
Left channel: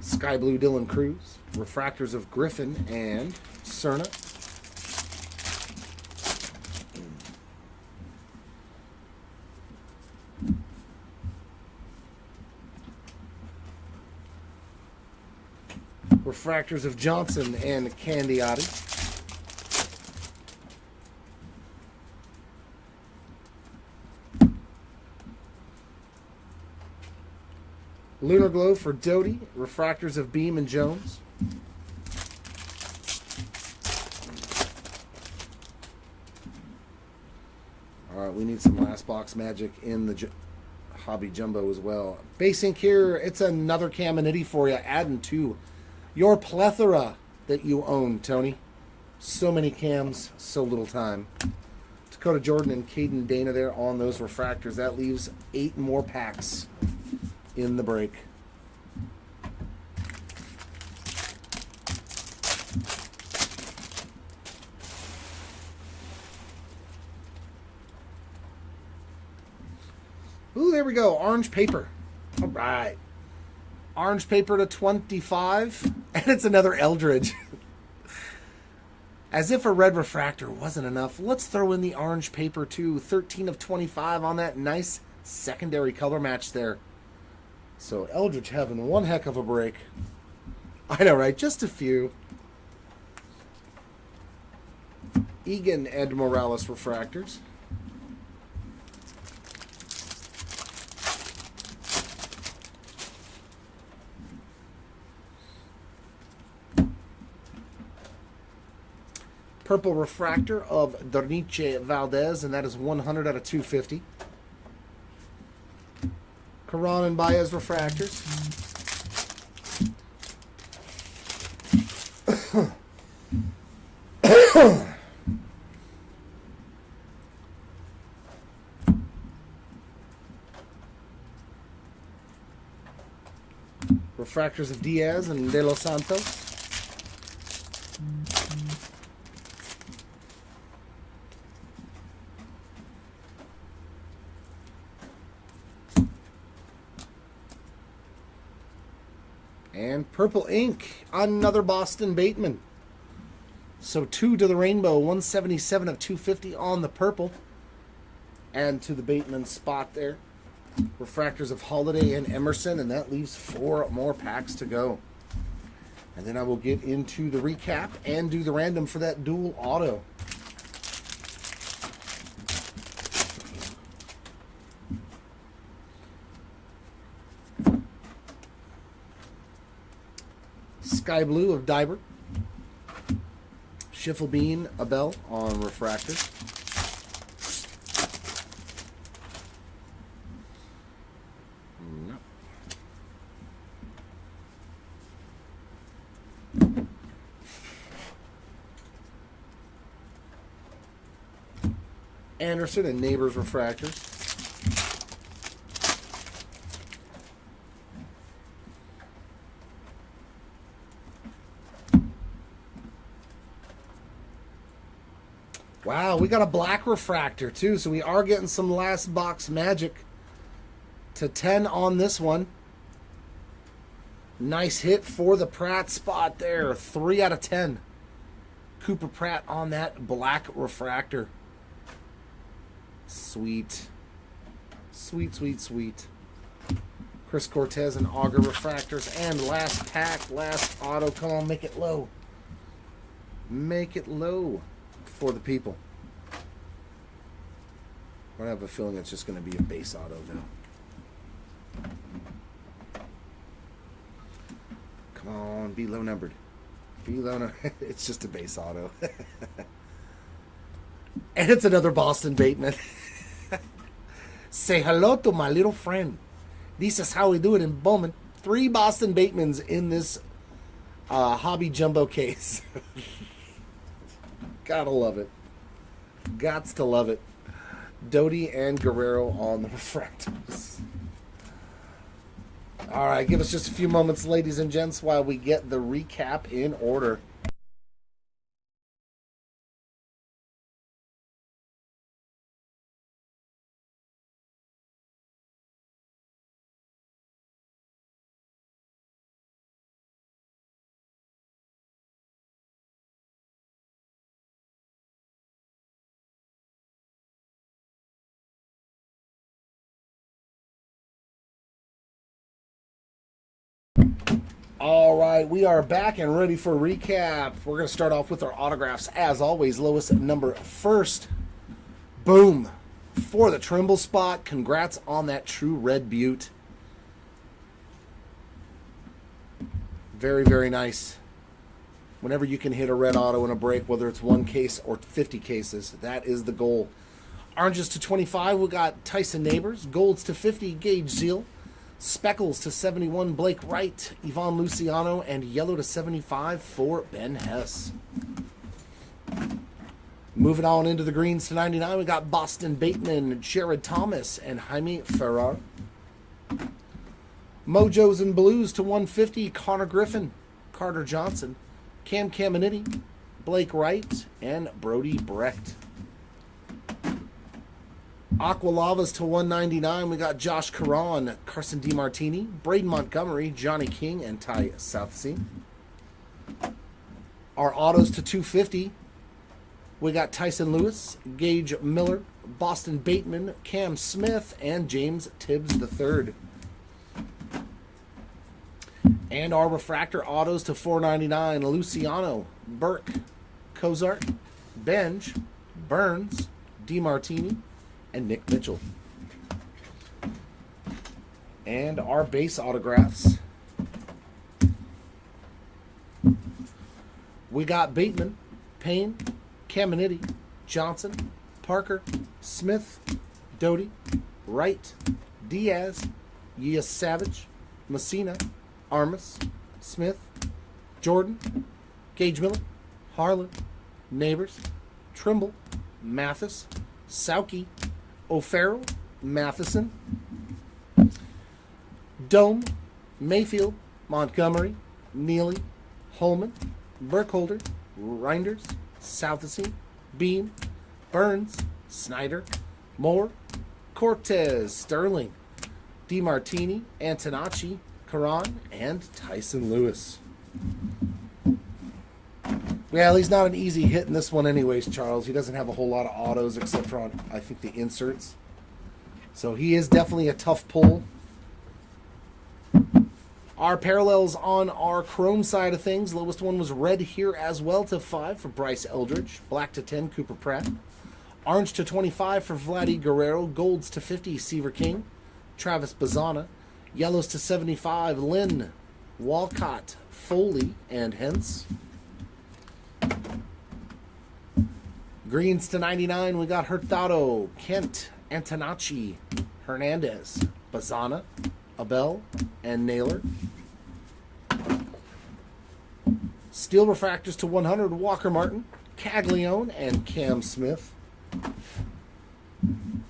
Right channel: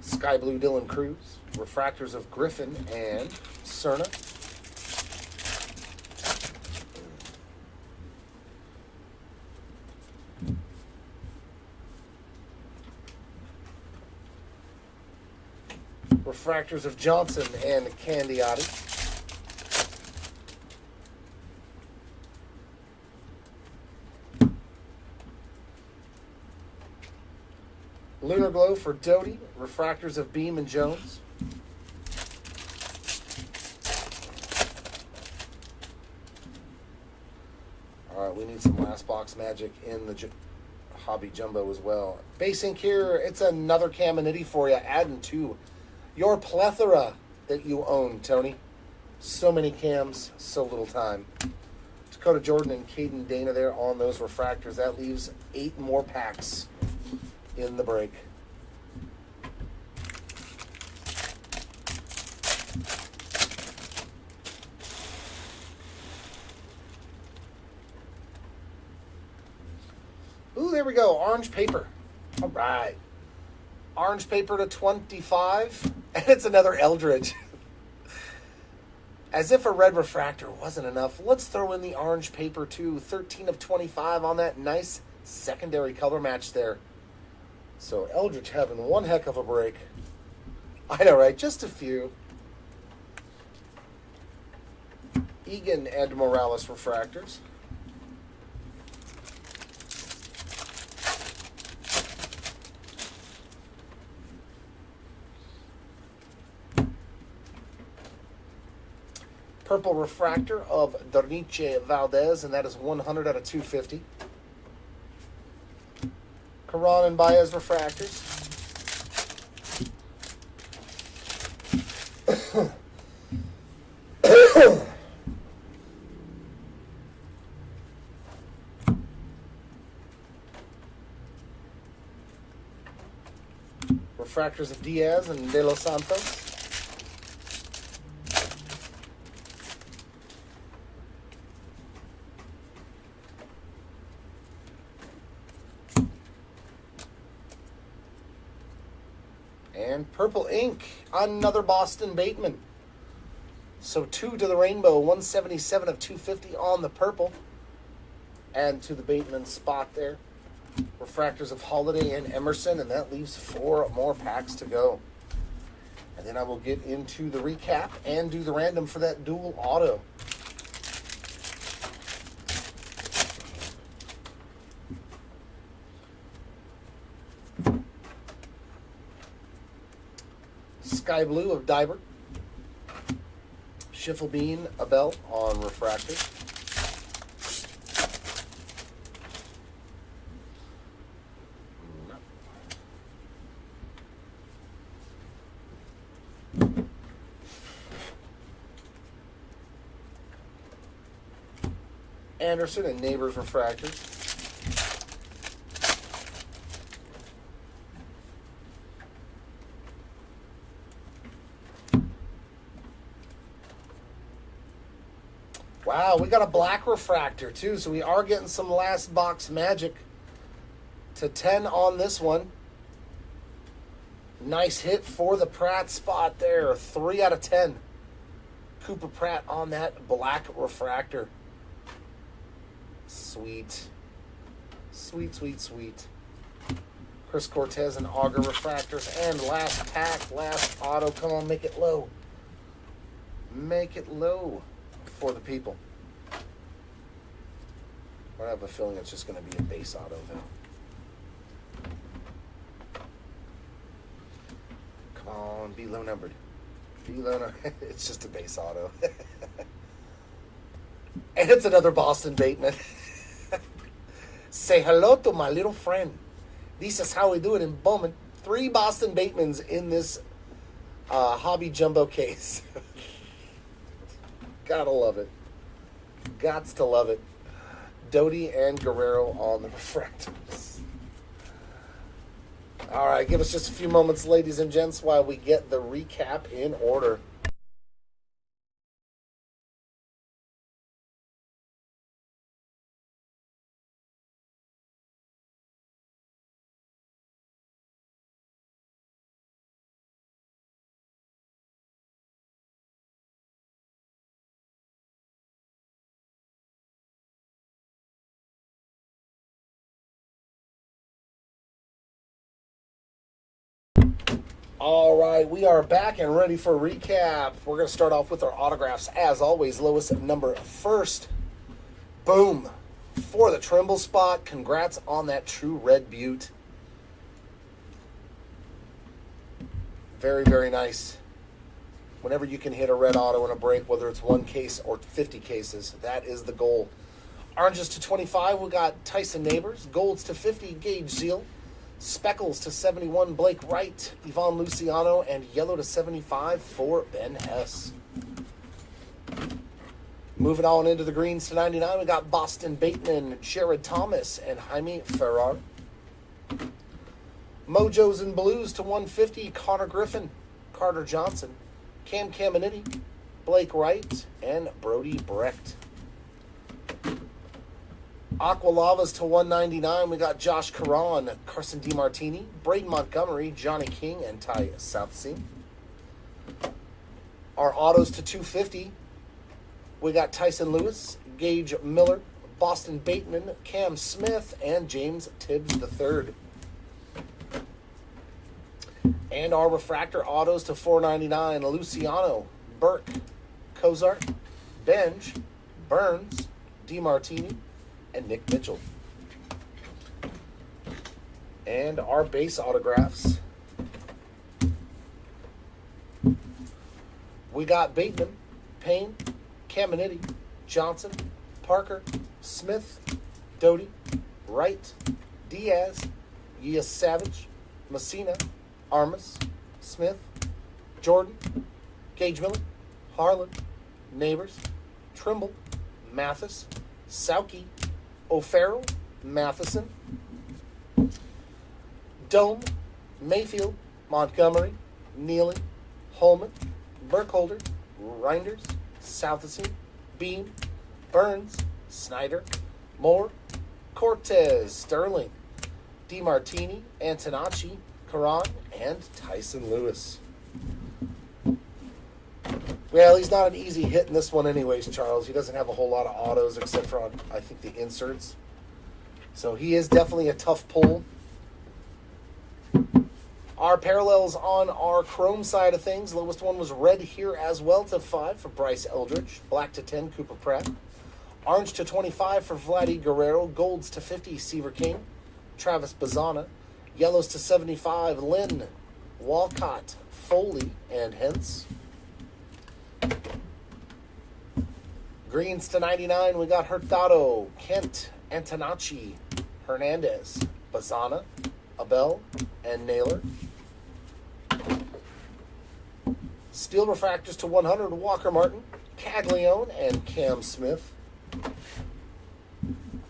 Sky Blue Dylan Cruz. Refractors of Griffin and Cerna. Refractors of Johnson and Candiotti. Lunar Glow for Doty. Refractors of Beam and Jones. All right, we need some last box magic in the Hobby Jumbo as well. Base ink here, it's another Caminiti for you, adding to your plethora that you own, Tony. So many cams, so little time. Dakota Jordan and Caden Dana there on those refractors. That leaves 8 more packs in the break. Ooh, there we go. Orange paper. All right. Orange paper to 25. And it's another Eldridge. As if a red refractor wasn't enough, let's throw in the orange paper too. 13 of 25 on that nice secondary color match there. So Eldridge having one heck of a break. I know, right? Just a few. Egan and Morales refractors. Purple refractor of Dornice Valdez, and that is 100 out of 250. Karan and Baez refractors. Refractors of Diaz and De Los Santos. And purple ink, another Boston Bateman. So 2 to the rainbow, 177 of 250 on the purple. Add to the Bateman spot there. Refractors of Holiday and Emerson, and that leaves 4 more packs to go. And then I will get into the recap and do the random for that dual auto. Sky Blue of Dibert. Schiffelbean Abel on refractors. Anderson and Neighbors refractors. Wow, we got a black refractor too, so we are getting some last box magic. To 10 on this one. Nice hit for the Pratt spot there. 3 out of 10. Cooper Pratt on that black refractor. Sweet. Sweet, sweet, sweet. Chris Cortez and Auger refractors. And last pack, last auto. Come on, make it low. Make it low for the people. I have a feeling it's just going to be a base auto, though. Come on, be low numbered. Be low numbered. It's just a base auto. And it's another Boston Bateman. Say hello to my little friend. This is how we do it in Bowman. 3 Boston Batemans in this hobby jumbo case. Gotta love it. Gots to love it. Doty and Guerrero on the refractors. All right, give us just a few moments, ladies and gents, while we get the recap in order. All right, we are back and ready for a recap. We're going to start off with our autographs. As always, lowest number first. Boom. For the Trimble spot. Congrats on that True Red Butte. Very, very nice. Whenever you can hit a red auto in a break, whether it's 1 case or 50 cases, that is the goal. Oranges to 25, we got Tyson Neighbors. Golds to 50, Gage Seal. Speckles to 71, Blake Wright, Ivan Luciano, and yellow to 75 for Ben Hess. Moving on into the greens to 99, we got Boston Bateman, Jared Thomas, and Jaime Ferrar. Mojos and Blues to 150, Connor Griffin, Carter Johnson, Cam Caminiti, Blake Wright, and Brody Brecht. Aqua Lavas to 199, we got Josh Caron, Carson DiMartini, Braden Montgomery, Johnny King, and Ty Southsea. Our autos to 250, we got Tyson Lewis, Gage Miller, Boston Bateman, Cam Smith, and James Tibbs III. And our refractor autos to 499, Luciano, Burke, Cozart, Benj, Burns, DiMartini, and Nick Mitchell. And our base autographs. We got Bateman, Payne, Caminiti, Johnson, Parker, Smith, Doty, Wright, Diaz, Yas Savage, Messina, Armas, Smith, Jordan, Gage Miller, Harlan, Neighbors, Trimble, Mathis, Sauke, O'Farrell, Matheson, Dome, Mayfield, Montgomery, Neely, Holman, Burkholder, Reinders, Southsea, Beam, Burns, Snyder, Moore, Cortez, Sterling, DiMartini, Antonacci, Caron, and Tyson Lewis. Well, he's not an easy hit in this one anyways, Charles. He doesn't have a whole lot of autos except for, on, I think, the inserts. So he is definitely a tough pull. Our parallels on our chrome side of things. Lowest one was red here as well to 5 for Bryce Eldridge. Black to 10, Cooper Pratt. Orange to 25 for Vladdy Guerrero. Golds to 50, Seaver King. Travis Bazana. Yellows to 75, Lynn, Walcott, Foley, and Hentz. Greens to 99, we got Hurtado, Kent, Antonacci, Hernandez, Bazana, Abel, and Naylor. Steel refractors to 100, Walker Martin, Caglione, and Cam Smith.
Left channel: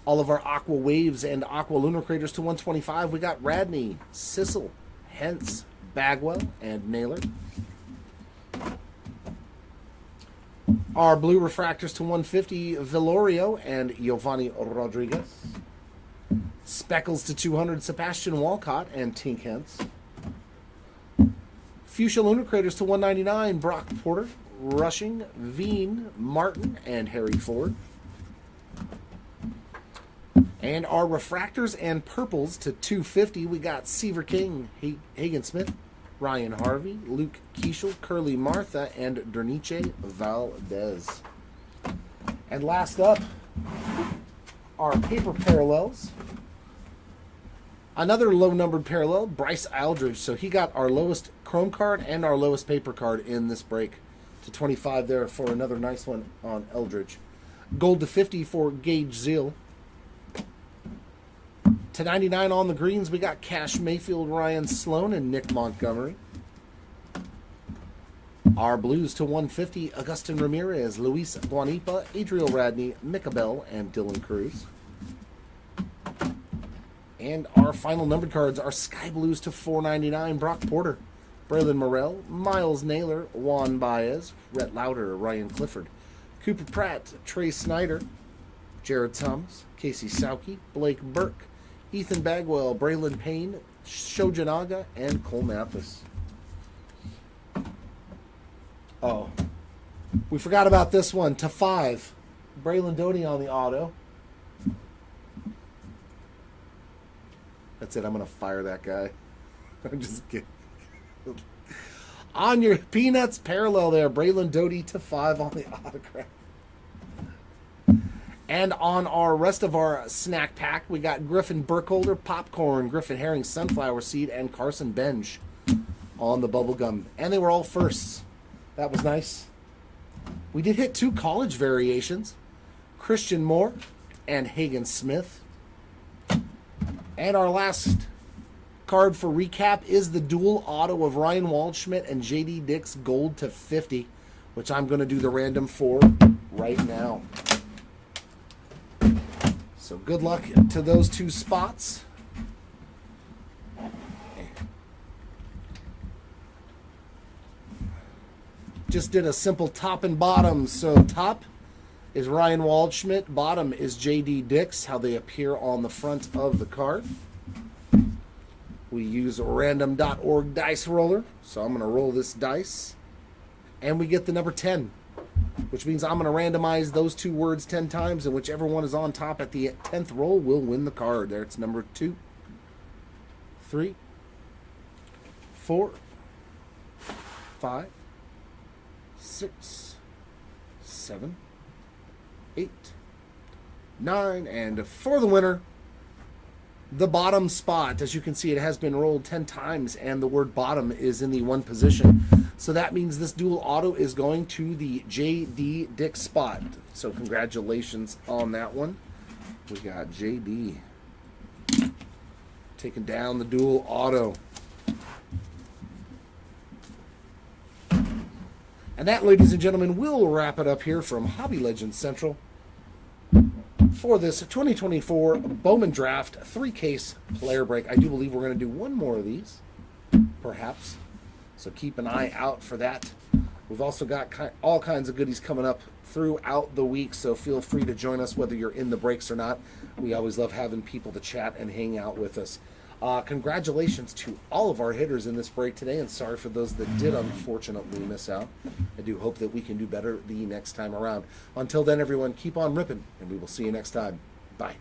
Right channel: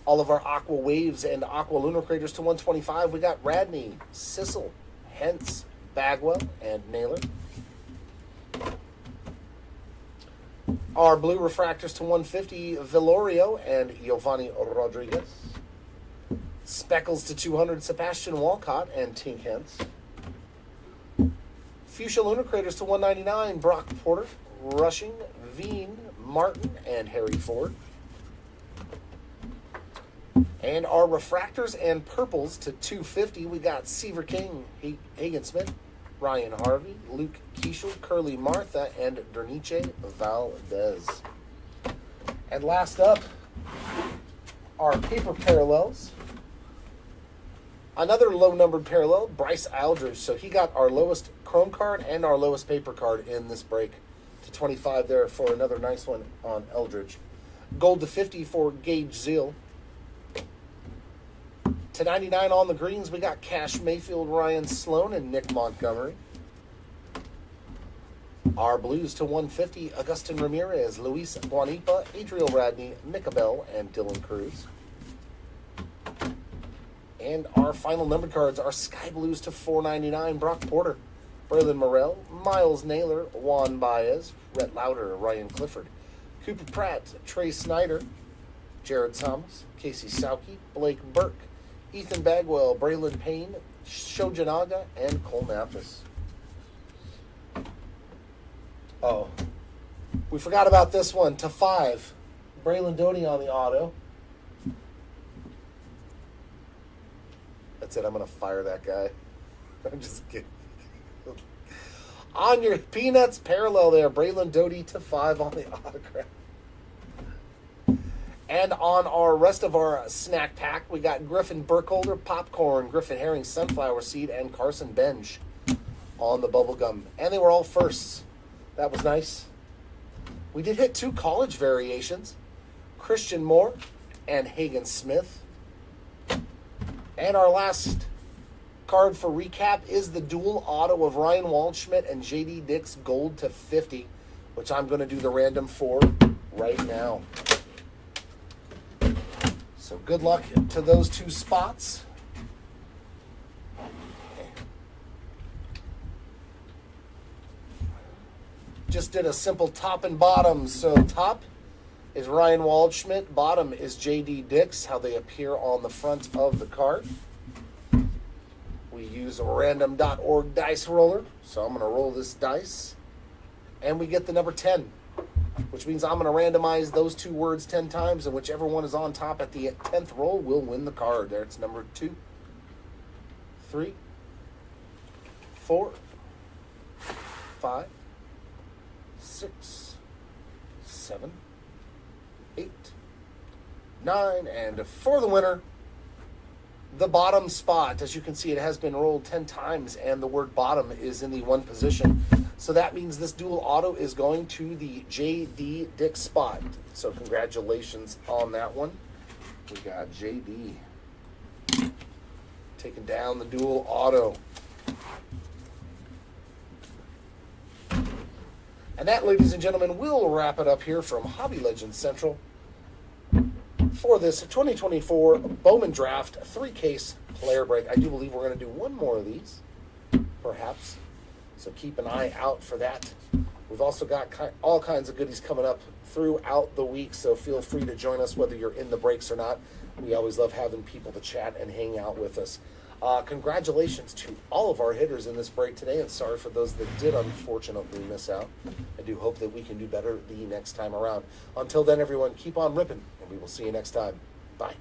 All of our Aqua Waves and Aqua Lunar Craters to 125. We got Radney, Sissel, Hentz, Bagwell, and Naylor. Our blue refractors to 150, Villorio and Giovanni Rodriguez. Speckles to 200, Sebastian Walcott and Tink Hentz. Fuchsia Lunar Craters to 199, Brock Porter, Rushing, Veen, Martin, and Harry Ford. And our refractors and purples to 250, we got Seaver King, Hagen Smith, Ryan Harvey, Luke Keishel, Curly Martha, and Derniche Valdez. And last up, our paper parallels. Another low-numbered parallel, Bryce Aldridge. So he got our lowest chrome card and our lowest paper card in this break. To 25 there for another nice one on Eldridge. Gold to 50 for Gage Zeal. To 99 on the greens, we got Cash Mayfield, Ryan Sloan, and Nick Montgomery. Our blues to 150, Augustin Ramirez, Luis Guanipa, Adriel Radney, Micah Bell, and Dylan Cruz. And our final numbered cards are Sky Blues to 499, Brock Porter, Braylon Morrell, Miles Naylor, Juan Baez, Rhett Lauder, Ryan Clifford, Cooper Pratt, Trey Snyder, Jared Thomas, Casey Sauke, Blake Burke, Ethan Bagwell, Braylon Payne, Shojanaga, and Cole Mathis. Oh, we forgot about this one. To 5, Braylon Doty on the auto. That's it. I'm going to fire that guy. I'm just kidding. On your Peanuts parallel there, Braylon Doty to 5 on the autograph. And on our rest of our snack pack, we got Griffin Burkholder, Popcorn, Griffin Herring, Sunflower Seed, and Carson Benj on the bubblegum. And they were all firsts. That was nice. We did hit 2 college variations. Christian Moore and Hagen Smith. And our last card for recap is the dual auto of Ryan Waldschmidt and JD Dix gold to 50, which I'm going to do the random for right now. So good luck to those 2 spots. Just did a simple top and bottom. So top is Ryan Waldschmidt, bottom is JD Dix, how they appear on the front of the card. We use random.org dice roller, so I'm going to roll this dice, and we get the number 10, which means I'm going to randomize those 2 words 10 times, and whichever one is on top at the 10th roll will win the card. There, it's number 2, 3, 4, 5, 6, 7, 8, 9, and for the winner, the bottom spot. As you can see, it has been rolled 10 times, and the word bottom is in the 1 position. So that means this dual auto is going to the JD Dix spot. So congratulations on that one. We got JD taking down the dual auto. And that, ladies and gentlemen, will wrap it up here from Hobby Legends Central for this 2024 Bowman Draft 3-case player break. I do believe we're going to do one more of these, perhaps. So keep an eye out for that. We've also got all kinds of goodies coming up throughout the week, so feel free to join us whether you're in the breaks or not. We always love having people to chat and hang out with us. Congratulations to all of our hitters in this break today, and sorry for those that did unfortunately miss out. I do hope that we can do better the next time around. Until then, everyone, keep on ripping, and we will see you next time. Bye.